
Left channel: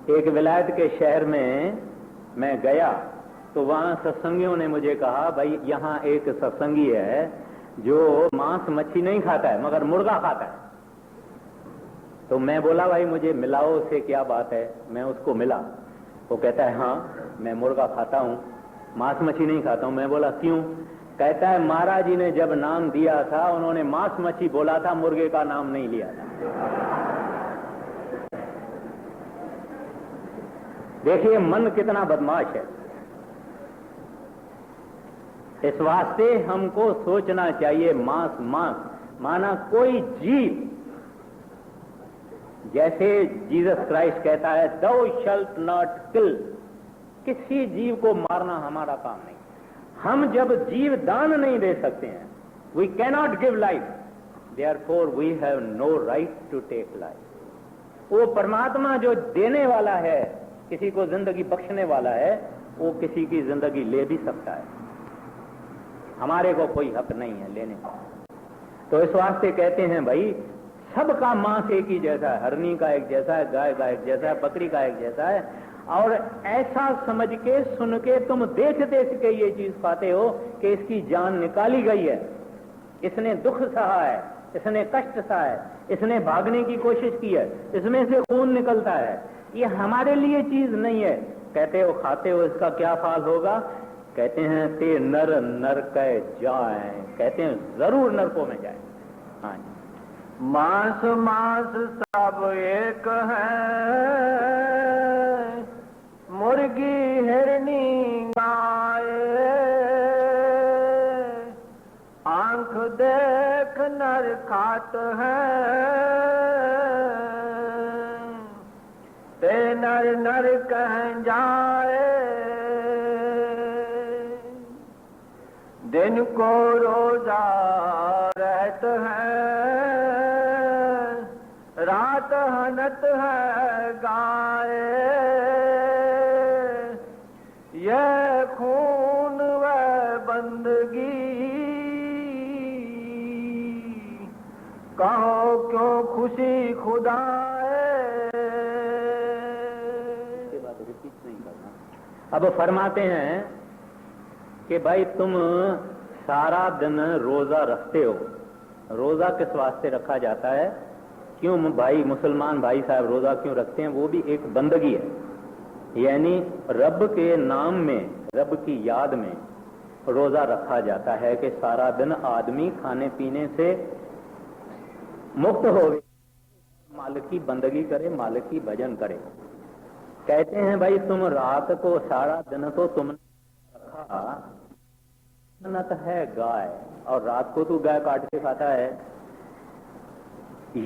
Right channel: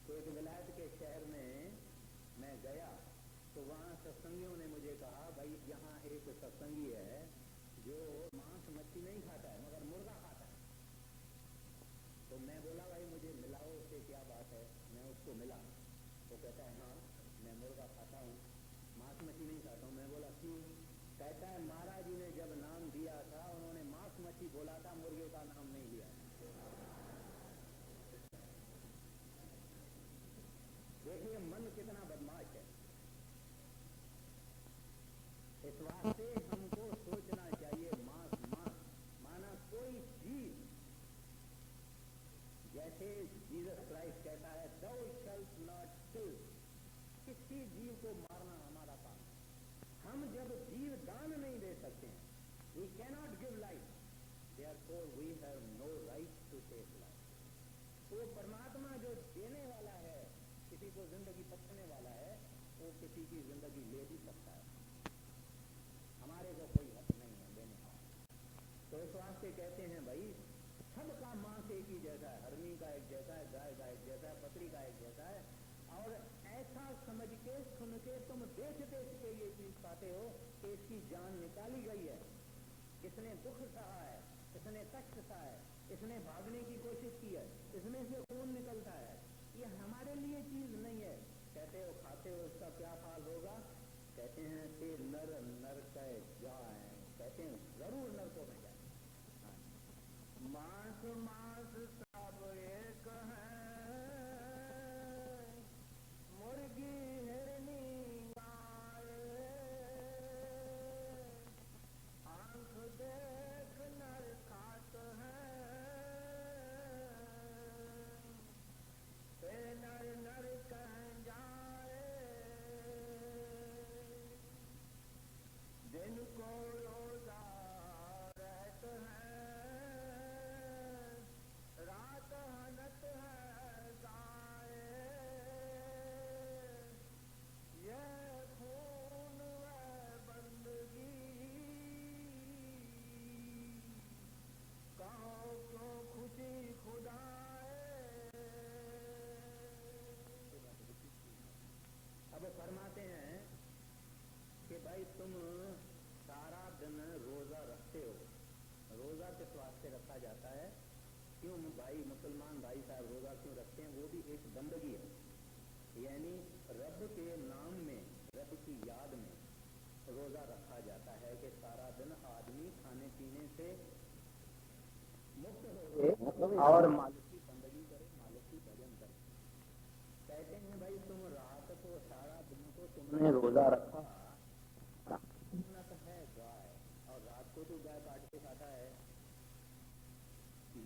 है। एक विलायत के शहर में मैं गया तो वहां सत्संगियों ने मुझे कहा भाई यहाँ एक सत्संगी है जो मांस मच्छी नहीं खाता है मगर मुर्गा खाता है। तो मैं बोला भाई मुझे मिलाओ, उससे क्या बात है। मैं उसको मिला, वो कहता है हाँ मैं मुर्गा खाता हूँ, मांस मच्छी नहीं खाता हूँ। मैं बोला क्यों? कहता है महाराज जी ने जब नाम दिया था उन्होंने मांस मच्छी बोला था, मुर्गे का नाम नहीं लिया था। देखिए मन कितना बदमाश है। इस वास्ते हमको सोचना चाहिए मांस मांस माना कोई जीव, जैसे जीसस क्राइस्ट कहता है thou shalt not kill, किसी जीव को मारना हमारा काम नहीं। हम जब जीव दान नहीं दे सकते हैं, we cannot give life, therefore we have no right to take life। वो परमात्मा जो देने वाला है, किसी को जिंदगी बख्शने वाला है, वो किसी की जिंदगी ले भी सकता है, हमारे को कोई हक नहीं है लेने का। तो इस वास्ते कहते हैं भाई सबका मांस एक ही जैसा है, हरनी का एक जैसा है, गाय का एक जैसा है, बकरी का एक जैसा है। और ऐसा समझ के सुन के तुम देख देख के ये चीज पाते हो कि इसकी जान निकाली गई है, इसने दुख सहा है, इसने कष्ट सहा है, इसने भागने की कोशिश की है, इसमें से खून निकलता है। ये हमारे लिए चीज नहीं है। कहते हो खाते हो इसका क्या फाल होगा? कहते हैं ते नर नरक जाए, कहते हैं जरूर नरकों में जाए। हाँ, मांस मांस सब एक है, मुर्गी हिरनी गाय, आंख देख नर खात है, ते नर नर कह जाए। दिन को रोजा रहत है, रात हनत है गाय, यह खून व बंदगी, कहो क्यों खुशी खुदाए। अब फरमाते हैं कि भाई तुम सारा दिन रोजा रखते हो। रोजा किस वास्ते रखा जाता है? क्यों भाई मुसलमान भाई साहब रोजा क्यों रखते हैं? वो भी एक बंदगी है, यानी रब के नाम में, रब की याद में रोजा रखा जाता है कि सारा दिन आदमी खाने पीने से मुक्त होवे और मालिक की बंदगी करे, मालिक की भजन करे। कहते हैं भाई तुम रात को सारा दिन तो तुमने रोजा रखा, मन्नत है गाय और रात को तू गाय काट के खाता है।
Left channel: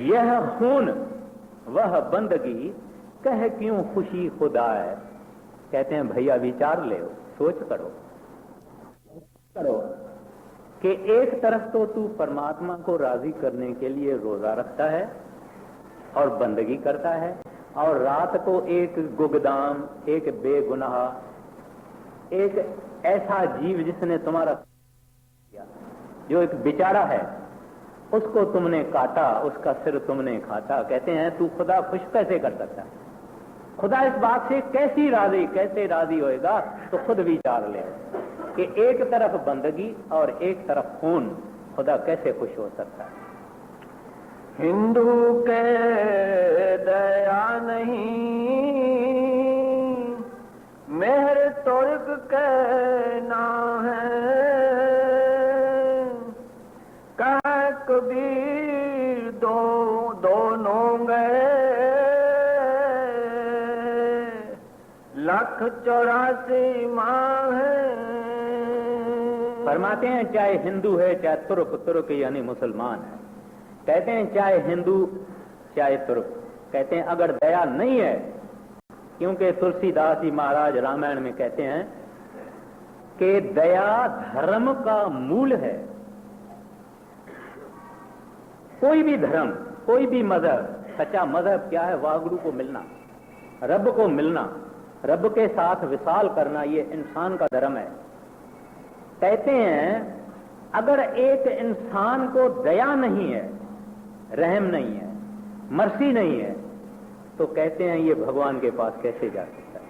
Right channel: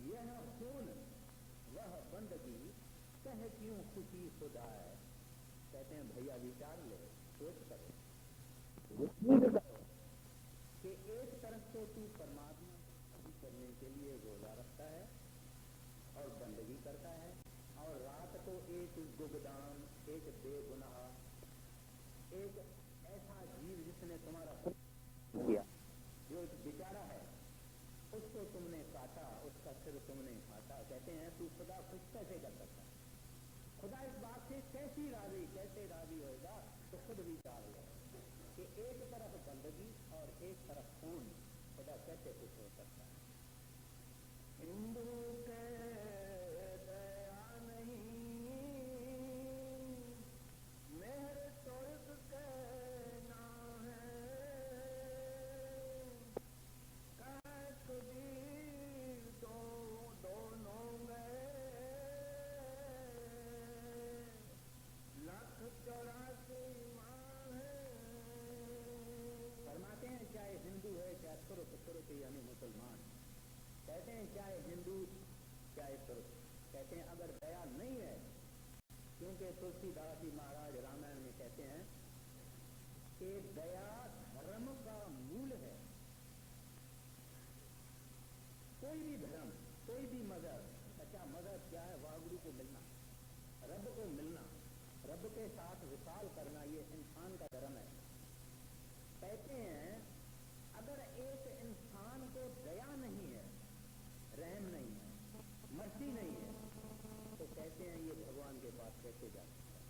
यह खून वह बंदगी कह क्यों खुशी खुदा है। कहते हैं भैया विचार ले, सोच करो, करो कि एक तरफ तो तू परमात्मा को राजी करने के लिए रोजा रखता है और बंदगी करता है, और रात को एक गुगदाम, एक बेगुनाह, एक ऐसा जीव जिसने तुम्हारा किया, जो एक बेचारा है, उसको तुमने काटा, उसका सिर तुमने खाता। कहते हैं तू खुदा खुश कैसे कर सकता है? खुदा इस बात से कैसे राजी होएगा? तो खुद विचार ले कि एक तरफ बंदगी और एक तरफ खून, खुदा कैसे खुश हो सकता है? हिंदू के दया नहीं, मेहर तुर्क के ना है। कह कबीर दोनों गए, 184 माह है। फरमाते हैं चाहे हिंदू है चाहे तुर्क यानी मुसलमान है, कहते हैं चाहे हिंदू चाहे तुर्क, कहते हैं अगर दया नहीं है, क्योंकि तुलसीदास जी महाराज रामायण में कहते हैं कि दया धर्म का मूल है। कोई भी धर्म, कोई भी मजहब, सच्चा मजहब क्या है? वाहगुरु को मिलना, रब को मिलना, रब के साथ विशाल करना, ये इंसान का धर्म है। कहते हैं अगर एक इंसान को दया नहीं है, रहम नहीं है, मर्सी नहीं है, तो कहते हैं ये भगवान के पास कैसे जा सकता है?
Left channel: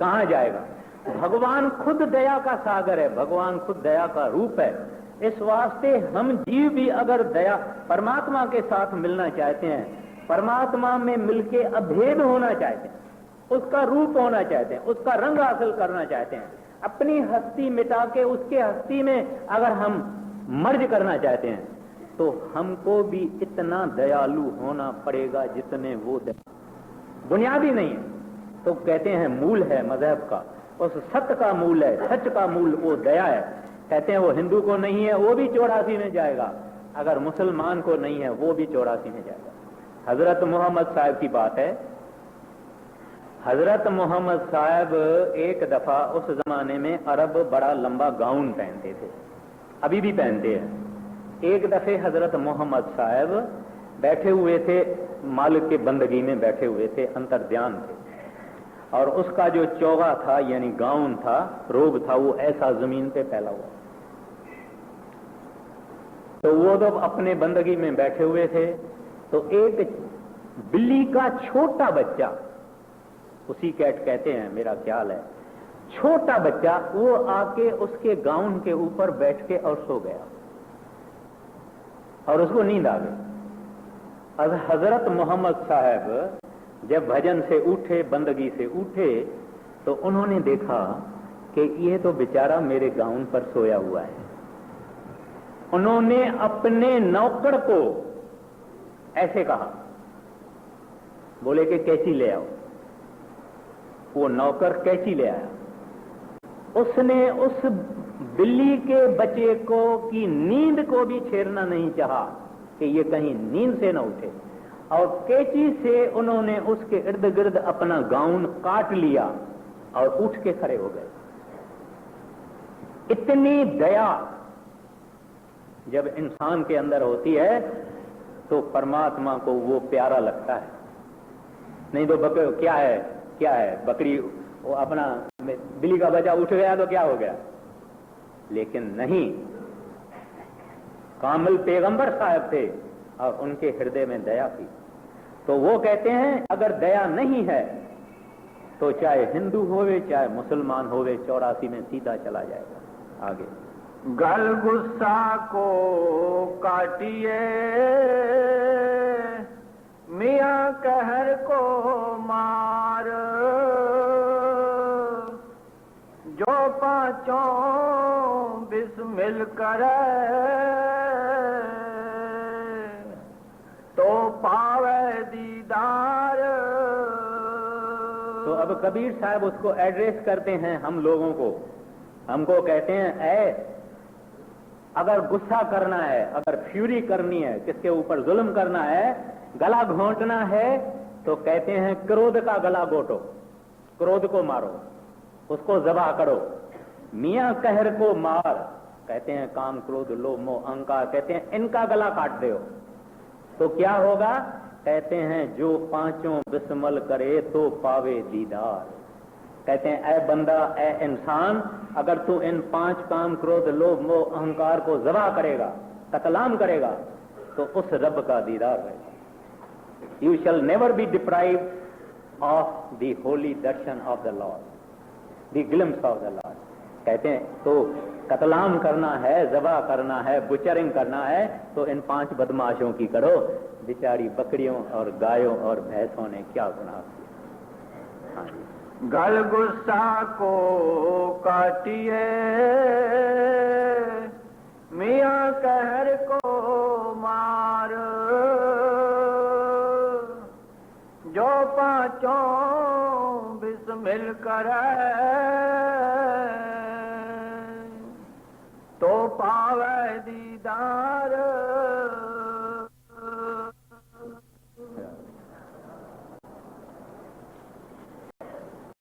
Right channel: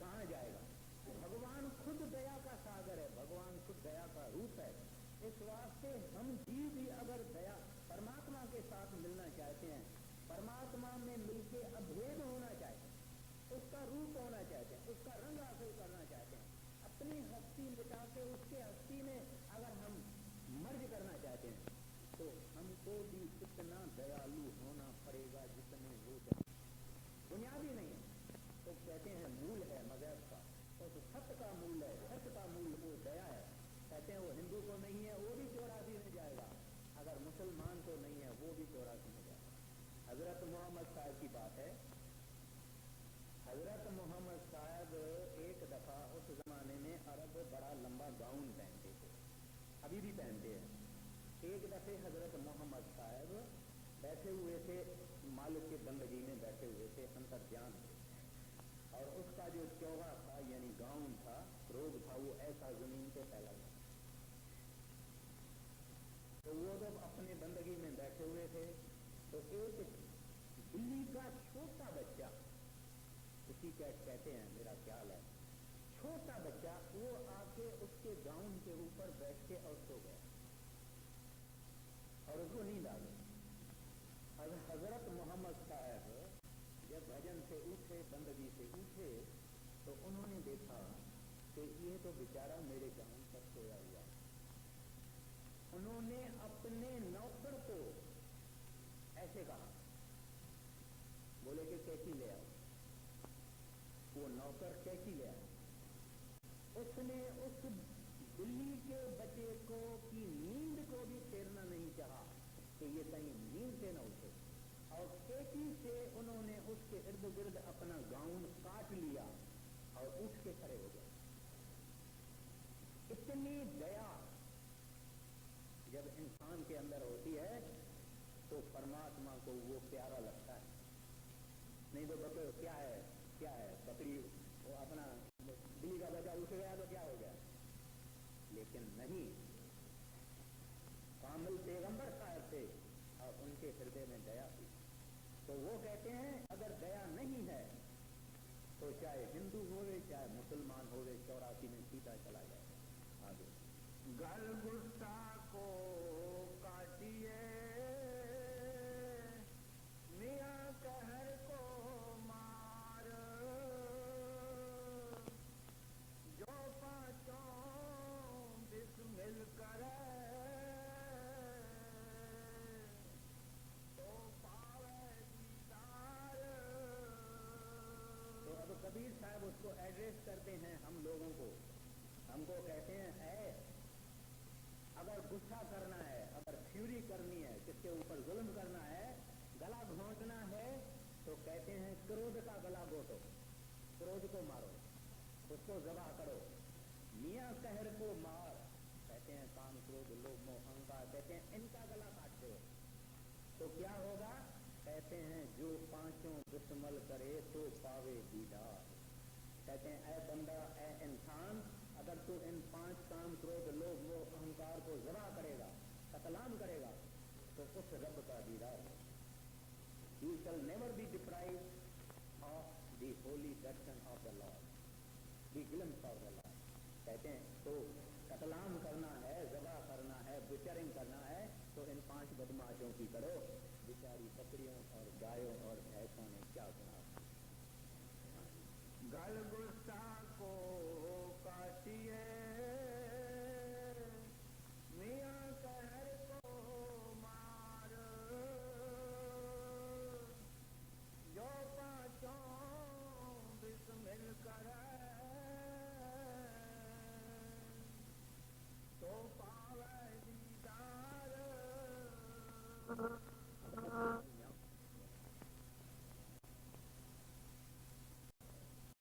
कहां जाएगा? भगवान खुद दया का सागर है, भगवान खुद दया का रूप है। इस वास्ते हम जीव भी अगर दया, परमात्मा के साथ मिलना चाहते हैं, परमात्मा में मिलके अभेद होना चाहते हैं, उसका रूप होना चाहते हैं, उसका रंग हासिल करना चाहते हैं, अपनी हस्ती मिटा के उसके हस्ती में अगर हम मर्ज करना चाहते हैं, तो हमको भी इतना दयालु होना पड़ेगा जितने वो बुनियादी नहीं है। तो कहते हैं मूल है मजहब का, उस सत्य का मूल है, सच का मूल वो दया है। कहते हैं वो हिंदू को नहीं है वो भी 84 में जाएगा, अगर मुसलमान को नहीं है वो भी 84 में जाएगा। हजरत मोहम्मद साहब की बात है। हजरत मोहम्मद साहब एक दफा उस जमाने में अरब बड़ा लंबा गाउन पहनते थे, अभी भी पहनते हैं। एक दफे हजरत मोहम्मद साहब बैठे हुए थे, मालिक के बंदगी में बैठे हुए थे, अंतर्ध्यान थे, और उसका जो चौगा था यानी गाउन था, रोब था, वो ऐसा जमीन पे फैला हुआ। तो वो जब अपने बंदगी में बैठे हुए थे, तो एक बिल्ली का छोटा बच्चा, उसी कैट कहते हैं मेरा ख्याल है, छोटा बच्चा, वो आके उसके गाउन के ऊपर बैठ के और सो गया और उसको नींद आ गई। हजरत मोहम्मद साहब जब भजन से उठे, बंदगी से उठे, तो उन्होंने देखा कि ये तो बेचारा मेरे गाउन पर सोया हुआ है। उन्होंने अपने नौकर को ऐसे कहा, बोले कि कैंची ले आओ। वो नौकर कैंची ले आया। उसने उस बिल्ली के बच्चे को की नींद को भी छेड़ना नहीं चाहा कि ये कहीं नींद से न उठे, और कैंची से उन्होंने उसके इर्द गिर्द अपना गाउन काट लिया और उठ के खड़े हो गए। इतनी दया जब इंसान के अंदर होती है तो परमात्मा को वो प्यारा लगता है। नहीं तो क्या है बकरी, वो अपना बिल्ली का बच्चा उठ गया तो क्या हो गया, लेकिन नहीं, कामिल पैगंबर साहब थे और उनके हृदय में दया थी। तो वो कहते हैं अगर दया नहीं है तो चाहे हिंदू होवे चाहे मुसलमान होवे 84 में सीधा चला जाएगा आगे। गल गुस्सा को काटिए, मियाँ कहर को मार, जो पांचों बिस्मिल करे तो पावे दीदार। तो अब कबीर साहब उसको एड्रेस करते हैं हम लोगों को, हमको कहते हैं अगर गुस्सा करना है, अगर फ्यूरी करनी है, किसके ऊपर जुल्म करना है, गला घोंटना है, तो कहते हैं क्रोध का गला घोटो, क्रोध को मारो, उसको जबा करो। मियाँ कहर को मार, कहते हैं काम क्रोध लोभ मोह अहंकार, कहते हैं इनका गला काट दो। तो क्या होगा? कहते हैं जो पांचों बिस्मल करे तो पावे दीदार। कहते हैं ऐ बंदा, ऐ इंसान, अगर तू इन 5 काम क्रोध लोभ मोह अहंकार को जबा करेगा, कतलाम करेगा, तो उस रब का दीदार रहेगा। You shall never be deprived of the Holi Darshan of the Lord, the glimpse of the Lord. कहते हैं तो कतलाम करना है, जबा करना है, बुचरिंग करना है, तो इन 5 बदमाशों की करो। बेचारी बकरियों और गायों और भैंसों ने क्या गुनाह किया। हाँ जी। गल गुस्सा को काटिए, मियाँ कहर को मार, जो पांचों बिस्मिल करे तो पावे दीदार।